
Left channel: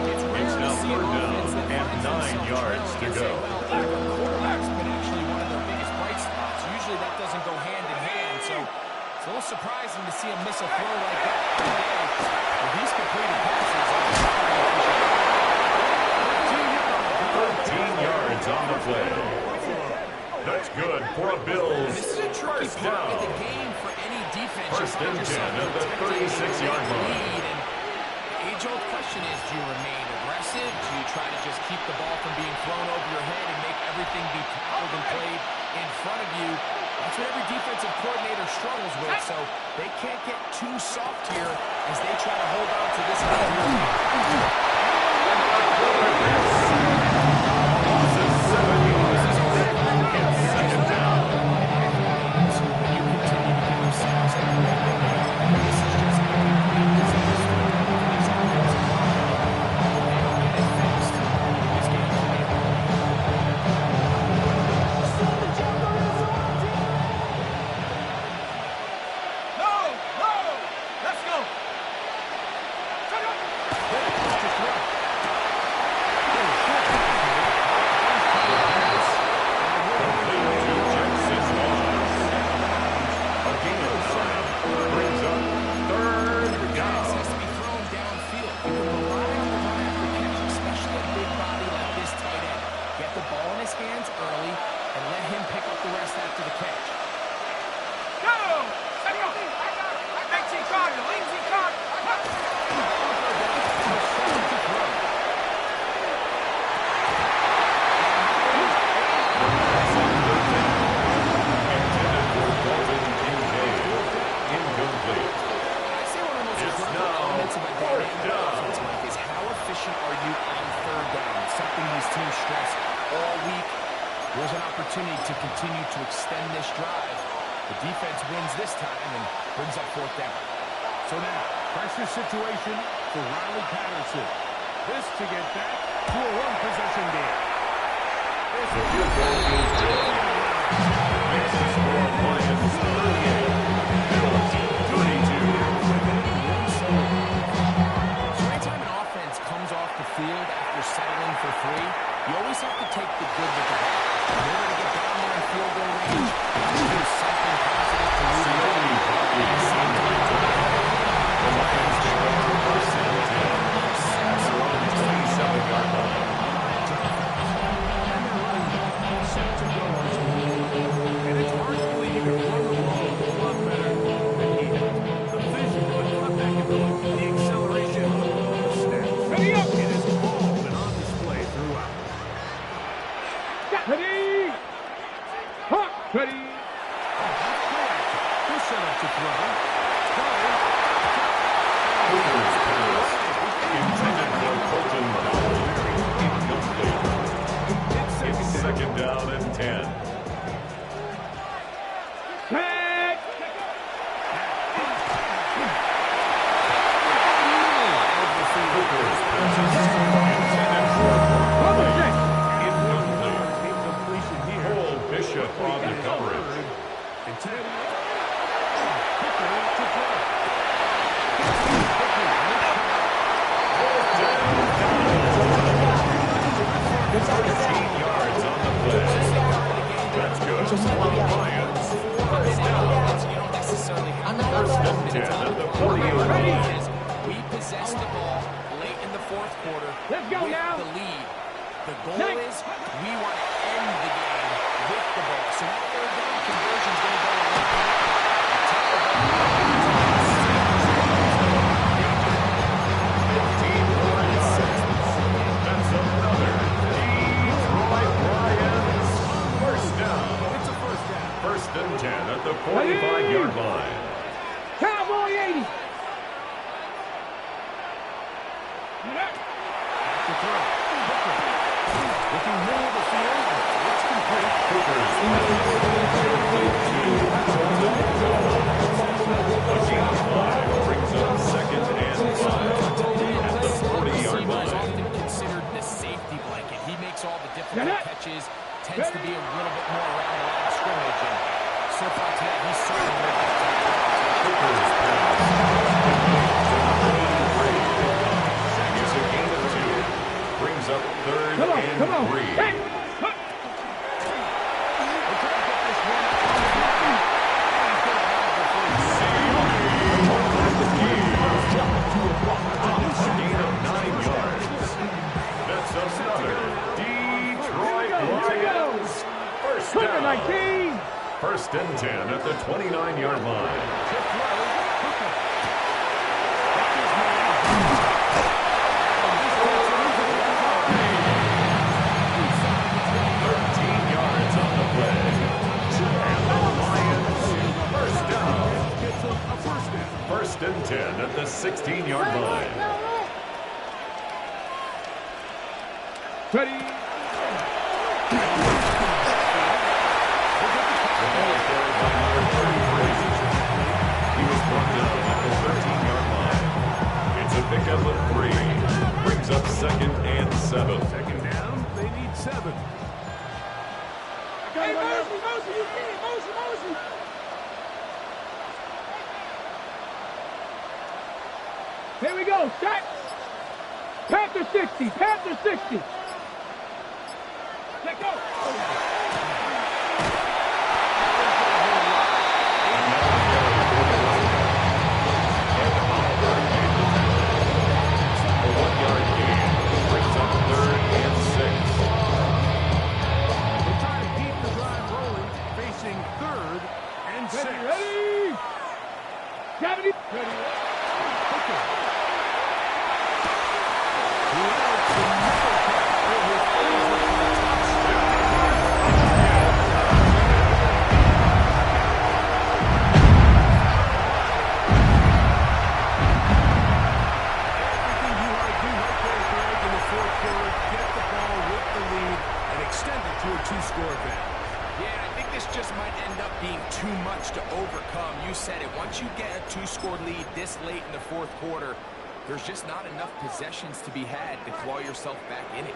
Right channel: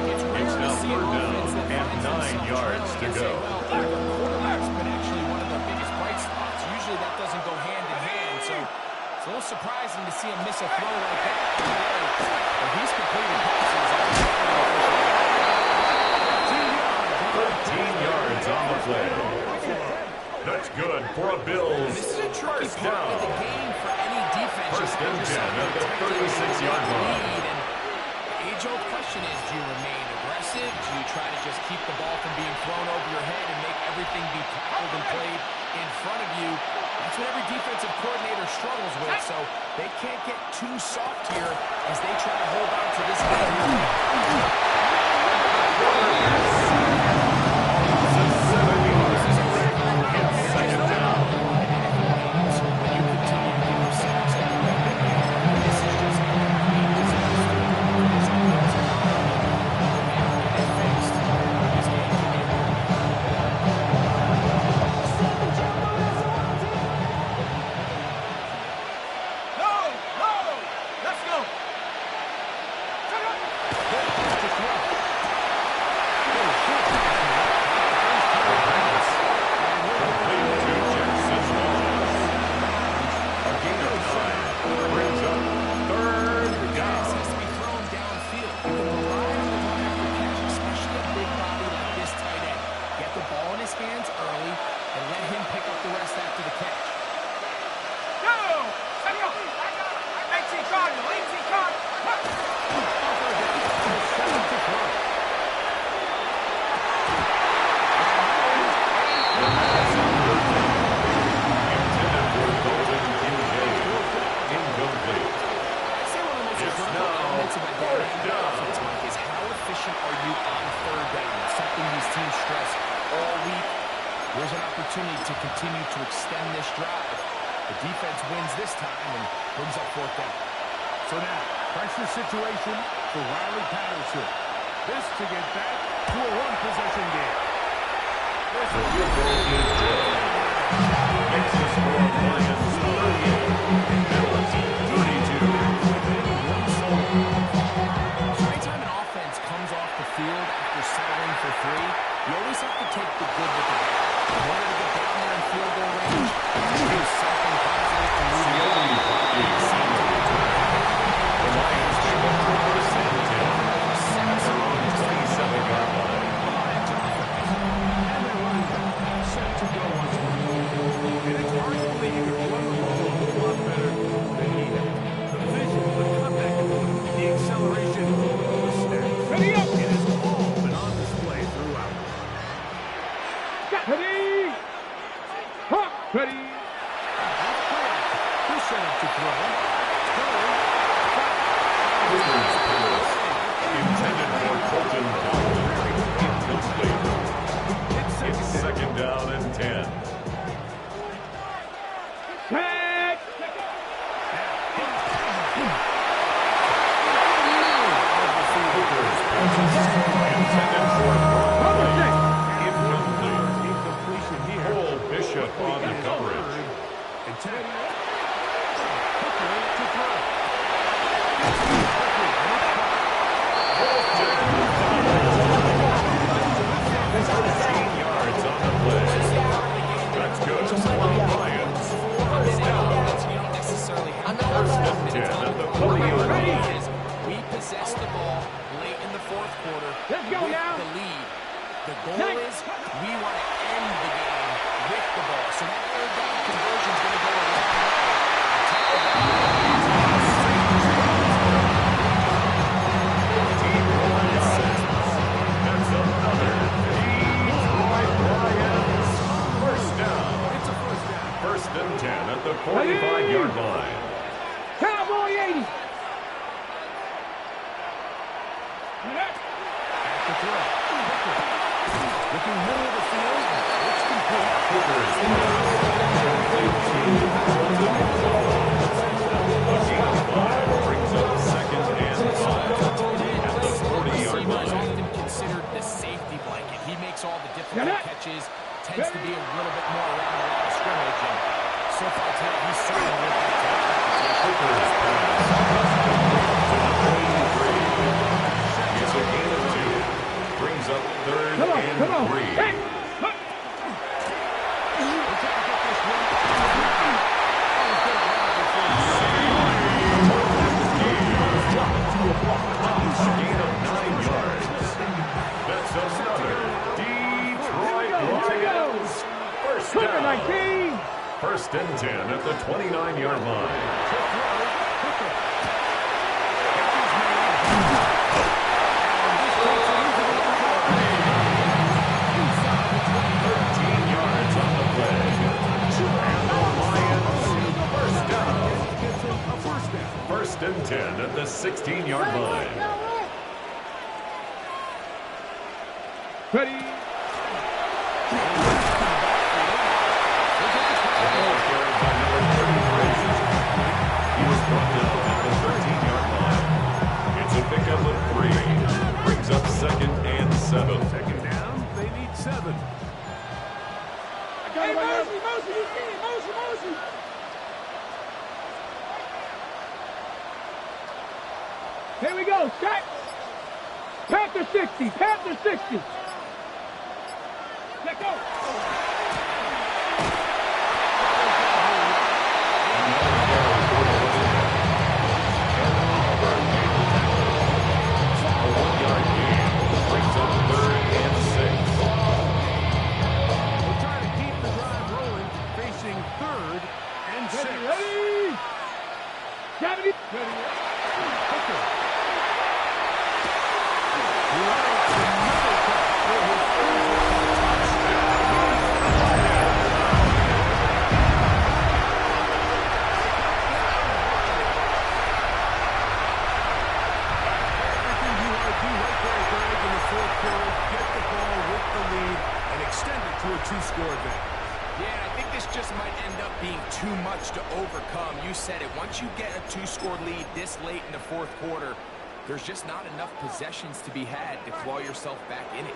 It's rare It's now to see an 3rd down offense that and finds 9 themselves yards trailing to and say, go. well, their quarterback's been actually one of their biggest bright spots. Usually that doesn't go hand in hand, so it's a little surprising to see him miss a throw like that today. But he's completed passes on the 13 yards on the play. That's good for a Bills. This is a tricky First part of the down. game for any defense. You First find and yourself 10 at the protecting 36-yard the line. lead, and the age-old question is, do you remain aggressive? Do you try to just keep the ball from being thrown over your head and make everything be tackled and played in front of you? That's what every defensive coordinator struggles with, so they can't get too soft here as they try to hold on to this lead here. When you continue to give yourselves a great big game, this is just a complete disaster for this offensive line. If they don't get it fixed, this game could be over. No, let's go. Complete to Jackson Moss. A gain of 9. Brings up 3rd Pass down. has to be thrown downfield. You can rely on the run after catch, especially a big body like this tight end. Get the ball in his hands early and let him pick up the rest after the catch. Go. Let go. 18 Cardinal, 18 Cardinal. Intended for Dalton Kincaid. Incomplete. I'd say one of the most It's critical now elements of a 4th dynamic down. offense, Mike, is how efficient are you on 3rd down? Something these teams stress all week. Here's an opportunity to continue to extend this drive. The defense wins this time and brings up 4th down. So now, pressure situation for Riley Patterson. This to get back to a one-possession game. The field goal is good. Makes the score Lions 38. Bills 32. So anytime an offense comes off the field after settling for 3, you always have to take the good with the bad. In order to get down there in field goal range, do something positive to move the Sione Vaki on the return. The Lions take over 1st and 10. At their own 27-yard line. And they're running back, set to go once more. And it's hard to believe you can run the ball set up to throw. Hooker's pass intended for Colton Dowell. Incomplete. It's second down and 10. Hooker's pass intended for Brock Wright. Incomplete. Cole Bishop on the coverage. And 10. Hooker to throw. 13 yards on the play. That's good. For the Lions. First down. First and 10 at the 40-yard line. We possessed the ball late in the fourth quarter with the lead. The goal is we want to end the game with the ball. So that third down conversion is going to go a long way. Take the ball. 15 more yards. That's another Detroit Lions first down. It's a first down. First and 10 at the 45-yard line. Cowboy 80. To throw. Hooker. Looking middle of the field. It's complete. Hooker's pass complete to Colton Dowell. A gain of 5 brings up second and 5 at the 40-yard Is line. often considered the safety blanket. He makes all the difficult catches, tends to be a little bit more around the line of scrimmage, and so far today, he's certainly lived up to that reputation. Hooker's pass complete to number 83. It's a gain of 2. Brings up third and 3. Hey. Gain of 9 yards. That's another Detroit Lions first down. 19. First and 10 at the 29-yard line. 13 yards on the play. And the Lions first down. First and 10 at the 16-yard line. Ready. The ball carried by number 33. He was brought down at the 13-yard line. It's a pickup of 3. Brings up second and 7. Second down, they need 7. Hey, Mosey, you see it. Mosey. Here we go, Scott. Panther 60. Let go. Another carry for the running back. And Oliver made the tackle. A 1-yard gain brings up third and 6. They try to keep the drive rolling, facing third and 6. Ready. Gravity. Ready. Hooker. Routes another cut for his everything you want to do right there, Greg, in the fourth quarter, get the ball with the lead and extend it to a 2-score advantage. Yeah, I think this just might end up being too much to overcome. You said it. Once you get a 2-score lead this late in the fourth quarter, there's just not enough possessions to be had to claw yourself back in it.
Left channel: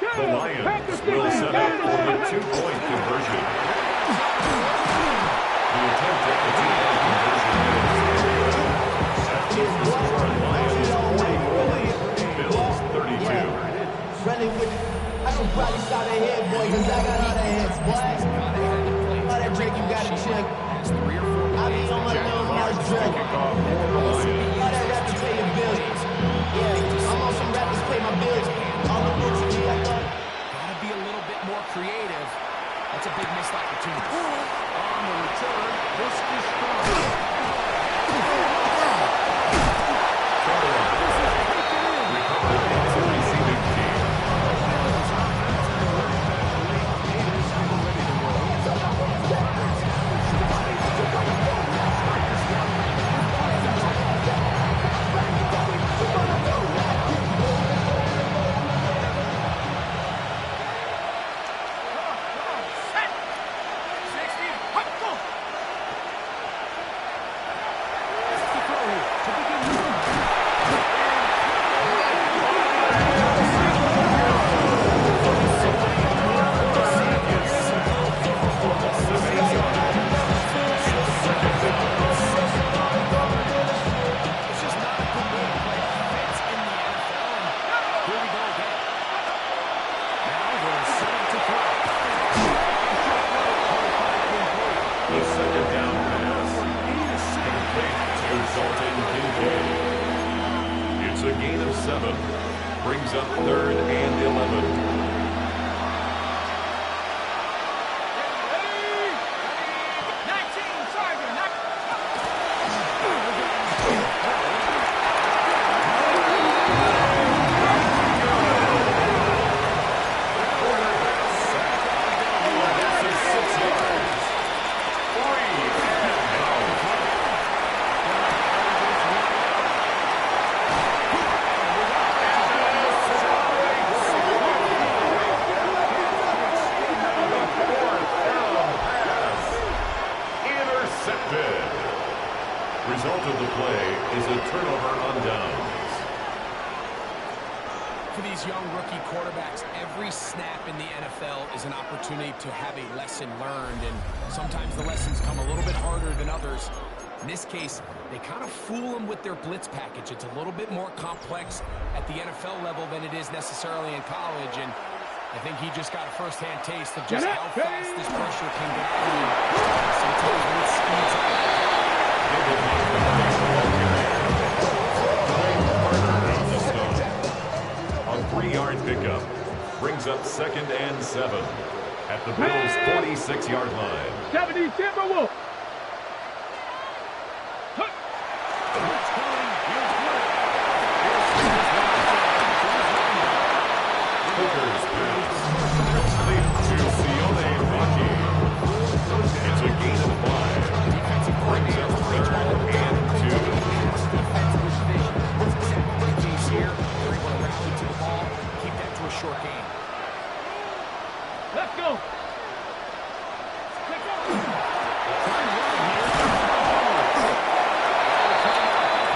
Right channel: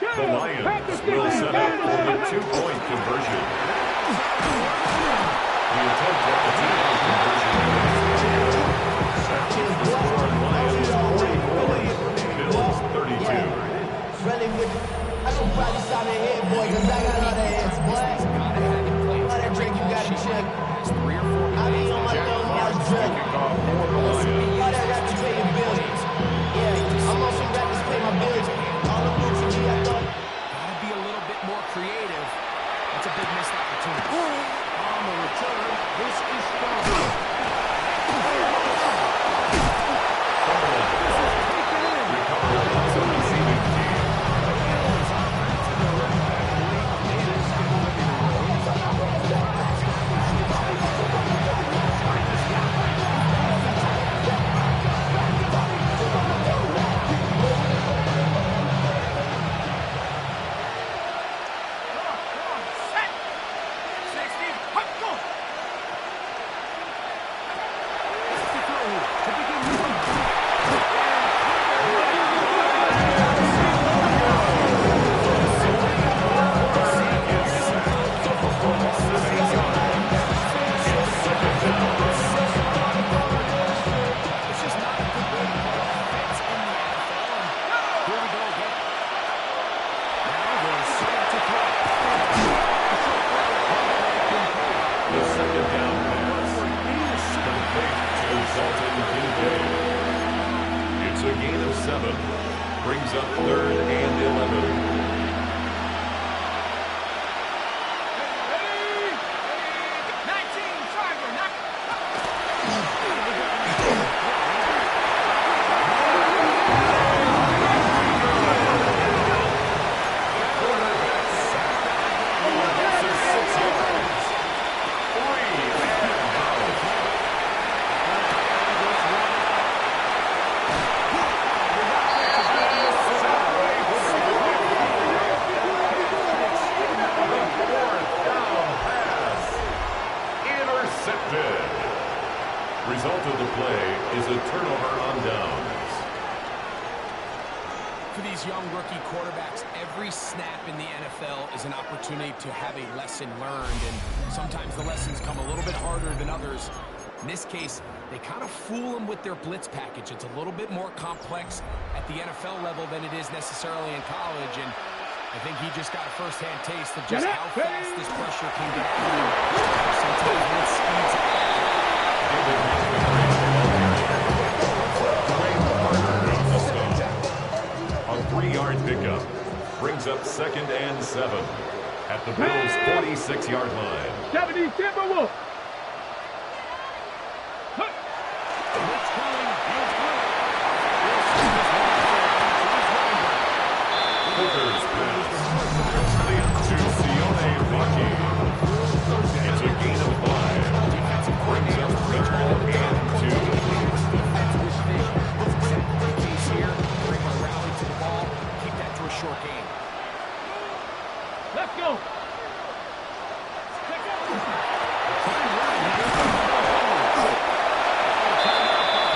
The Lions will set up for the 2-point conversion. The attempt at the 2-point conversion is set to score Lions 44, Bills 32. Running with I can probably start a head, boy, because I got a lot of heads, boy. All that drink you got to check. I be on my little house drink. Kickoff for the Lions. All that rappers pay your bills. Yeah, I'm on some rappers pay my bills. All the books to me, I thought. Gotta be a little bit more creative. That's a big missed opportunity. On the return, this is strong. Recovered by the receiving team. Bills offense and the running back, Blake Davis, getting ready to roll. The second down pass. Complete to Dalton Kincaid. It's a gain of 7. Brings up 3rd and 11. Result of the play is a turnover on downs. For these young rookie quarterbacks, every snap in the NFL is an opportunity to have a lesson learned, and sometimes the lessons come a little bit harder than others. In this case, they kind of fool them with their blitz package. It's a little bit more complex at the NFL level than it is necessarily in college, and I think he just got a first-hand taste of just how fast this pressure can get out of you. Sometimes when it speeds up. David Montgomery, the ball carrier. Dwayne Carter on the stop. A 3-yard pickup brings up 2nd and 7 at the Bills' 46-yard line. 70 Timberwolves. Blitz coming. He'll play it. He'll see this one to his linebacker. Hooker's pass. Complete to Sione Vaki. It's a gain of 5. Brings up 3rd and 2. Defense with vision. That's exactly the case here. They're able to rally to the ball, keep that to a short game. Let's go.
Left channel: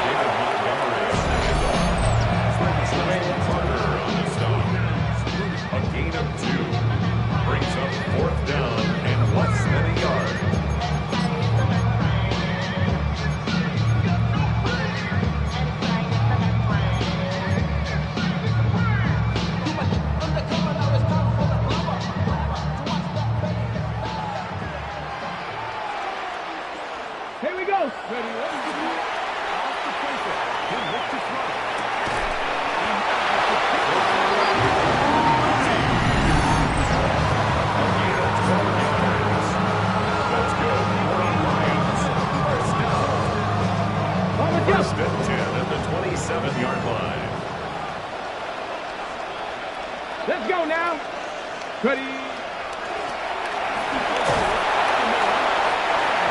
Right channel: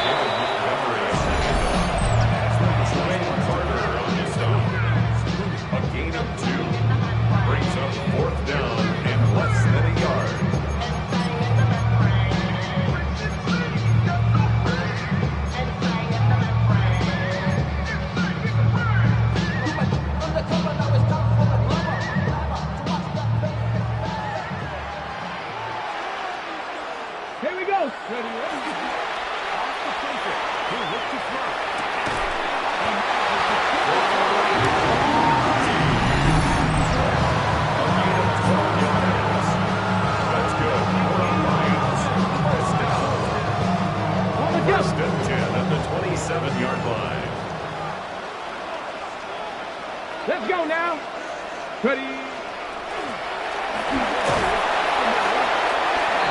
David Montgomery on the handoff. Dwayne Carter on the stop. A gain of 2. Brings up 4th down and less than a yard. Here we go. Ready. Off the playbook. He'll look to throw. He manages to kick it. A gain of 12 yards. That's good for the Lions. First down. 1st and 10 at the 27-yard line. Let's go now. Ready.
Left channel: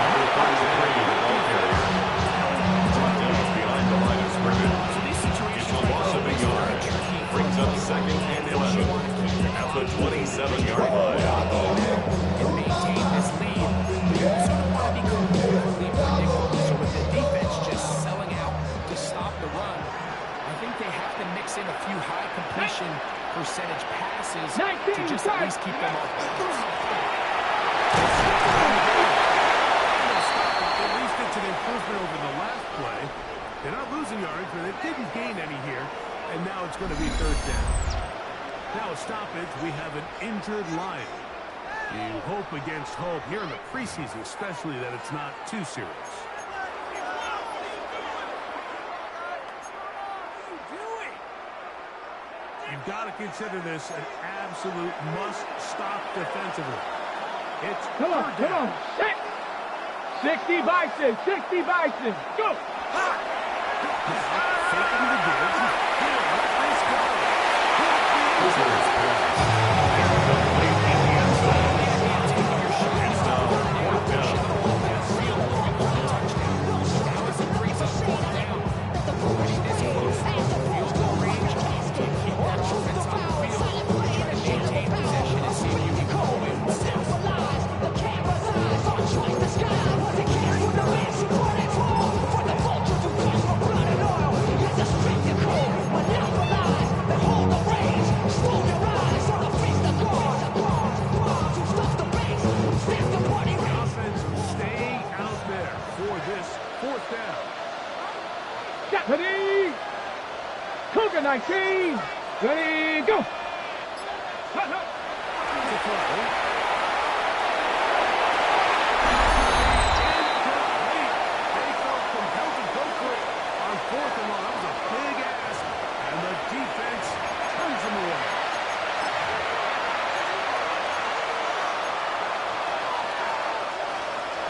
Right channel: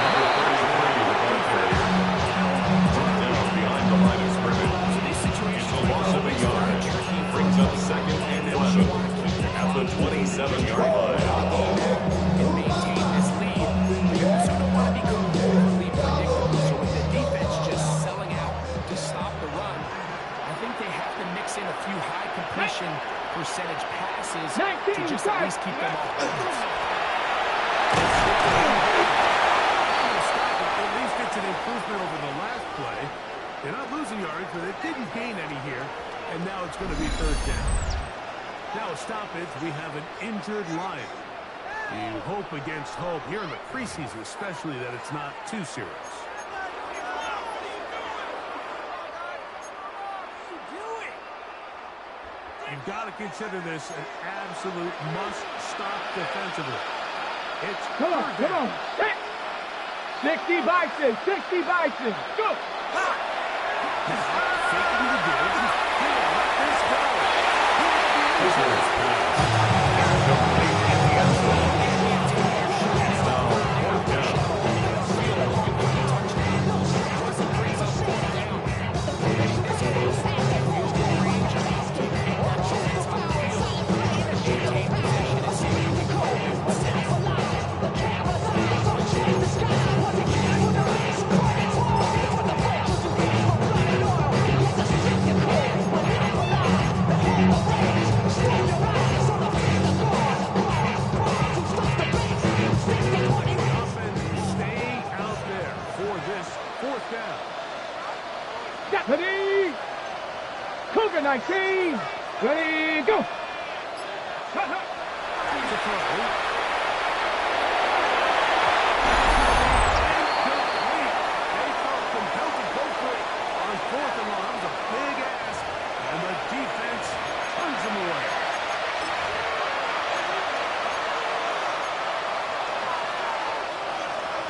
Number 33, the ball carrier. Brought down behind the line of scrimmage. It's a loss of a yard. Brings up 2nd and 11 at the 27-yard line. And maintain this lead, but you also don't want to become overly predictable. So with the defense just selling out to stop the run, I think they have to mix in a few high completion percentage passes to just at least keep them off balance. At least it's an improvement over the last play. They're not losing yards, but they didn't gain any here. And now it's going to be 3rd down. Now a stoppage. We have an injured Lion. You hope against hope here in the preseason, especially that it's not too serious. You've got to consider this an absolute must-stop defensively. It's Come on. 60 Bison. 60 Bison. Go. now faking the give. He'll let this go. Hooker's pass. Incomplete in the end zone. It's now 4th down. Ready. Cougar 19. Ready, go. To throw.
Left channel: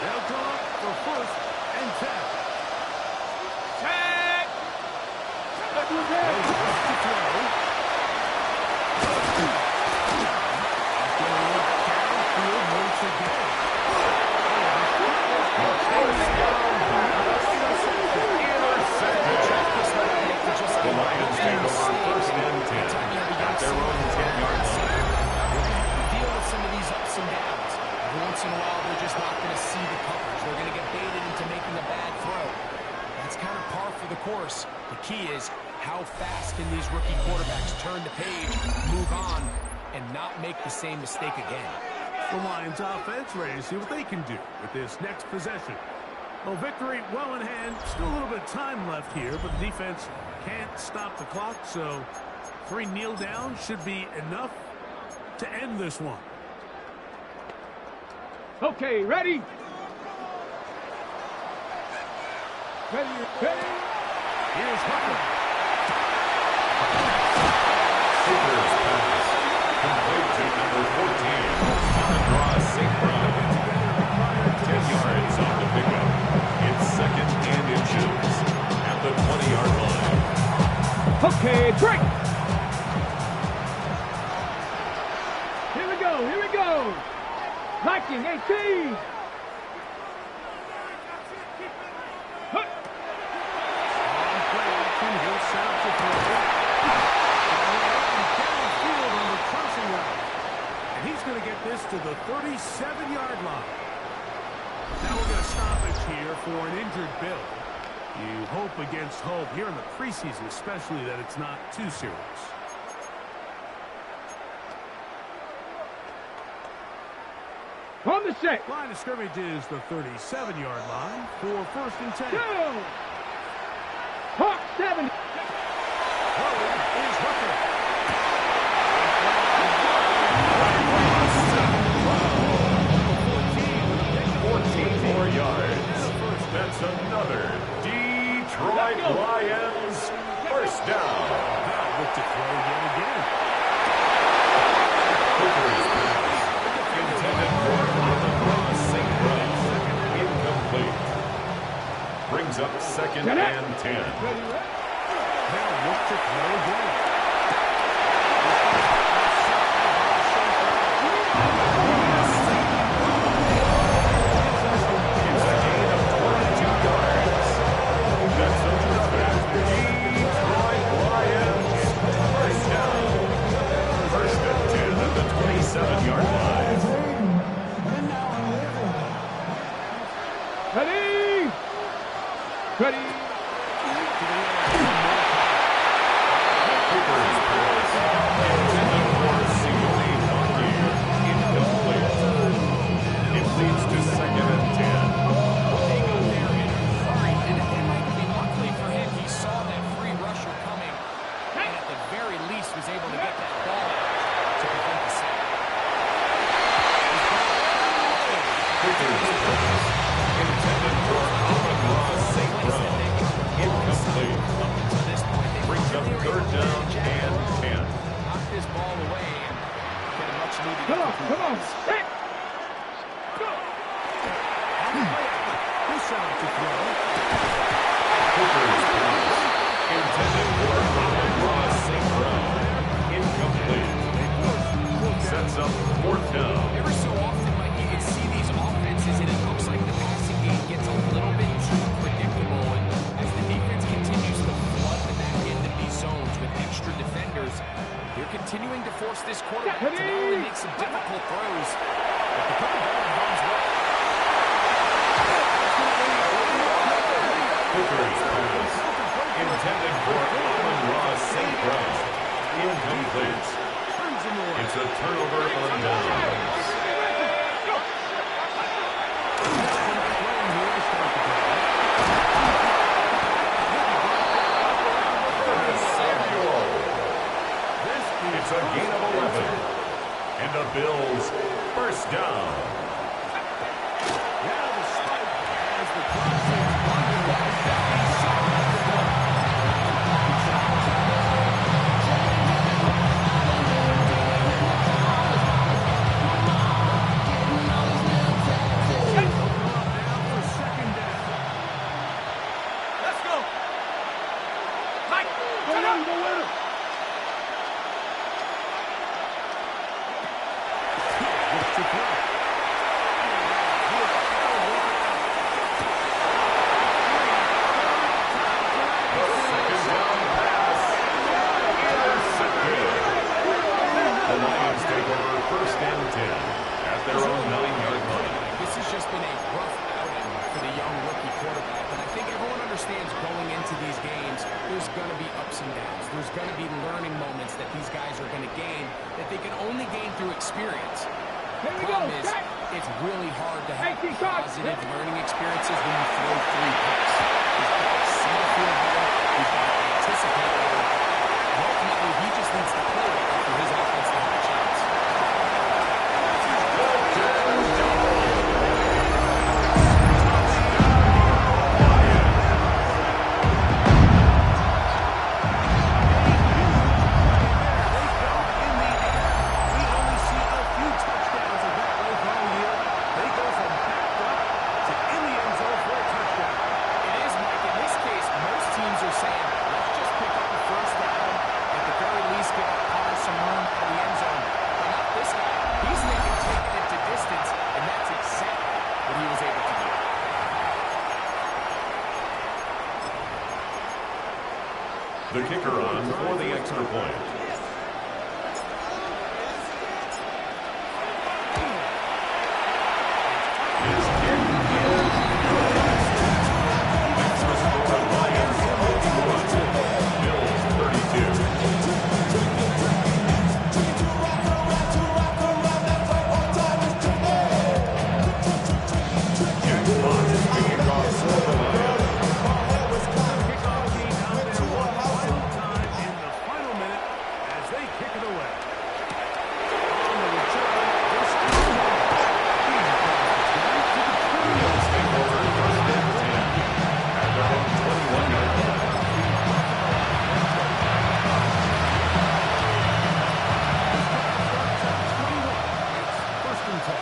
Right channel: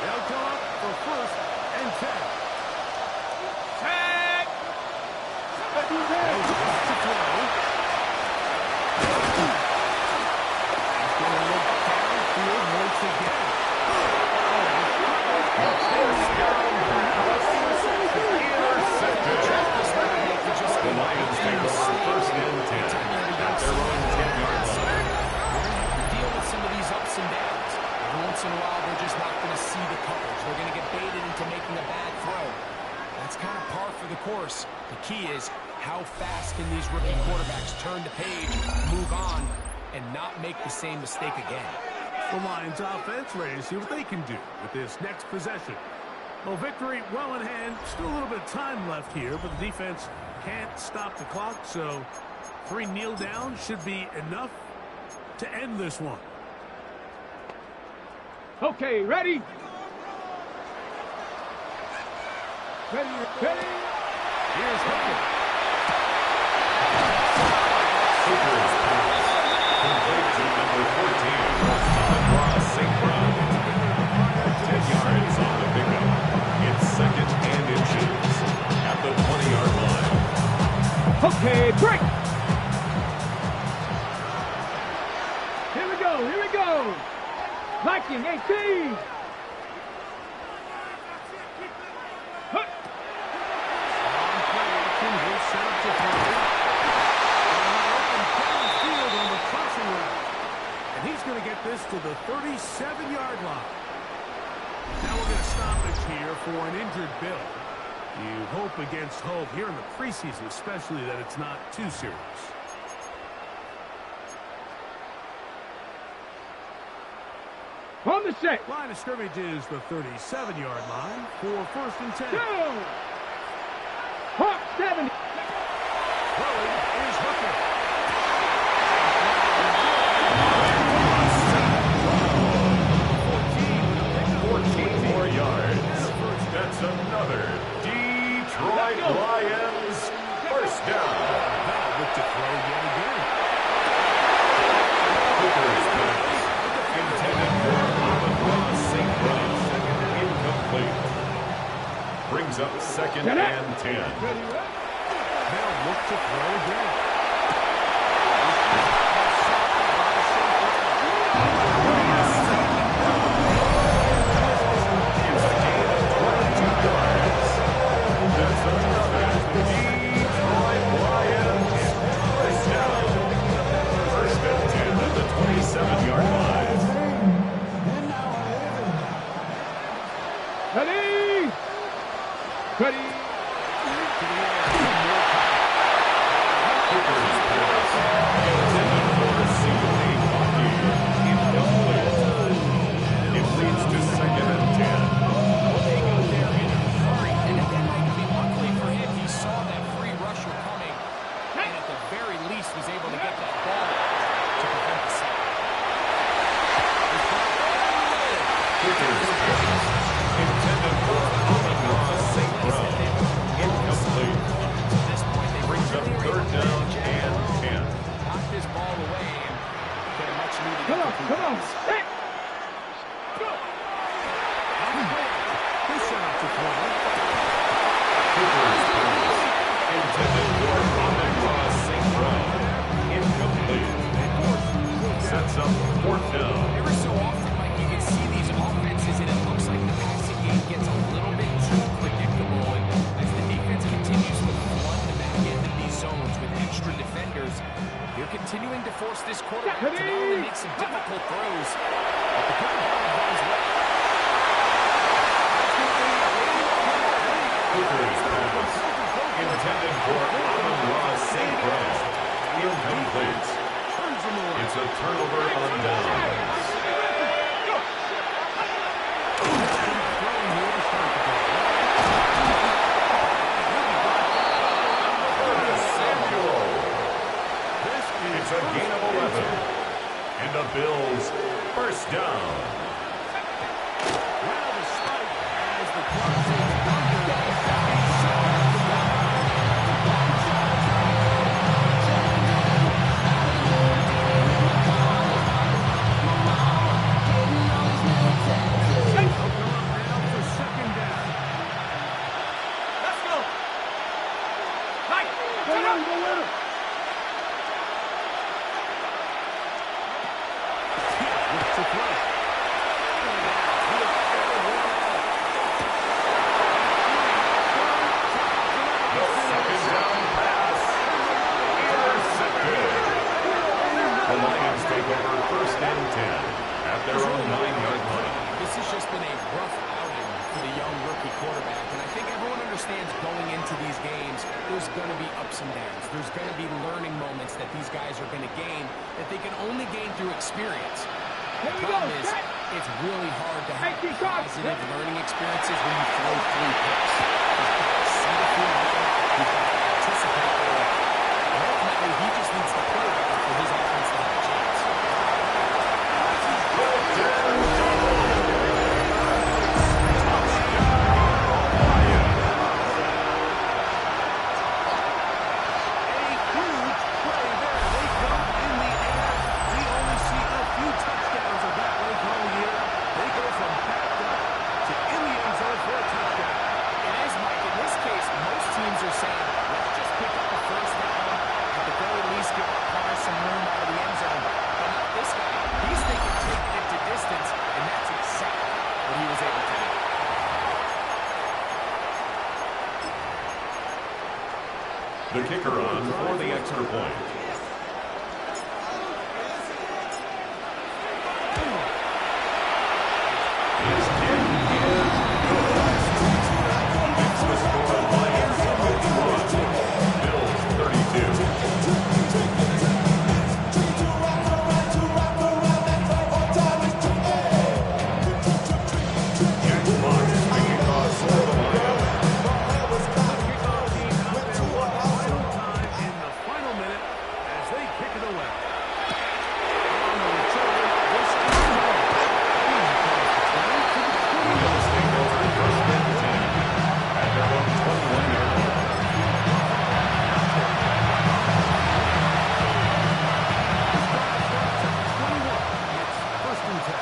They'll come up for 1st and 10. Check! They'll drop to throw. He's going to look downfield once again. The Lions take over 1st and 10 at their own 10-yard line. Deal with some of these ups and downs. Every once in a while, they're just not going to see the coverage. They're going to get baited into making a bad throw. That's kind of par for the course. The key is how fast can these rookie quarterbacks turn the page, move on, and not make the same mistake again. The Lions offense ready to see what they can do with this next possession. Well, victory well in hand. Still a little bit of time left here, but the defense can't stop the clock, so 3 kneel down should be enough to end this one. Okay, ready? Ready, ready? Here's Hooker. Hooker's pass. Complete to number 14, Amon-Ra St. Brown. 10 yards on the pickup. It's 2nd and inches at the 20-yard line. Okay, break! Here we go, here we go! Liking 18! Hook! On play action, he'll set up to throw. And downfield on the crossing route. And he's going to get this to the 37-yard line. Now we're going to stoppage here for an injured Bill. You hope against hope here in the preseason, especially that it's not too serious. On the set! Line of scrimmage is the 37-yard line for 1st and 10. Go! Hawk 70! Throwing is Hooker. 14 more yards. That's another Detroit Lions 1st down. Now look to throw yet again. Hooker's pass. Intended for Amon-Ra St. Brown. Incomplete. Brings up 2nd and 10. They'll look to throw again. It's a gain of 22 yards. That's another Detroit Lions 1st down. 1st and 10 at the 27-yard line. Ready? Ready? Hooker's pass. Intended for C.J. Bucky. Incomplete. It leads to 2nd and 10. They got there in a hurry, and that might be luckily for him. He saw that free rusher coming, and at the very least was able to get that ball to prevent the sack. Hooker's pass. Intended for Amon-Ra St. Brown. Incomplete. Up until this point, they Brings up really were 3rd able to down manage and it. 10. Knock this ball away and get a much-needed Come on, incomplete come on! pass. Set! Go! He'll set up to throw. Hooker's pass. Intended for Amon-Ra St. Brown. Incomplete. Sets up 4th down. Every so often, Mike, you can see these offenses, and it looks like the passing game gets a little bit too predictable. And as the defense continues to flood the back end of these zones with extra defenders, they're continuing to force this quarterback to not only make some difficult throws, but to put the ball in harm's way. Hooker's pass. Intended for Amon-Ra St. Brown. Incomplete. It's a turnover on downs. Samuel. It's a gain of 11. And the Bills 1st down. Now the spike as the clock is under. They'll come up for the young rookie quarterback, and I think everyone understands going into these games, there's going to be ups and downs. There's going to be learning moments that these guys are going to gain that they can only gain through experience. The problem is, it's really hard to have positive learning experiences when you throw 3 picks. He's got to see the field better. He's got to anticipate better. And ultimately, he just needs to play better for his offense to have a chance. The kicker on for the extra point. His kick is good. Makes the score Lions 51, Bills 32. Jack Fox kicking off for the Lions. Kick it away. On the return, this is the Bills take over first and 10 at their own 21-yard line. This drive starts at 21. It's first and 10.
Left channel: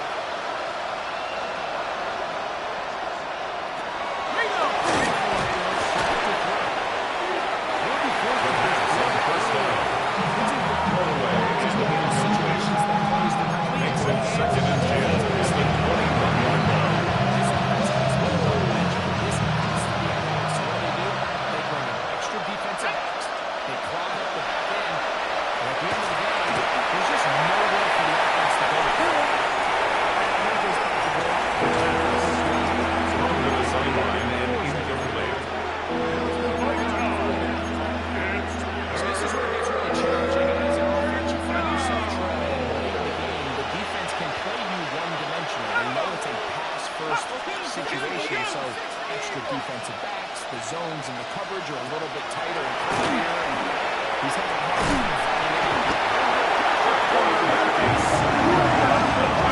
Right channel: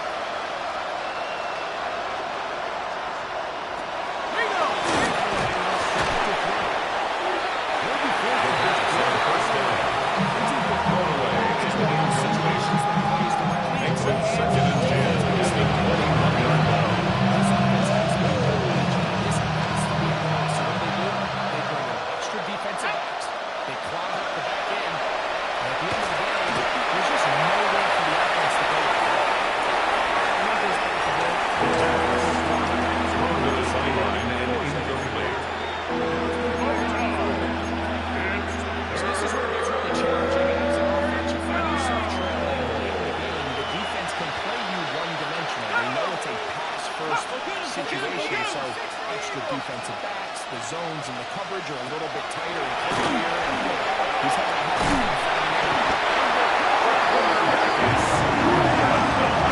First down. Thrown away is the game situations that plays directly. Makes it second and 10 at the 21-yard line. This offense has no lead. This has to be a pass. So what do? They bring in extra defensive backs. They clog up the back end. And at the end of the day, there's just nowhere for the offense to go. Thrown to the sideline and incomplete. So this is where it gets really challenging. And as an offense, you find yourself trailing late in the game. The defense can play you one-dimensional. They know it's a pass-first situation, so extra defensive backs, the zones and the coverage are a little bit tighter and clear, and he's having a hard time finding it.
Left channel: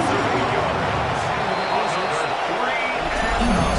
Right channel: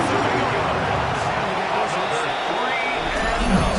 Another 8 yards. Another 3 and out.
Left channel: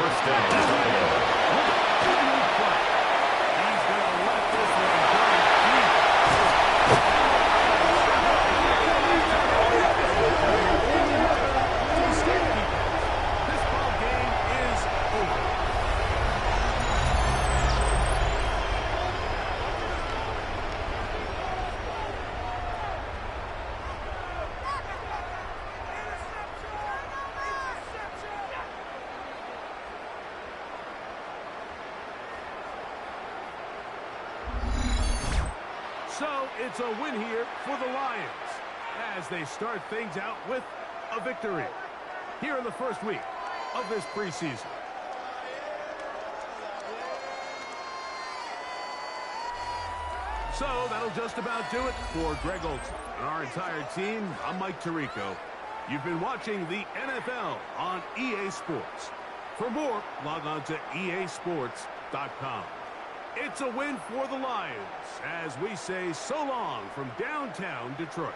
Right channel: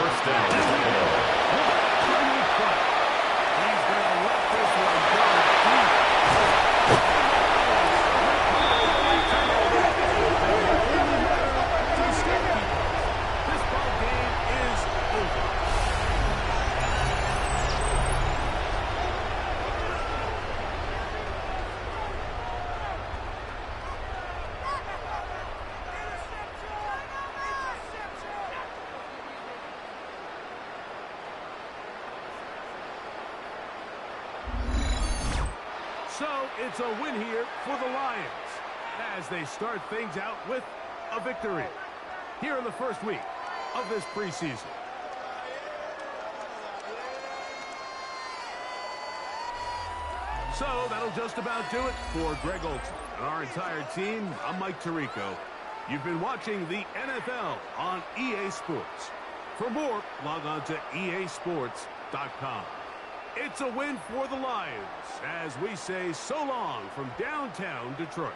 First down, Buffalo. He's going to let this one go deep. This ball game is over. So it's a win here for the Lions as they start things out with a victory here in the first week of this preseason. So that'll just about do it for Greg Olsen and our entire team. I'm Mike Tirico. You've been watching the NFL on EA Sports. For more, log on to easports.com. It's a win for the Lions as we say so long from downtown Detroit.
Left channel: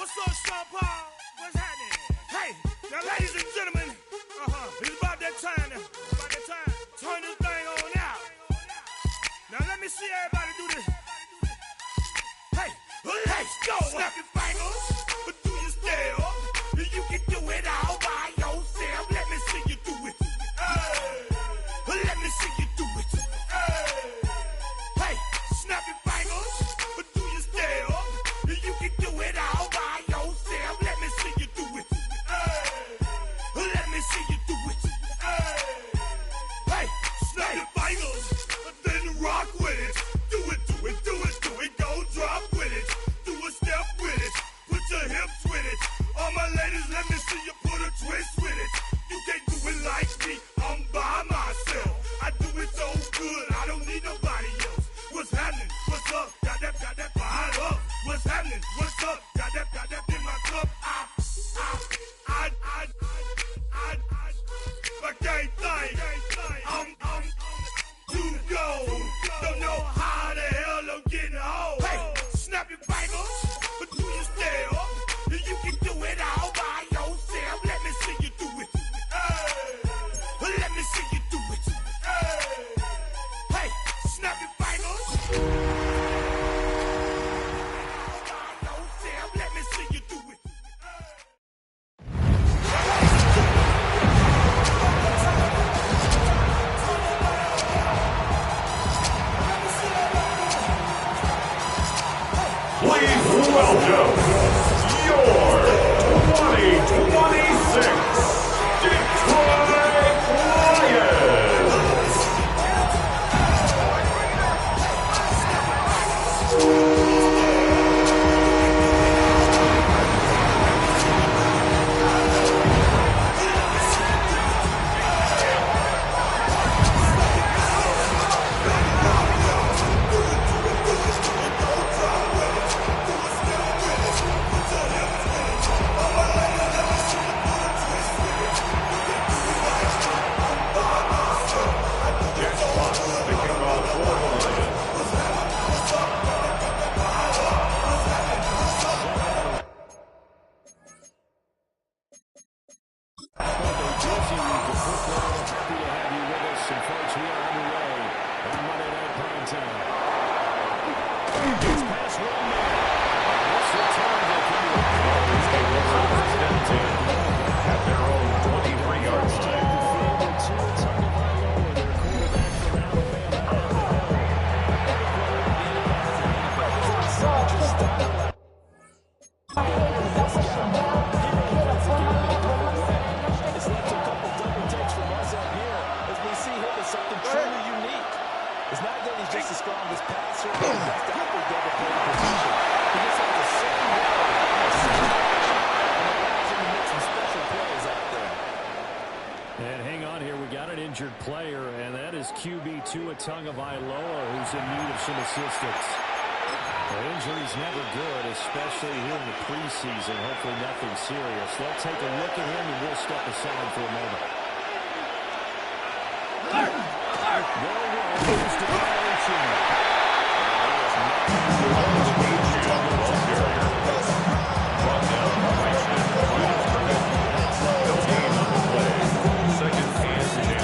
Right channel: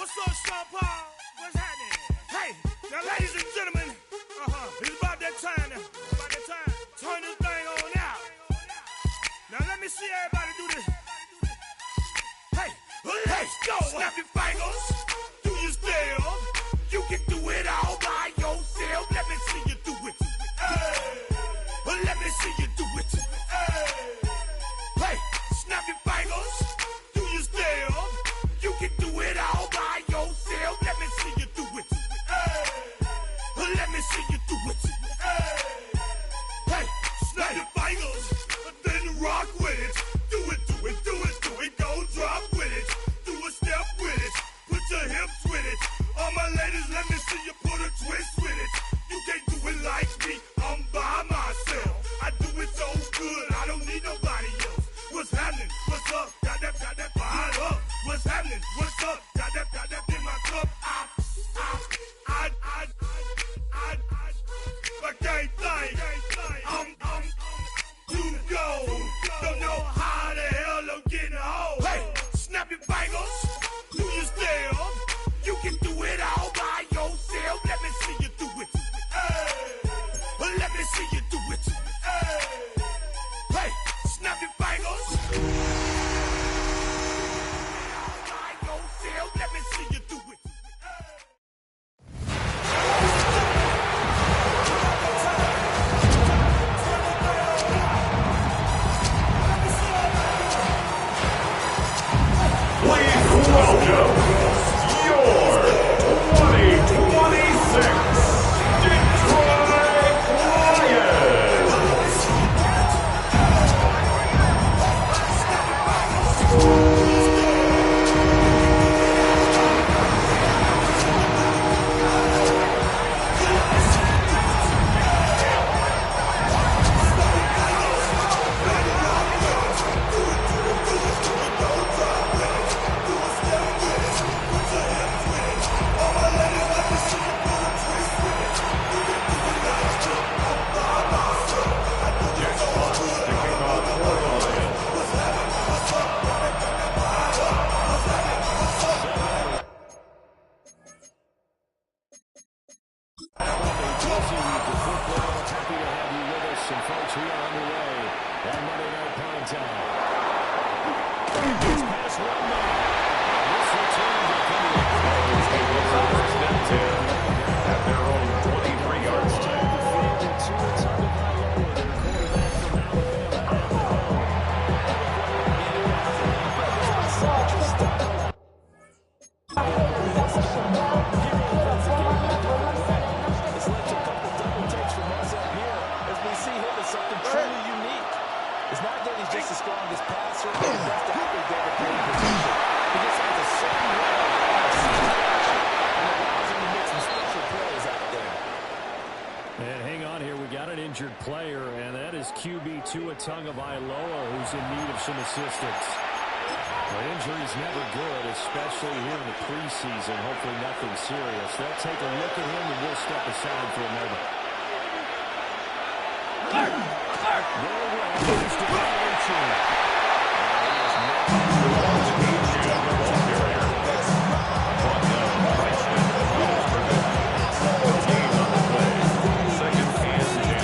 What's up, Sean Paul? What's happening? Hey, now, ladies and gentlemen, it's about that time. Turn this thing on out. Now, let me see everybody do this. Hey, let's go. Snap your fingers, but do you still? You can do it all by yourself. Let me see you do it. Let me see you do it. Hey, snap your fingers, but do you still? You can do it all by yourself. Let me see you do it. Let me see you do it. Hey, snap your fingers, then rock with it. Do it, do it, do it, do it. Go drop with it. Do a step with it. Put your hips with it. All my ladies, let me see you put a twist with it. You can't do it like me. I'm by myself. I do it so good. I don't need nobody else. What's happening? What's up? Got that behind up. What's happening? What's up? Got that in my cup. I can't think. I'm too go. Don't know how the hell I'm getting home. Hey, snap your fingers, but do you still? You can do it all by yourself. Let me see you do it. Let me see you do it. Hey, snap your fingers. By yourself. Let me see you do it. Please welcome your 2026 Detroit Lions. Jack Fox to kick off for the Lions. A busy week of football. Happy to have you with us. And folks, we are underway on Monday Night Primetime. It's past 1 minute. This return will come to Dolphins take over first and 10 at their own 23-yard line. their quarterback from Alabama at the helm. It's led to a couple double takes from us up here as we see him as something truly unique. It's not that he's just the strongest passer or the best athlete to ever play the position. He just has a certain way of seeing action and allows him to make some special plays out there. And hang on here, we got an injured player, and that is QB Tua Tagovailoa, who's in need of some assistance. Well, injury's never good, especially here in the preseason. Hopefully nothing serious. They'll take a look at him, and we'll step aside for a moment. Brought down right at the line of scrimmage. No gain on the play. Second and 10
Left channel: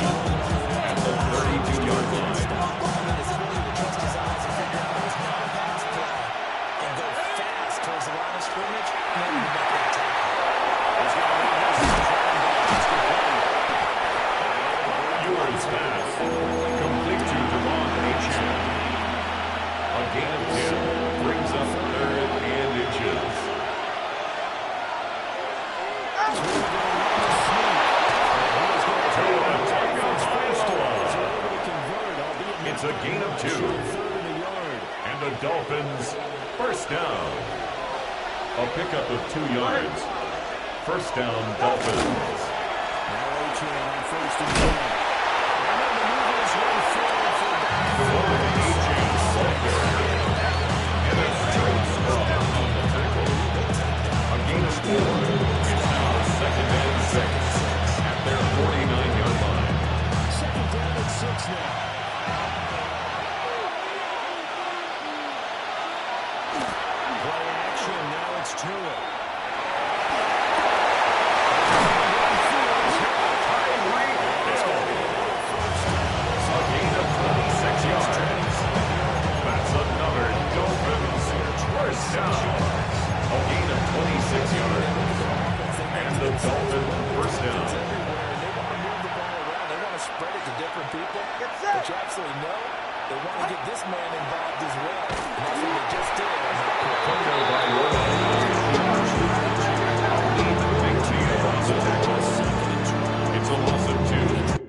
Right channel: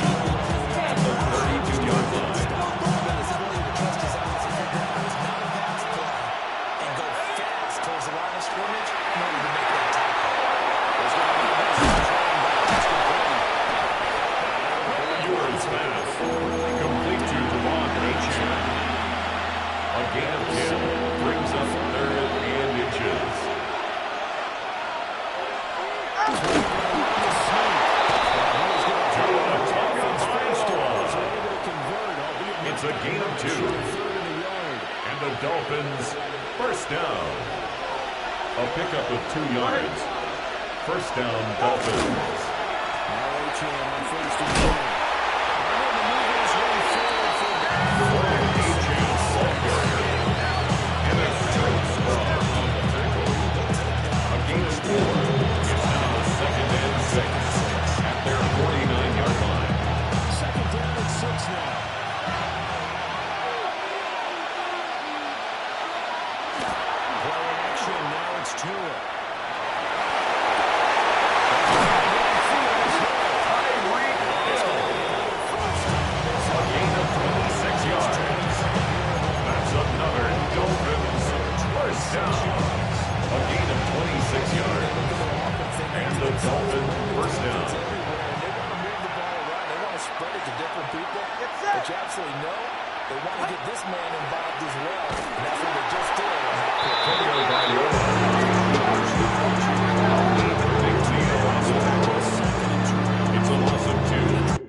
at the 32-yard line. His ability to trust his eyes and figure out it's not a pass play and go fast towards the line of scrimmage in order to make that tackle. Ewers pass. Complete to Devon Achane. A gain of 10 brings up third and inches. It's a gain of 2. And the Dolphins first down. A pickup of 2 yards. First down, Dolphins. Now Achane on first and 10. And then the move is run forward for a back. Achane ball carrier. And a straight stop on the tackle. A gain of 4. It's now second and 6 at their 49-yard line. Second down and 6 now. Play action, now it's Tua. 6 yards. And the Dolphins first down. They want to move the ball around. They want to spread it to different people. But you absolutely know they want to get this man involved as well. And that's what they just did on that play. Tonga Vailoa makes the offensive tackle. It's a loss of 2.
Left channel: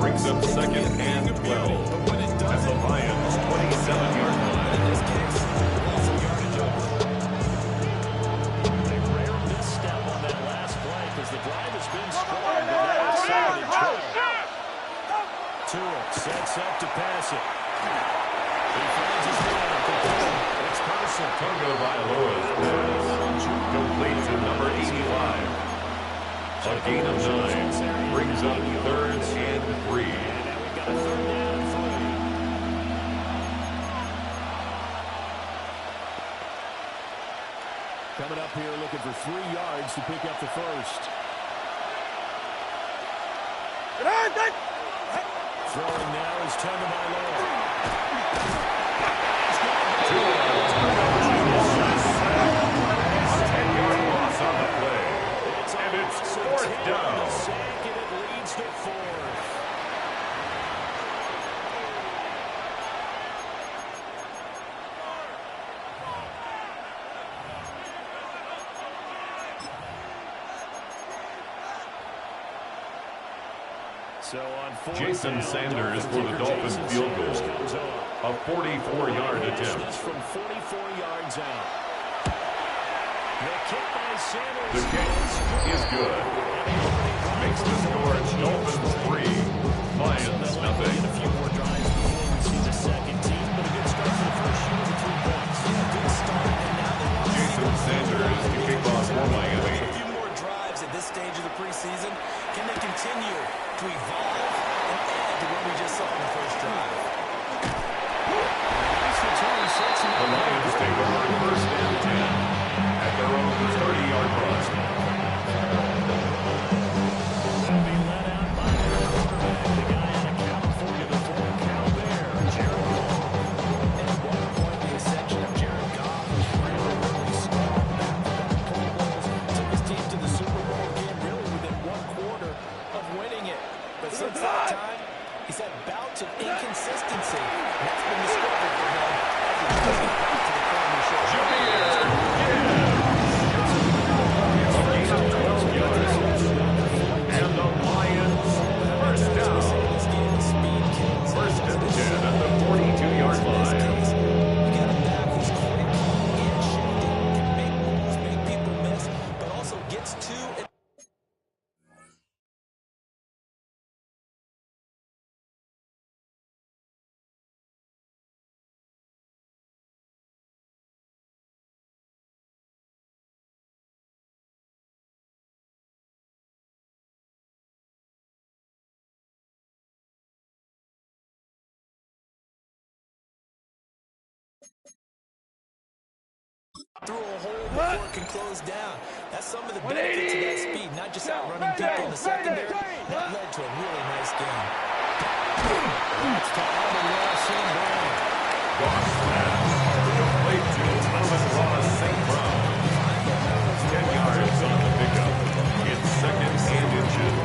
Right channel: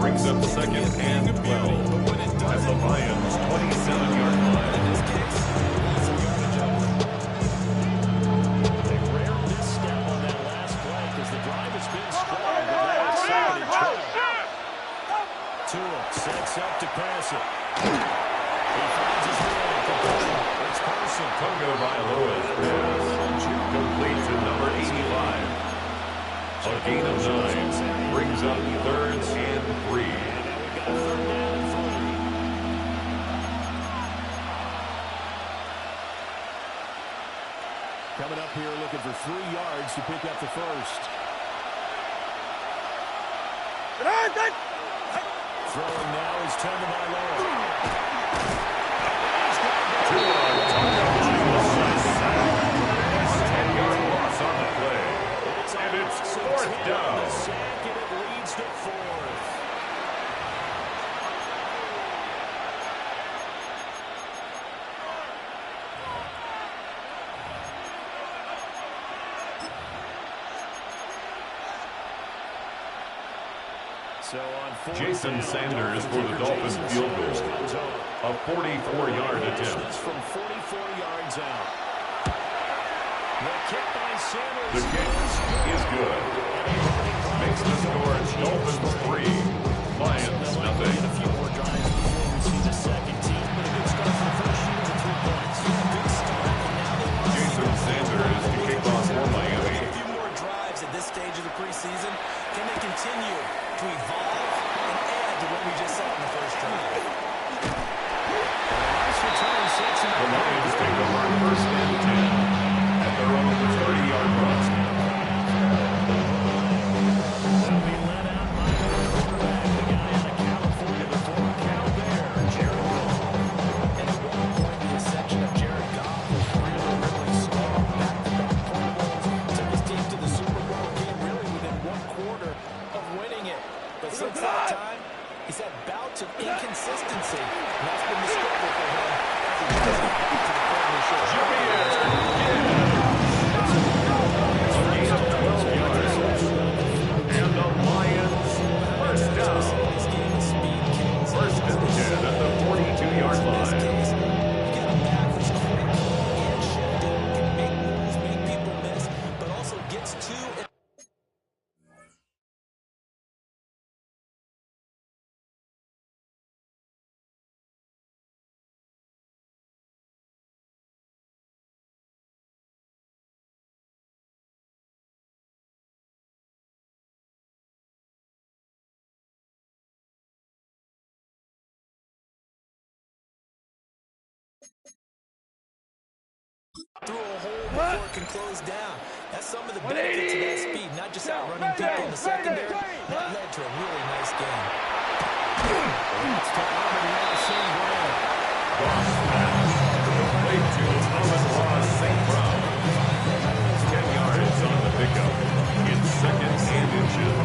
Brings up second and 12 at the Lions' 27-yard line. In this case, lots of yardage over. A rare misstep on that last play because the drive has been strong, but now it's second and 12. Tua sets up to pass it. He finds his man. It's Carson. Tonga Vailoa's pass complete to number 85. A gain of 9 brings up 3rd and 3. And now we've got a 3rd down and 3. Coming up here looking for 3 yards to pick up the first. Throwing now is Tonga Vailoa. Tonga Vailoa's 10-yard loss on the play. And it's 4th down. Sack, and it leads to 4th. So on 4th Jason down, Sanders for the Dolphins field goal. A 44-yard attempt. From 44 yards out. The kick by Sanders. The kick is good. Makes the score Dolphins 3, Lions nothing. A few more drives before we see the second team, but a good start for the first unit with 3 points. Yeah, good start. And now they want Jason Sanders to kick off for Miami. a few more drives at this stage of the preseason. Can they continue to evolve and add to what we just saw in the first drive? Nice return, sets him up. The Lions take over 1st and 10 at their own 30-yard line. They'll be led out by their quarterback, the guy out of California, the former Cal Bear, Jared Goff. And at one point, the ascension of Jared Goff was really, really strong. Back-to-back Pro Bowls, took his team to the Super Bowl game, really within 1 quarter of winning it. But since that time, he's had bouts of inconsistency, and that's been the struggle for him as he tries to get back to the form he showed. A gain of 12 yards. And the Lions first down. This game is speed kills. 1st and 10 at the 42-yard In this line. case, you got a back who's quick and shifty, can make moves, make people miss, but also gets to and through a hole before it can close down. That's some of the benefits of that speed, not just outrunning people in the secondary. That led to a really nice game. It's to Amon-Ra St. Brown. Goss pass. Complete to Amon-Ra St. Brown. 10 yards on the pickup. It's 2nd and inches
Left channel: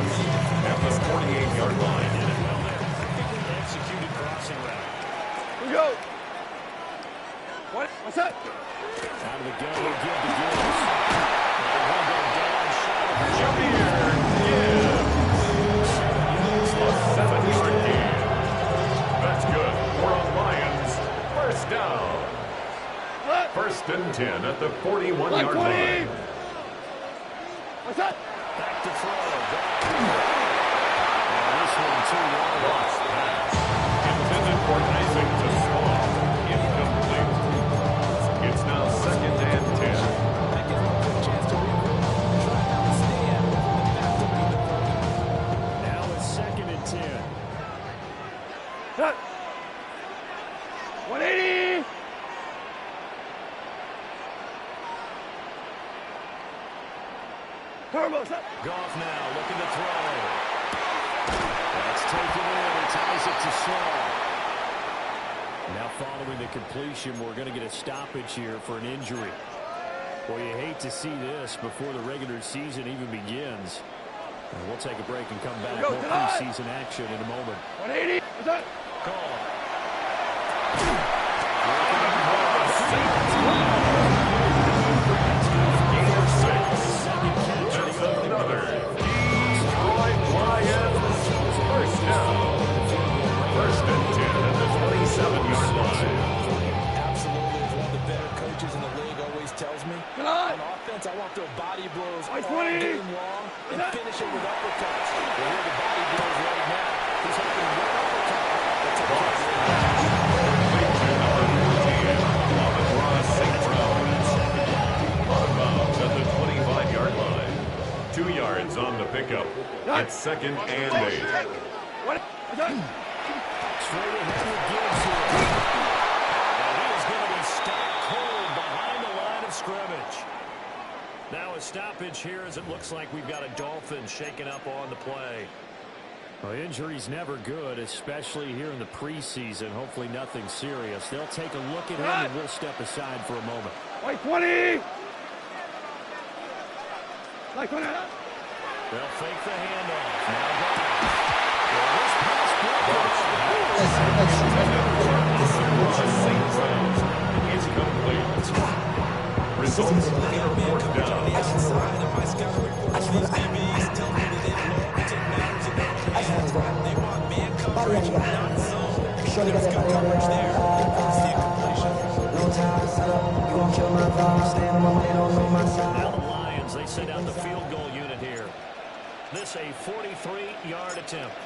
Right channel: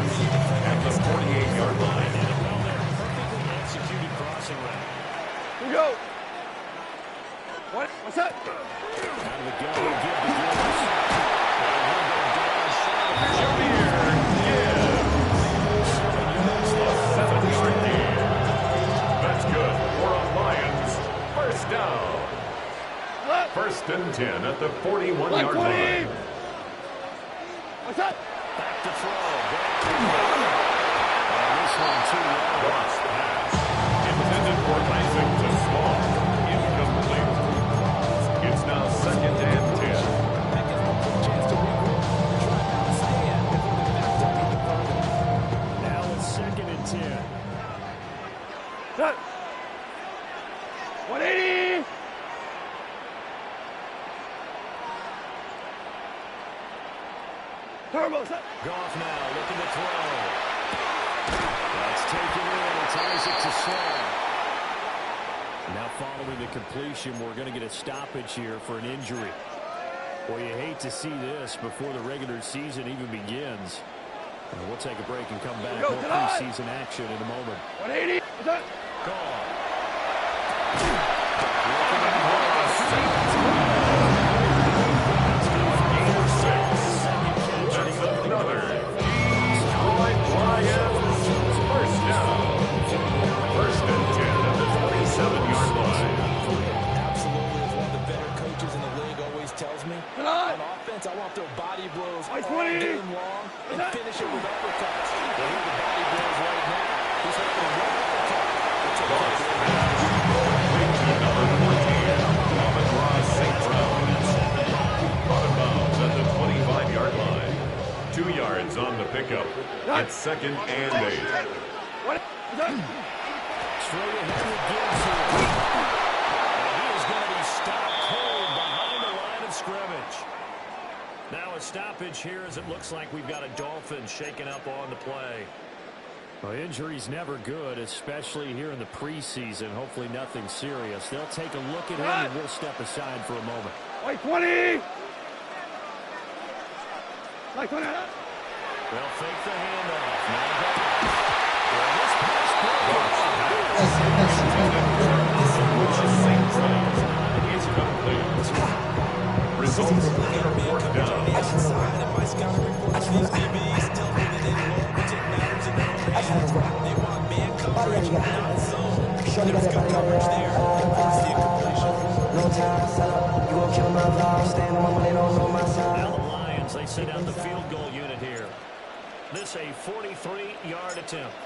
at the 48-yard line. Well, they're perfectly executed crossing route. Here we go. What's that? Out of the gun, he'll give to Gibbs. And he'll go down short of Jameer Gibbs. A 7-yard gain. That's good for a Lions first down. 1st and 10 at the 41-yard line. What's that? back to throw. And this one, 2 yards. Goss pass. Intended for Isaac to Small. Incomplete. It's now 2nd and 10. Turbo, set. Goff now looking to throw. That's taken in. He ties it to Saul. Now following the completion, we're going to get a stoppage here for an injury. Well, you hate to see this before the regular season even begins. We'll take a break and come back. More preseason action in a moment. 180. Set. Gone. Another Detroit Lions first down. First and 10 at the 27-yard line. Absolutely, as one of the better coaches in the league always tells me, on offense, I want to throw body blows all game long and finish it with uppercuts. Well, here are the body blows right now. He's hoping one uppercut. That's to number 14, Amon-Ra St. Brown. Out of bounds at the 25-yard line. 2 yards on the pickup. It's second and 8. Straight ahead with Gibbs here. And he is going to be stopped cold behind the line of scrimmage. Now a stoppage here as it looks like we've got a Dolphin shaking up on the play. Well, injury's never good, especially here in the preseason. Hopefully nothing serious. They'll take a look at him and we'll step aside for a moment. Like 20. Like 20. They'll fake the handoff. Now Goff. Well, this pass is complete. Results in a fourth down. They want man coverage, not zone. There's good coverage there. They force the incompletion. No time, set up. You gon' kill my vibe. Stand on my money, don't know my side. Now the Lions, they send out the field goal unit here. This a 43-yard attempt.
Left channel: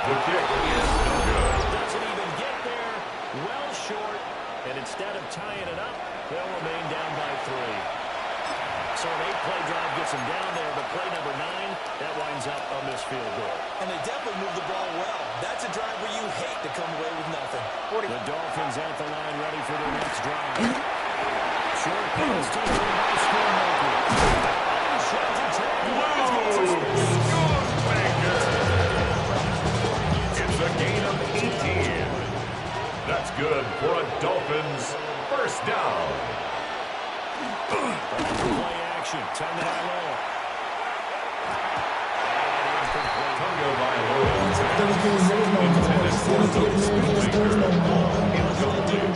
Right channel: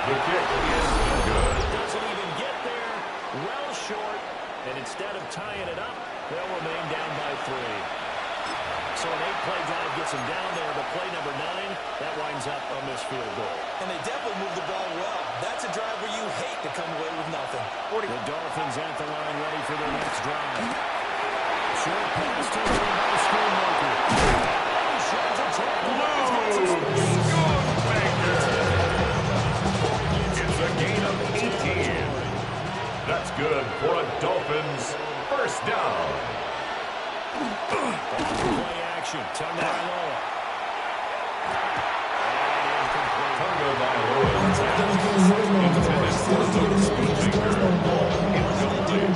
The kick is no good. It doesn't even get there. Well short. And instead of tying it up, they'll remain down by 3. So an 8-play drive gets them down there, but play number 9, that winds up a missed field goal. And they definitely move the ball well. That's a drive where you hate to come away with nothing. The Dolphins at the line ready for their next drive. Short pass taken by Schoonmaker. He sheds a tackle. It's a gain of 18. That's good for a Dolphins first down. Play action. Tagovailoa. And incomplete. Tagovailoa's pass intended for the Schoonmaker. Incomplete.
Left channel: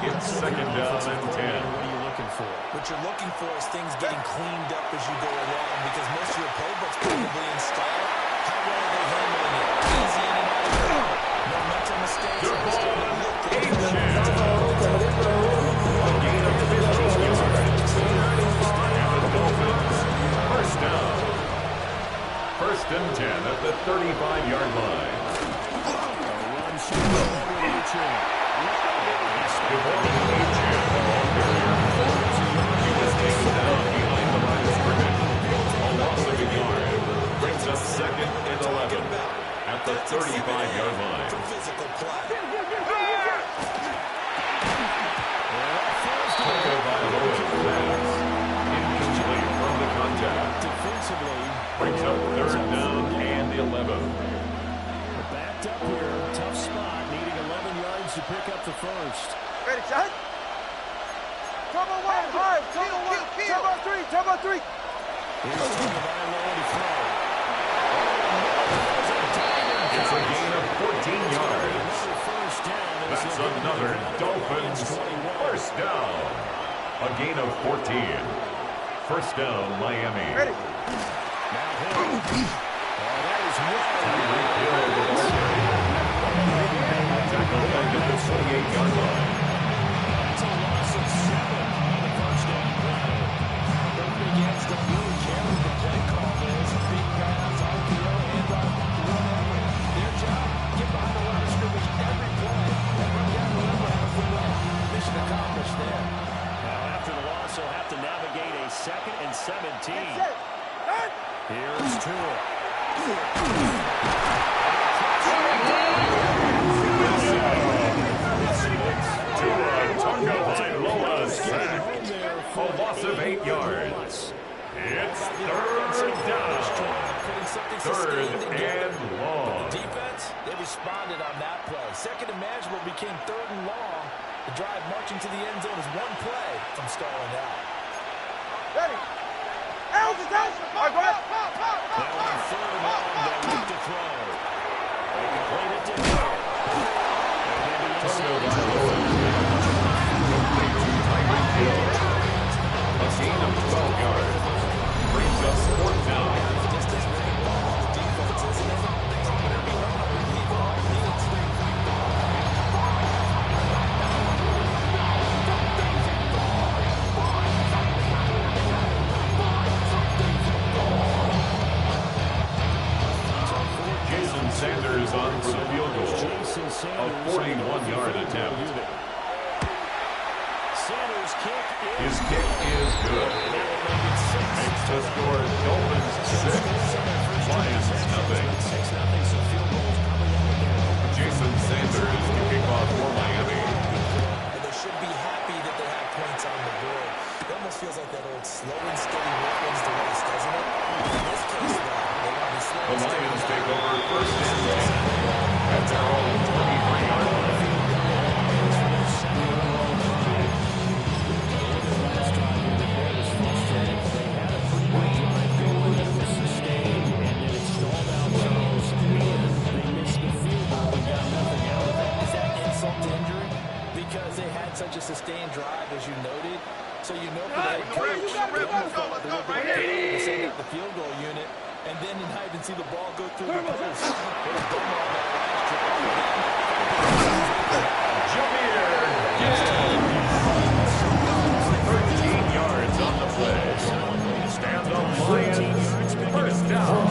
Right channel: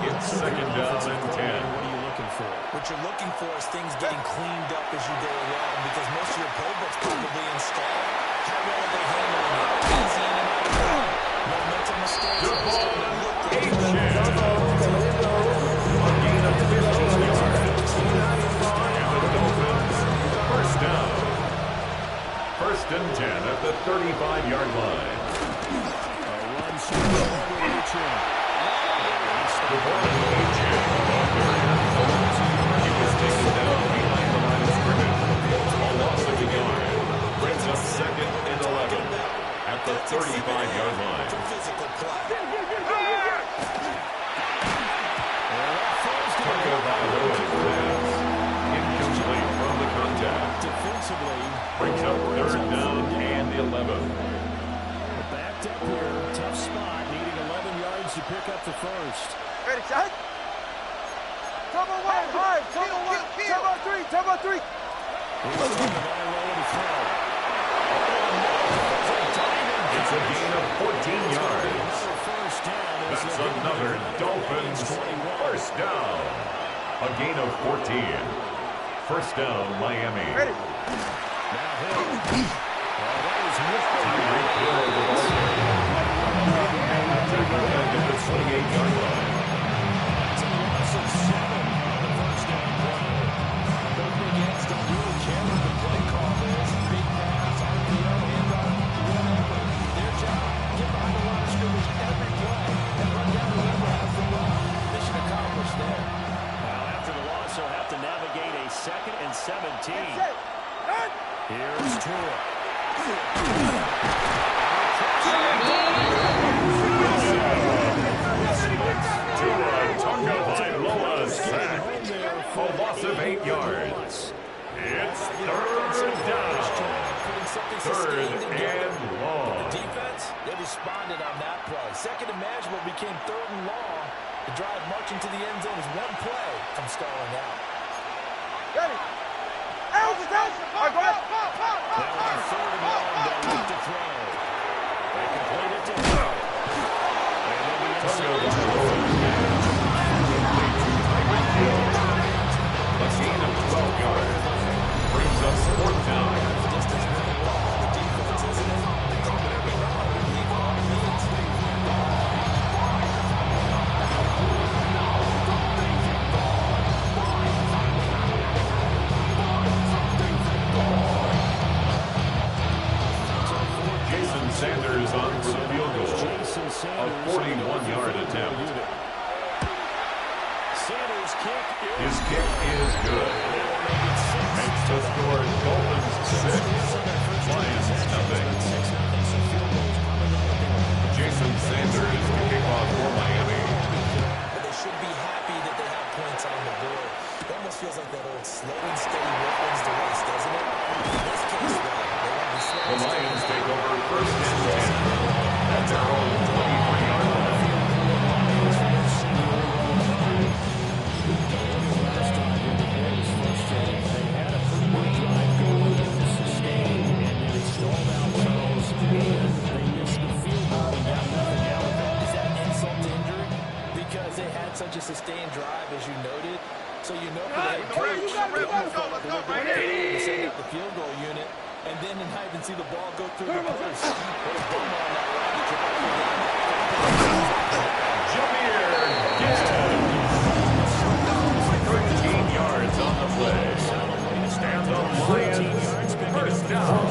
It's second down and 10. What are you looking for? What you're looking for is things getting cleaned up as you go along because most of your playbook's probably installed. How well are they handling it? Easy in and out of it. No mental mistakes. A gain of 15 yards. And the Dolphins first down. First and 10 at the 35-yard line. A run over Achane. Devon Achane, the ball carrier. He was taken down behind the line of scrimmage. A loss of a yard. Brings up second and 11 at the 35-yard line. Tagovailoa's pass incomplete from the contact. Defensively, brings up third down and 11. Backed up here, tough spot, needing 11 yards to pick up the first. Ready, shot. Turbo 1, hard. Turbo 1, turbo 3. Here's Tagovailoa to throw. It's a gain of 14 yards. First down. That's another Dolphins first down. A gain of 14. First down, Miami. Ready. Now Hill. Oh, that is Tyreek Hill, the ball carrier. Tackle back at the 28-yard line. That's a loss of 7 on the first down play. Those big ends don't really care what the play call is. Big pass, RPO, handoff, whatever. Their job, get behind the line of scrimmage every play and run down whoever has the ball. Mission accomplished there. Now after the loss, he'll have to navigate a 2nd and 17. Here's Tua. Tua Tagovailoa sack. loss of 8 yards. It's third down. Third and long. The defense, they responded on that play. Second and manageable became third and long. The drive marching to the end zone is one play from stalling out. Ready. Now on third and long, they'll look to throw. They complete it to Hill. And then the Touchdown by Lewis. Complete to Tyreek Hill. A gain of 12 yards. Brings up fourth down. Jason Sanders on for the field goal. A 41-yard attempt. His kick is good. Makes the score Dolphins 6, Lions nothing. Jason Sanders to kick off for Miami. They should be happy that they have points on the board. It almost feels like that old slow and steady work wins the race, doesn't it? In this case, though, they want to be slow. The Lions take over first and 10 at their own 23-yard line. Because they had such a sustained drive, as you noted. So you know for that coach, they almost felt like a little bit to send up the field goal unit, and then not even see the ball go through the post. What a bummer on that last drive for them. Jameer Gibbs. 13 yards on the play. And the Lions first down.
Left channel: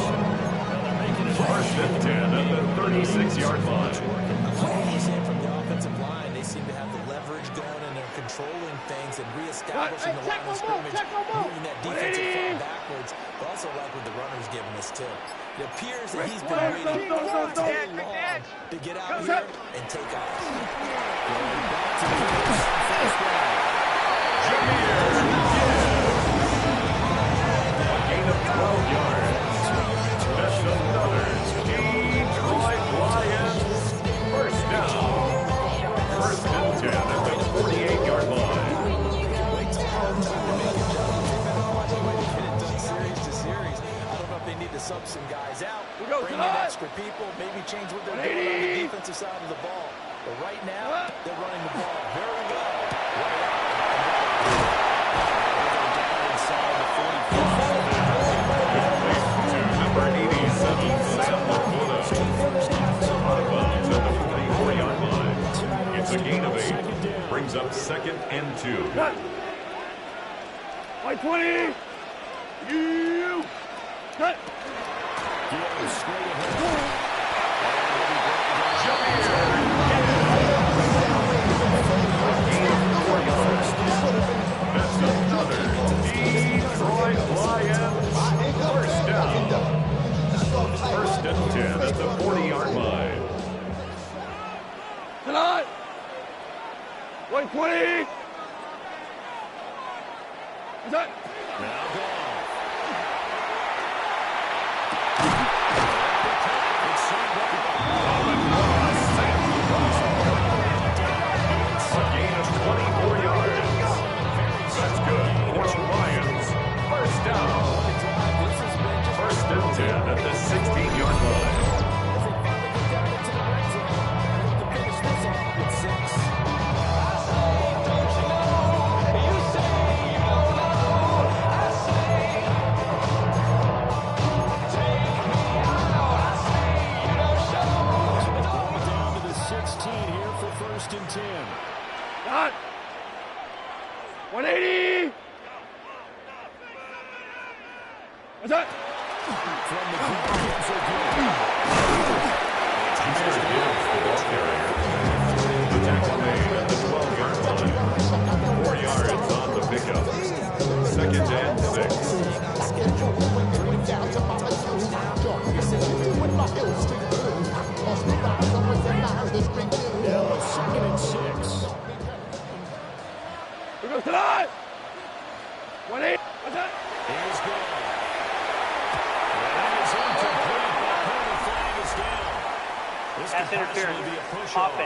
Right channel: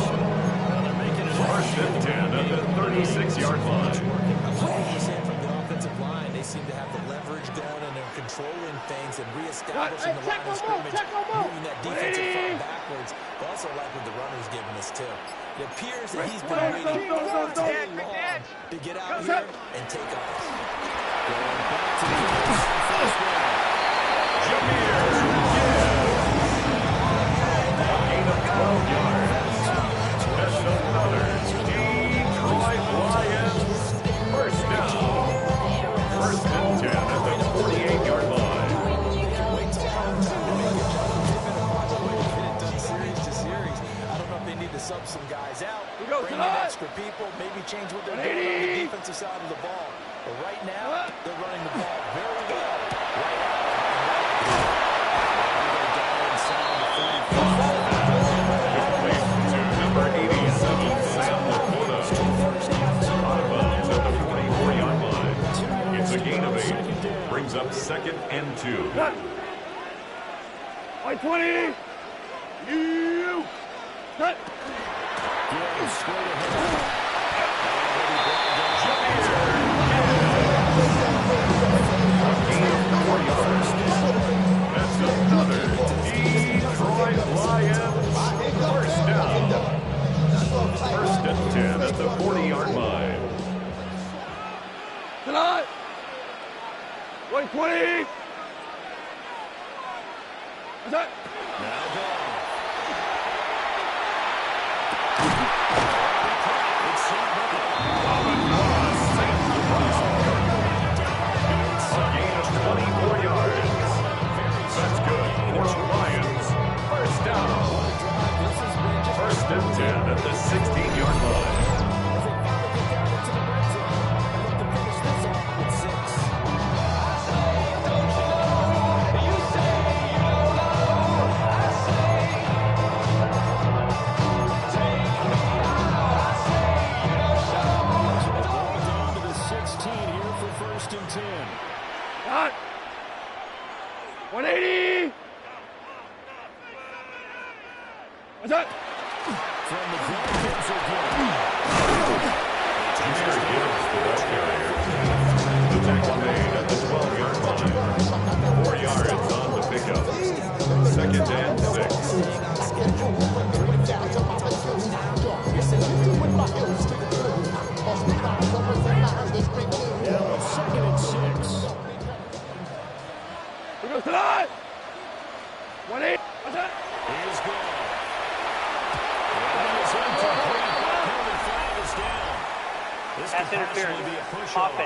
First and 10 at the 36-yard line. From the offensive line, they seem to have the leverage going, and they're controlling things and reestablishing the line of scrimmage, moving that defensive front backwards. But also like what the runner's giving us too. It appears that he's been waiting too long to get out here and take off. going back to the first down. Jameer Gibbs. A gain of 12 yards. That's another Detroit Lions first down. First and 10 at the 48-yard line. They can wait till halftime to make adjustments. They've been a project way to get it done series to series. I don't know if they need to sub some guys out, bring in extra people, maybe change what they're doing on the defensive side of the ball. But right now, they're running the ball very well. Right out and right out. They're down inside the 45. Complete to number 87, Sam Laporta. Out of bounds at the 44-yard line. It's a gain of 8. Brings up second and 2. White 20. You. Cut. Gibbs straight ahead. That's another Detroit Lions first down. First and 10 at the 40-yard line. Tonight. 120. What's that? Now gone. A gain of 24 yards. That's good for the Lions. First down. First and 10 at the 16-yard line. First and 10. Got 180. What's that? From the ground, Gibbs again. Jameer Gibbs, the ball carrier. The tackle made at the 12-yard line. 4 yards on the pickup. Second and 6. Now a 2nd and 6. Here goes tonight. He's gone. And that is incomplete. The penalty flag is down. This could possibly be a push-off.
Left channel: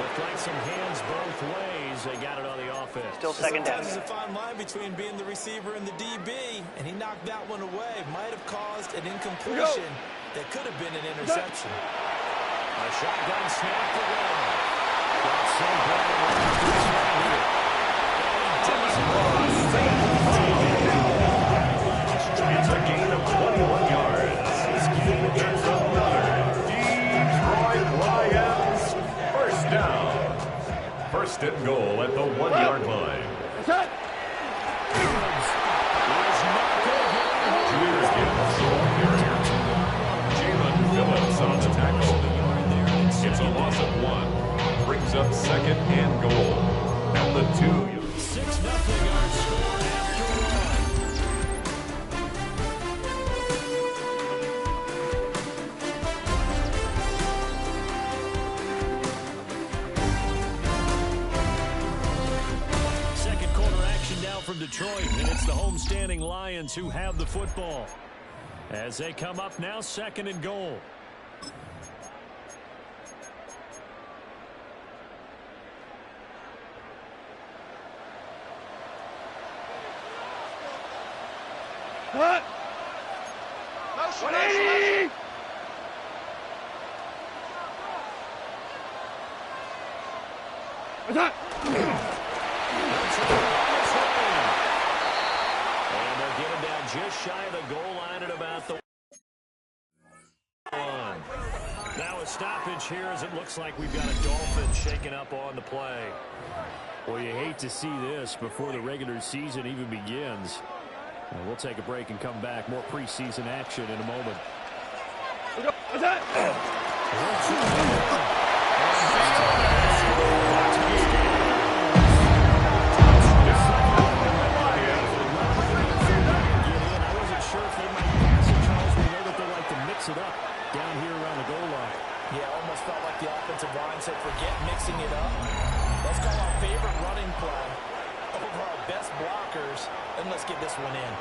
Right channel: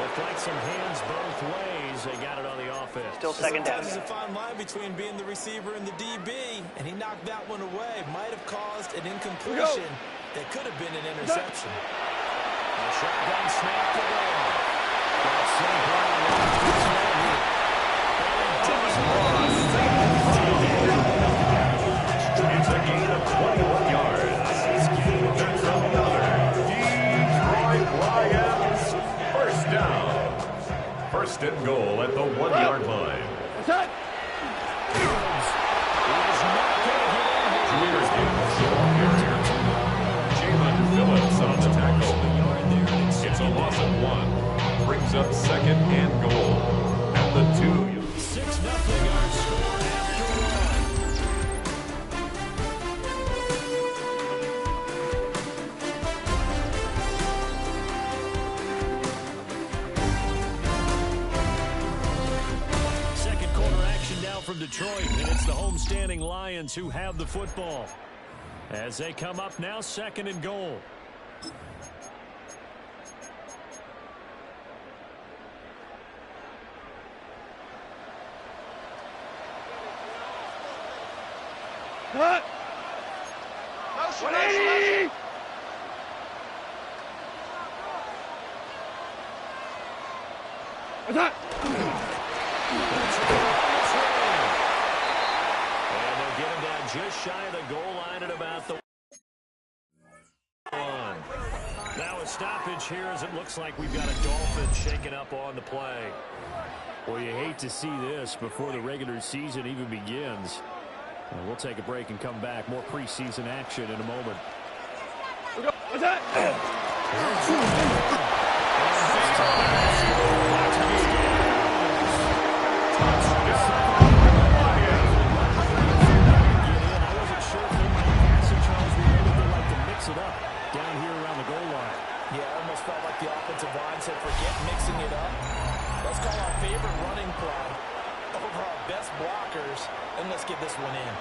Looked like some hands both ways. They got it on the offense. Still second down. There's a fine line between being the receiver and the DB, and he knocked that one away. Might have caused an incompletion that could have been an interception. A shotgun snap to go. Got St. Brown right here. It's a gain of 21 yards. That's another Detroit Lions first down. First and goal at the 1-yard line. Here's Gibbs, the ball carrier. Jalen Phillips on the tackle. It's a loss of 1. Brings up second and goal at the 2. 6-0 our score after 1. Second quarter action now from Detroit, and it's the homestanding Lions who have the football. As they come up now, second and goal. Cut! Motion, 180! Attack! And they'll get him down just shy of the goal line at about the 1. Now a stoppage here as it looks like we've got a Dolphin shaking up on the play. Well, you hate to see this before the regular season even begins. We'll take a break and come back. More preseason action in a moment. I wasn't sure if they might pass it, Charles. We know that they like to mix it up down here around the goal line. Yeah, almost felt like the offensive line said, forget mixing it up. Let's call our favorite running play over our best blockers, and let's get this one in.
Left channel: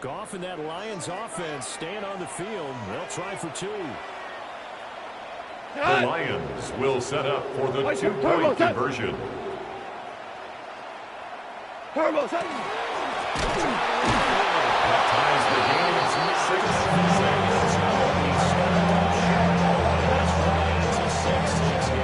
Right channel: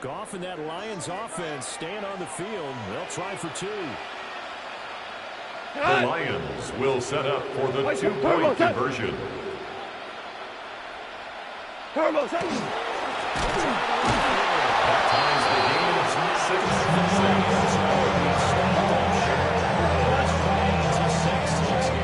Goff and that Lions offense staying on the field. They'll try for 2. The Lions will set up for the 2-point conversion. That ties the game. It's 6-6. It's a 6-6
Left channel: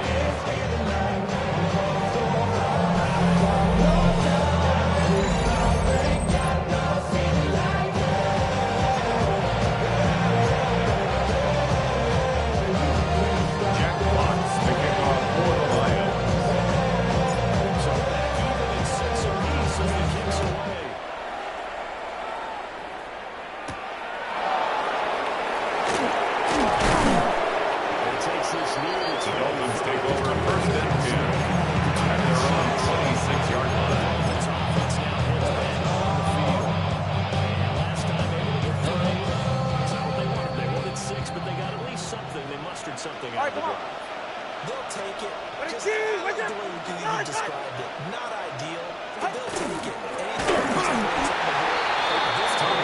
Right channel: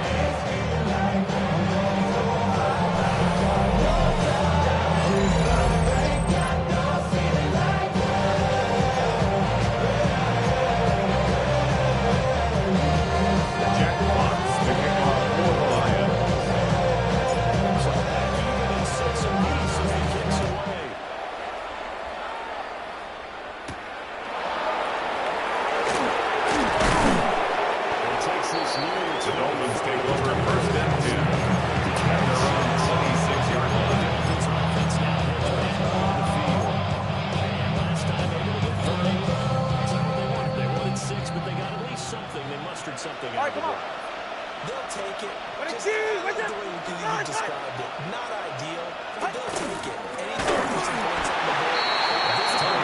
The Dolphins take over first and 10 at their own 26-yard line. Offense now heads back on the field. And last time able to get 3. That's not what they wanted. They wanted 6, but they got at least something. They mustered something out of the drive. They'll take it. Just the way you described it. Not ideal, but they'll take it. Anything to put some points on the board. This time,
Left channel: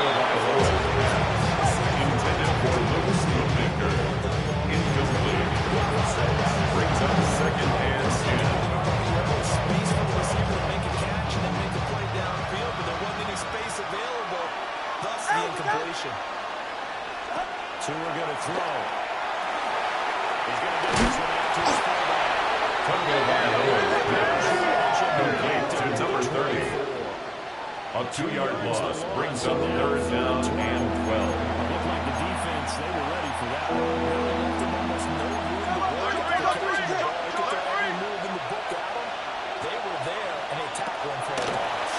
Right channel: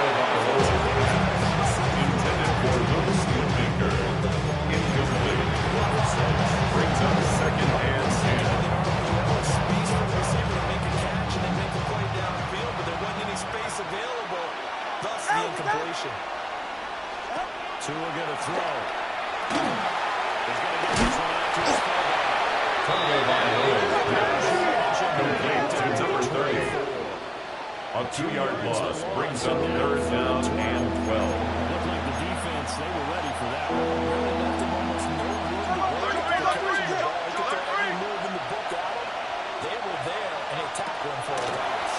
intended for Luke Schoonmaker. Incomplete. Brings up second and 10. Space for the receiver to make a catch and then make a play downfield, but there wasn't any space available. Thus the incompletion. Tua going to throw. He's going to get this one out to his fullback. Tungo complete to number 30. A 2-yard loss brings up third down and 12. Looked like the defense, they were ready for that one. Really left him almost no room to work if they're catching the ball. He could throw every move in the book at him. They were there, and they tackled him for a loss.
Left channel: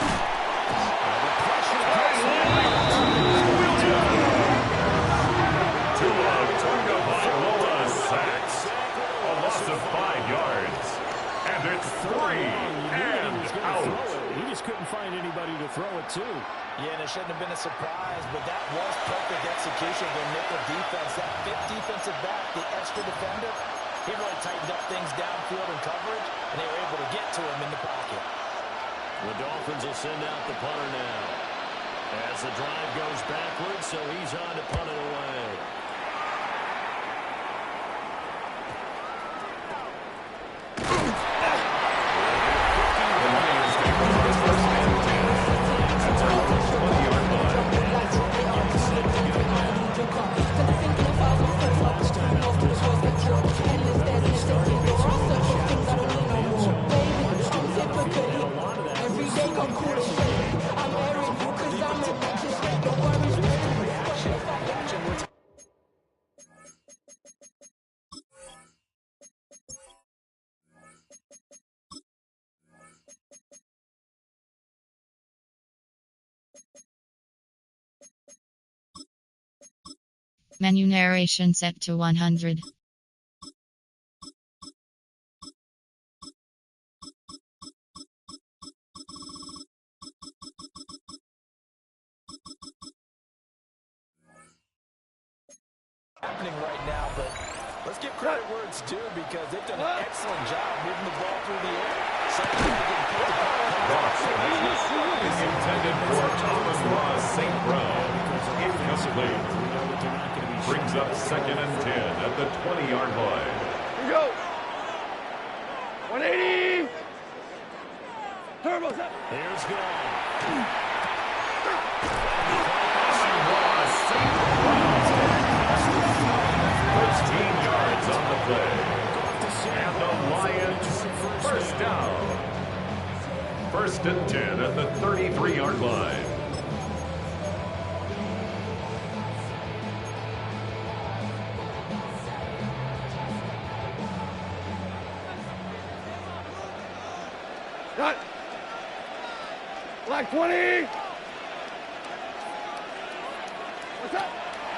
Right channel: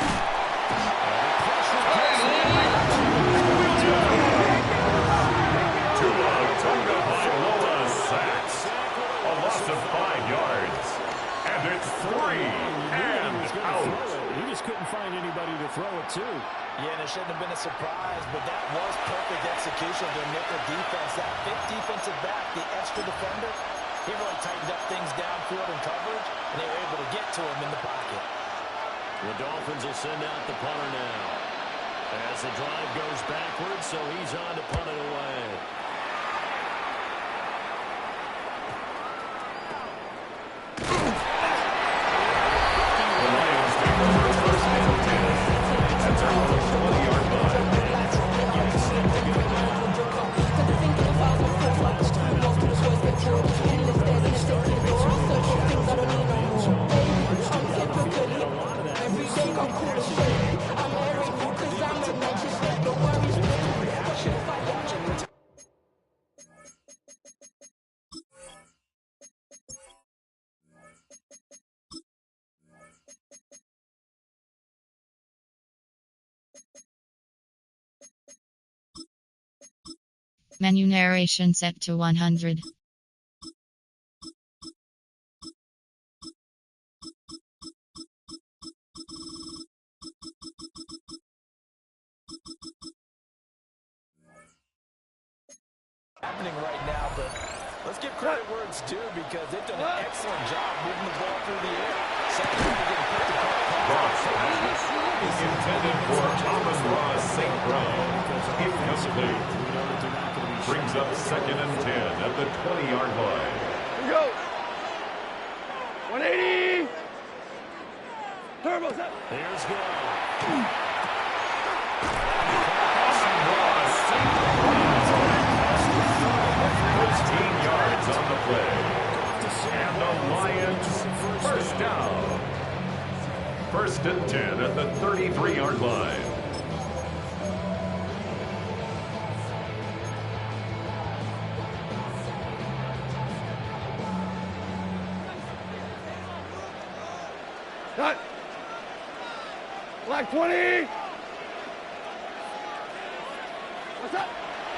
The pressure gets in. two. Yeah, and it shouldn't have been a surprise, but that was perfect execution of their nickel defense. That fifth defensive back, the extra defender, he really tightened up things downfield in coverage, and they were able to get to him in the pocket. The Dolphins will send out the punter now. As the drive goes backwards, so he's on to punt it away. The Lions take over first and 10. That's our 20-yard line. Every day come cool and shit. I'm Eric because I'm in Manchester. Don't worry, Menu narration set to 100. Happening right now, but let's give credit where it's due because they've done an excellent job moving the ball through the air. Second, getting picked apart. Cross is intended for Amon-Ra St. Brown. Incomplete. Brings up second and 10 at the 20-yard line. Here we go. 180. Turbo's up. Here's go. Amon-Ra St. Brown. 13 yards on the play. And the Lions first down. First and 10 at the 33-yard line. Cut. Black 20. What's up?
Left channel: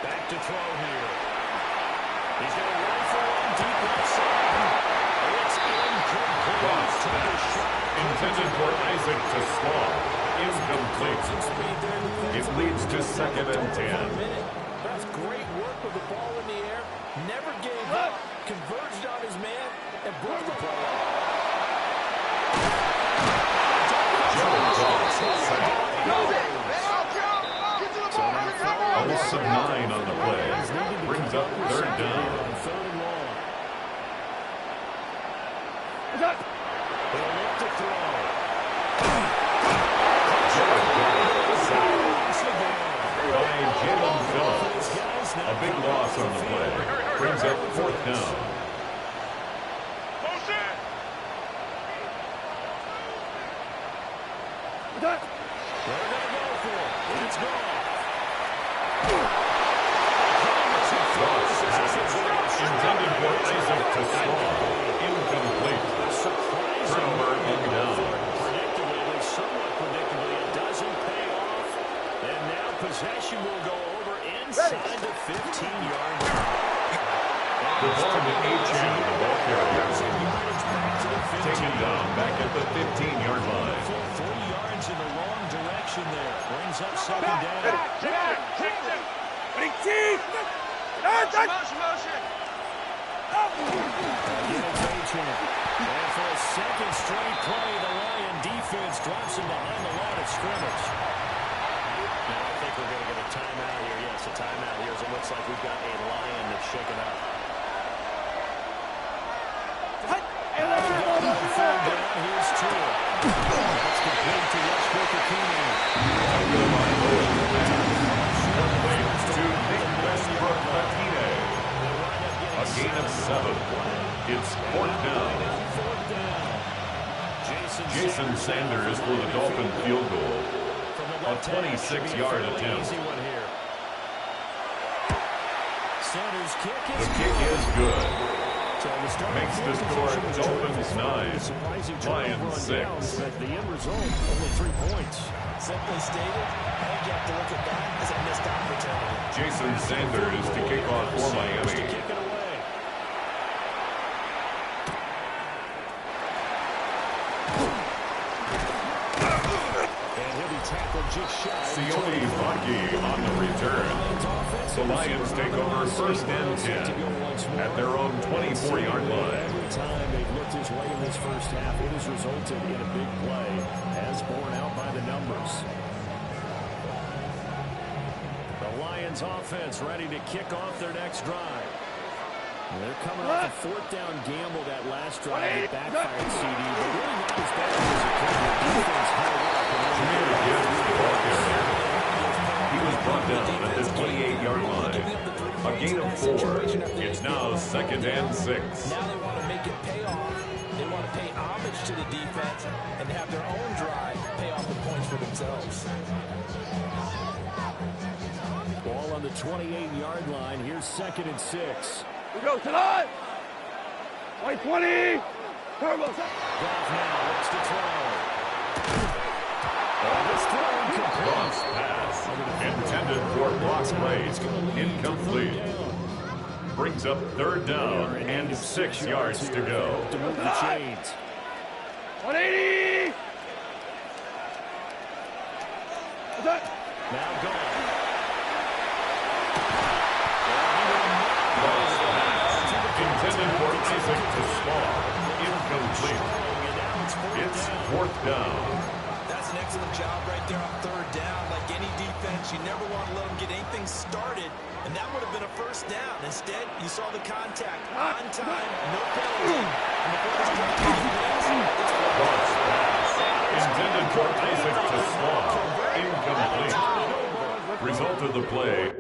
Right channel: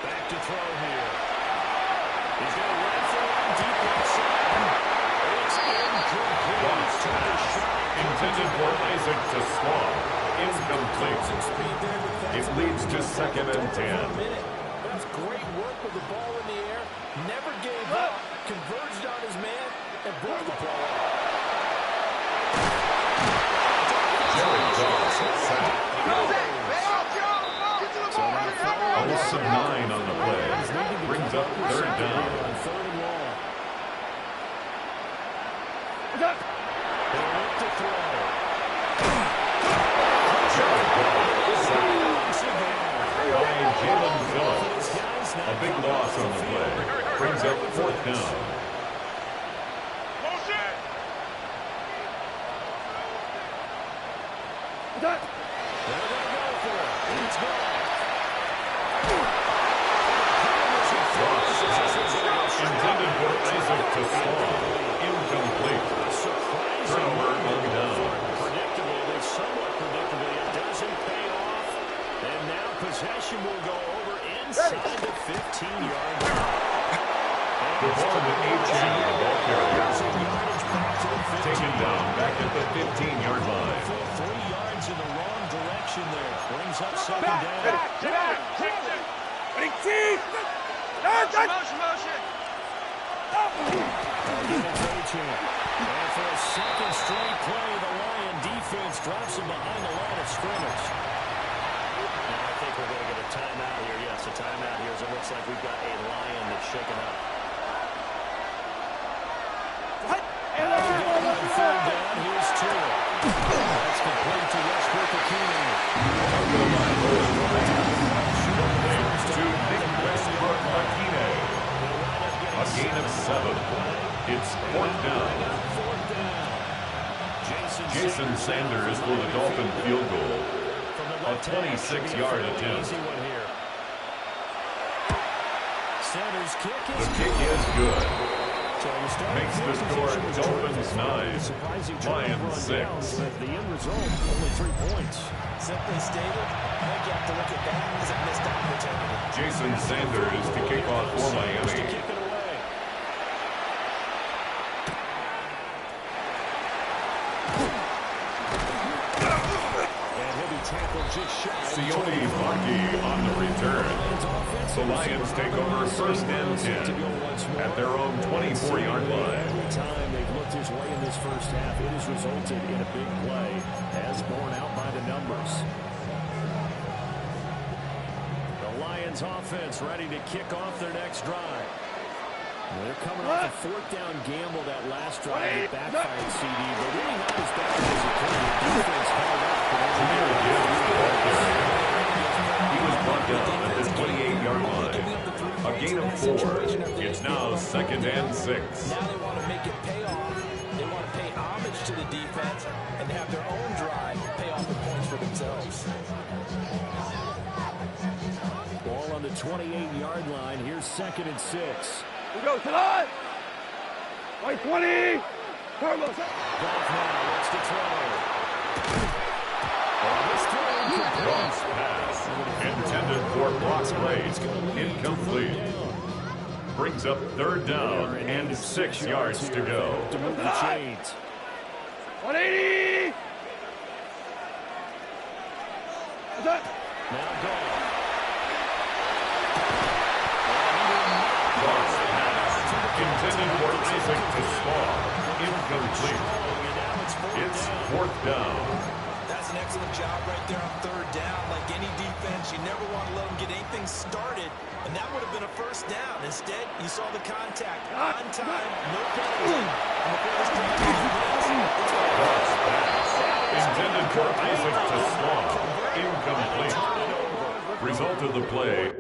Back to throw here. He's going to run for one deep left side. It's incomplete. Cross pass intended for Isaac to Slaw. Incomplete. It leads to second and 10. That's great work with the ball in the air. Never gave up. Converged on his man and brought the play up. Jared Goff sacked. Olsen 9 on the play. Brings up third down. They'll look to throw. Jared Goff sacked by Jalen Phillips. A big loss on the play. Brings up fourth down. They're going to go for it. It's gone. Goff intended for Isaac to Slaw. Incomplete. Turnover on down. Predictably, at least somewhat predictably, it doesn't pay off. And now possession will go over inside the 15-yard line. The ball to Achane, the ball carrier. Taken down back at the 15-yard line. 3 yards in the wrong direction there. Brings up second down. Motion. Again, it's Achane. And for a second straight play, the Lion defense drops him behind the line of scrimmage. Now I think we're going to get a timeout here. Yes, a timeout here as it looks like we've got a Lion that's shaken up. Third down, here's Tua. That's complete to Westbrook-Ikhine. To Nick Westbrook-Ikhine. A gain of 7. It's fourth down. Jason Sanders for the Dolphin field goal. A 26-yard attempt. Sanders' kick The kick is good. So makes the score Dolphins 9, Lions 6. But the end result, only 3 points. Simply stated, I think you have to look at that as a missed opportunity. Jason Sanders to kick off for Miami. Kick it away. And he'll be tackled Sione Vaki on the return. The Lions take over first and 10 at their own 24-yard line. Every time they've looked his way in this first half, it has resulted in a big play, as borne out by the numbers. The Lions offense ready to kick off their next drive. They're coming off a fourth down gamble that last drive that backfired CD, but really not as bad as it could. The defense held up. Jameer Gibbs, the ball carrier. He was brought down at the 28-yard line. A gain of 4. It's now 2nd and 6. Now they want to make it pay off. They want to pay homage to the defense and have their own drive pay off the points for themselves. Ball on the 28-yard line. Here's 2nd and 6. We go tonight. White 20. Turbo. Goff now looks to throw. This throw Goff's pass, intended for block play, incomplete. Brings up 3rd down and 6 yards to go. To move the chains. 180. Now Goff. Goff's pass, intended for Isaac to Small, incomplete. It's 4th down. That's an excellent job right there on 3rd down. Like any defense, you never want to let them get anything started, and that would have been a first down. Instead, you saw the contact on time, no penalty. And before this drive begins, Goff's pass, intended for Isaac to Small, incomplete. Result of the play,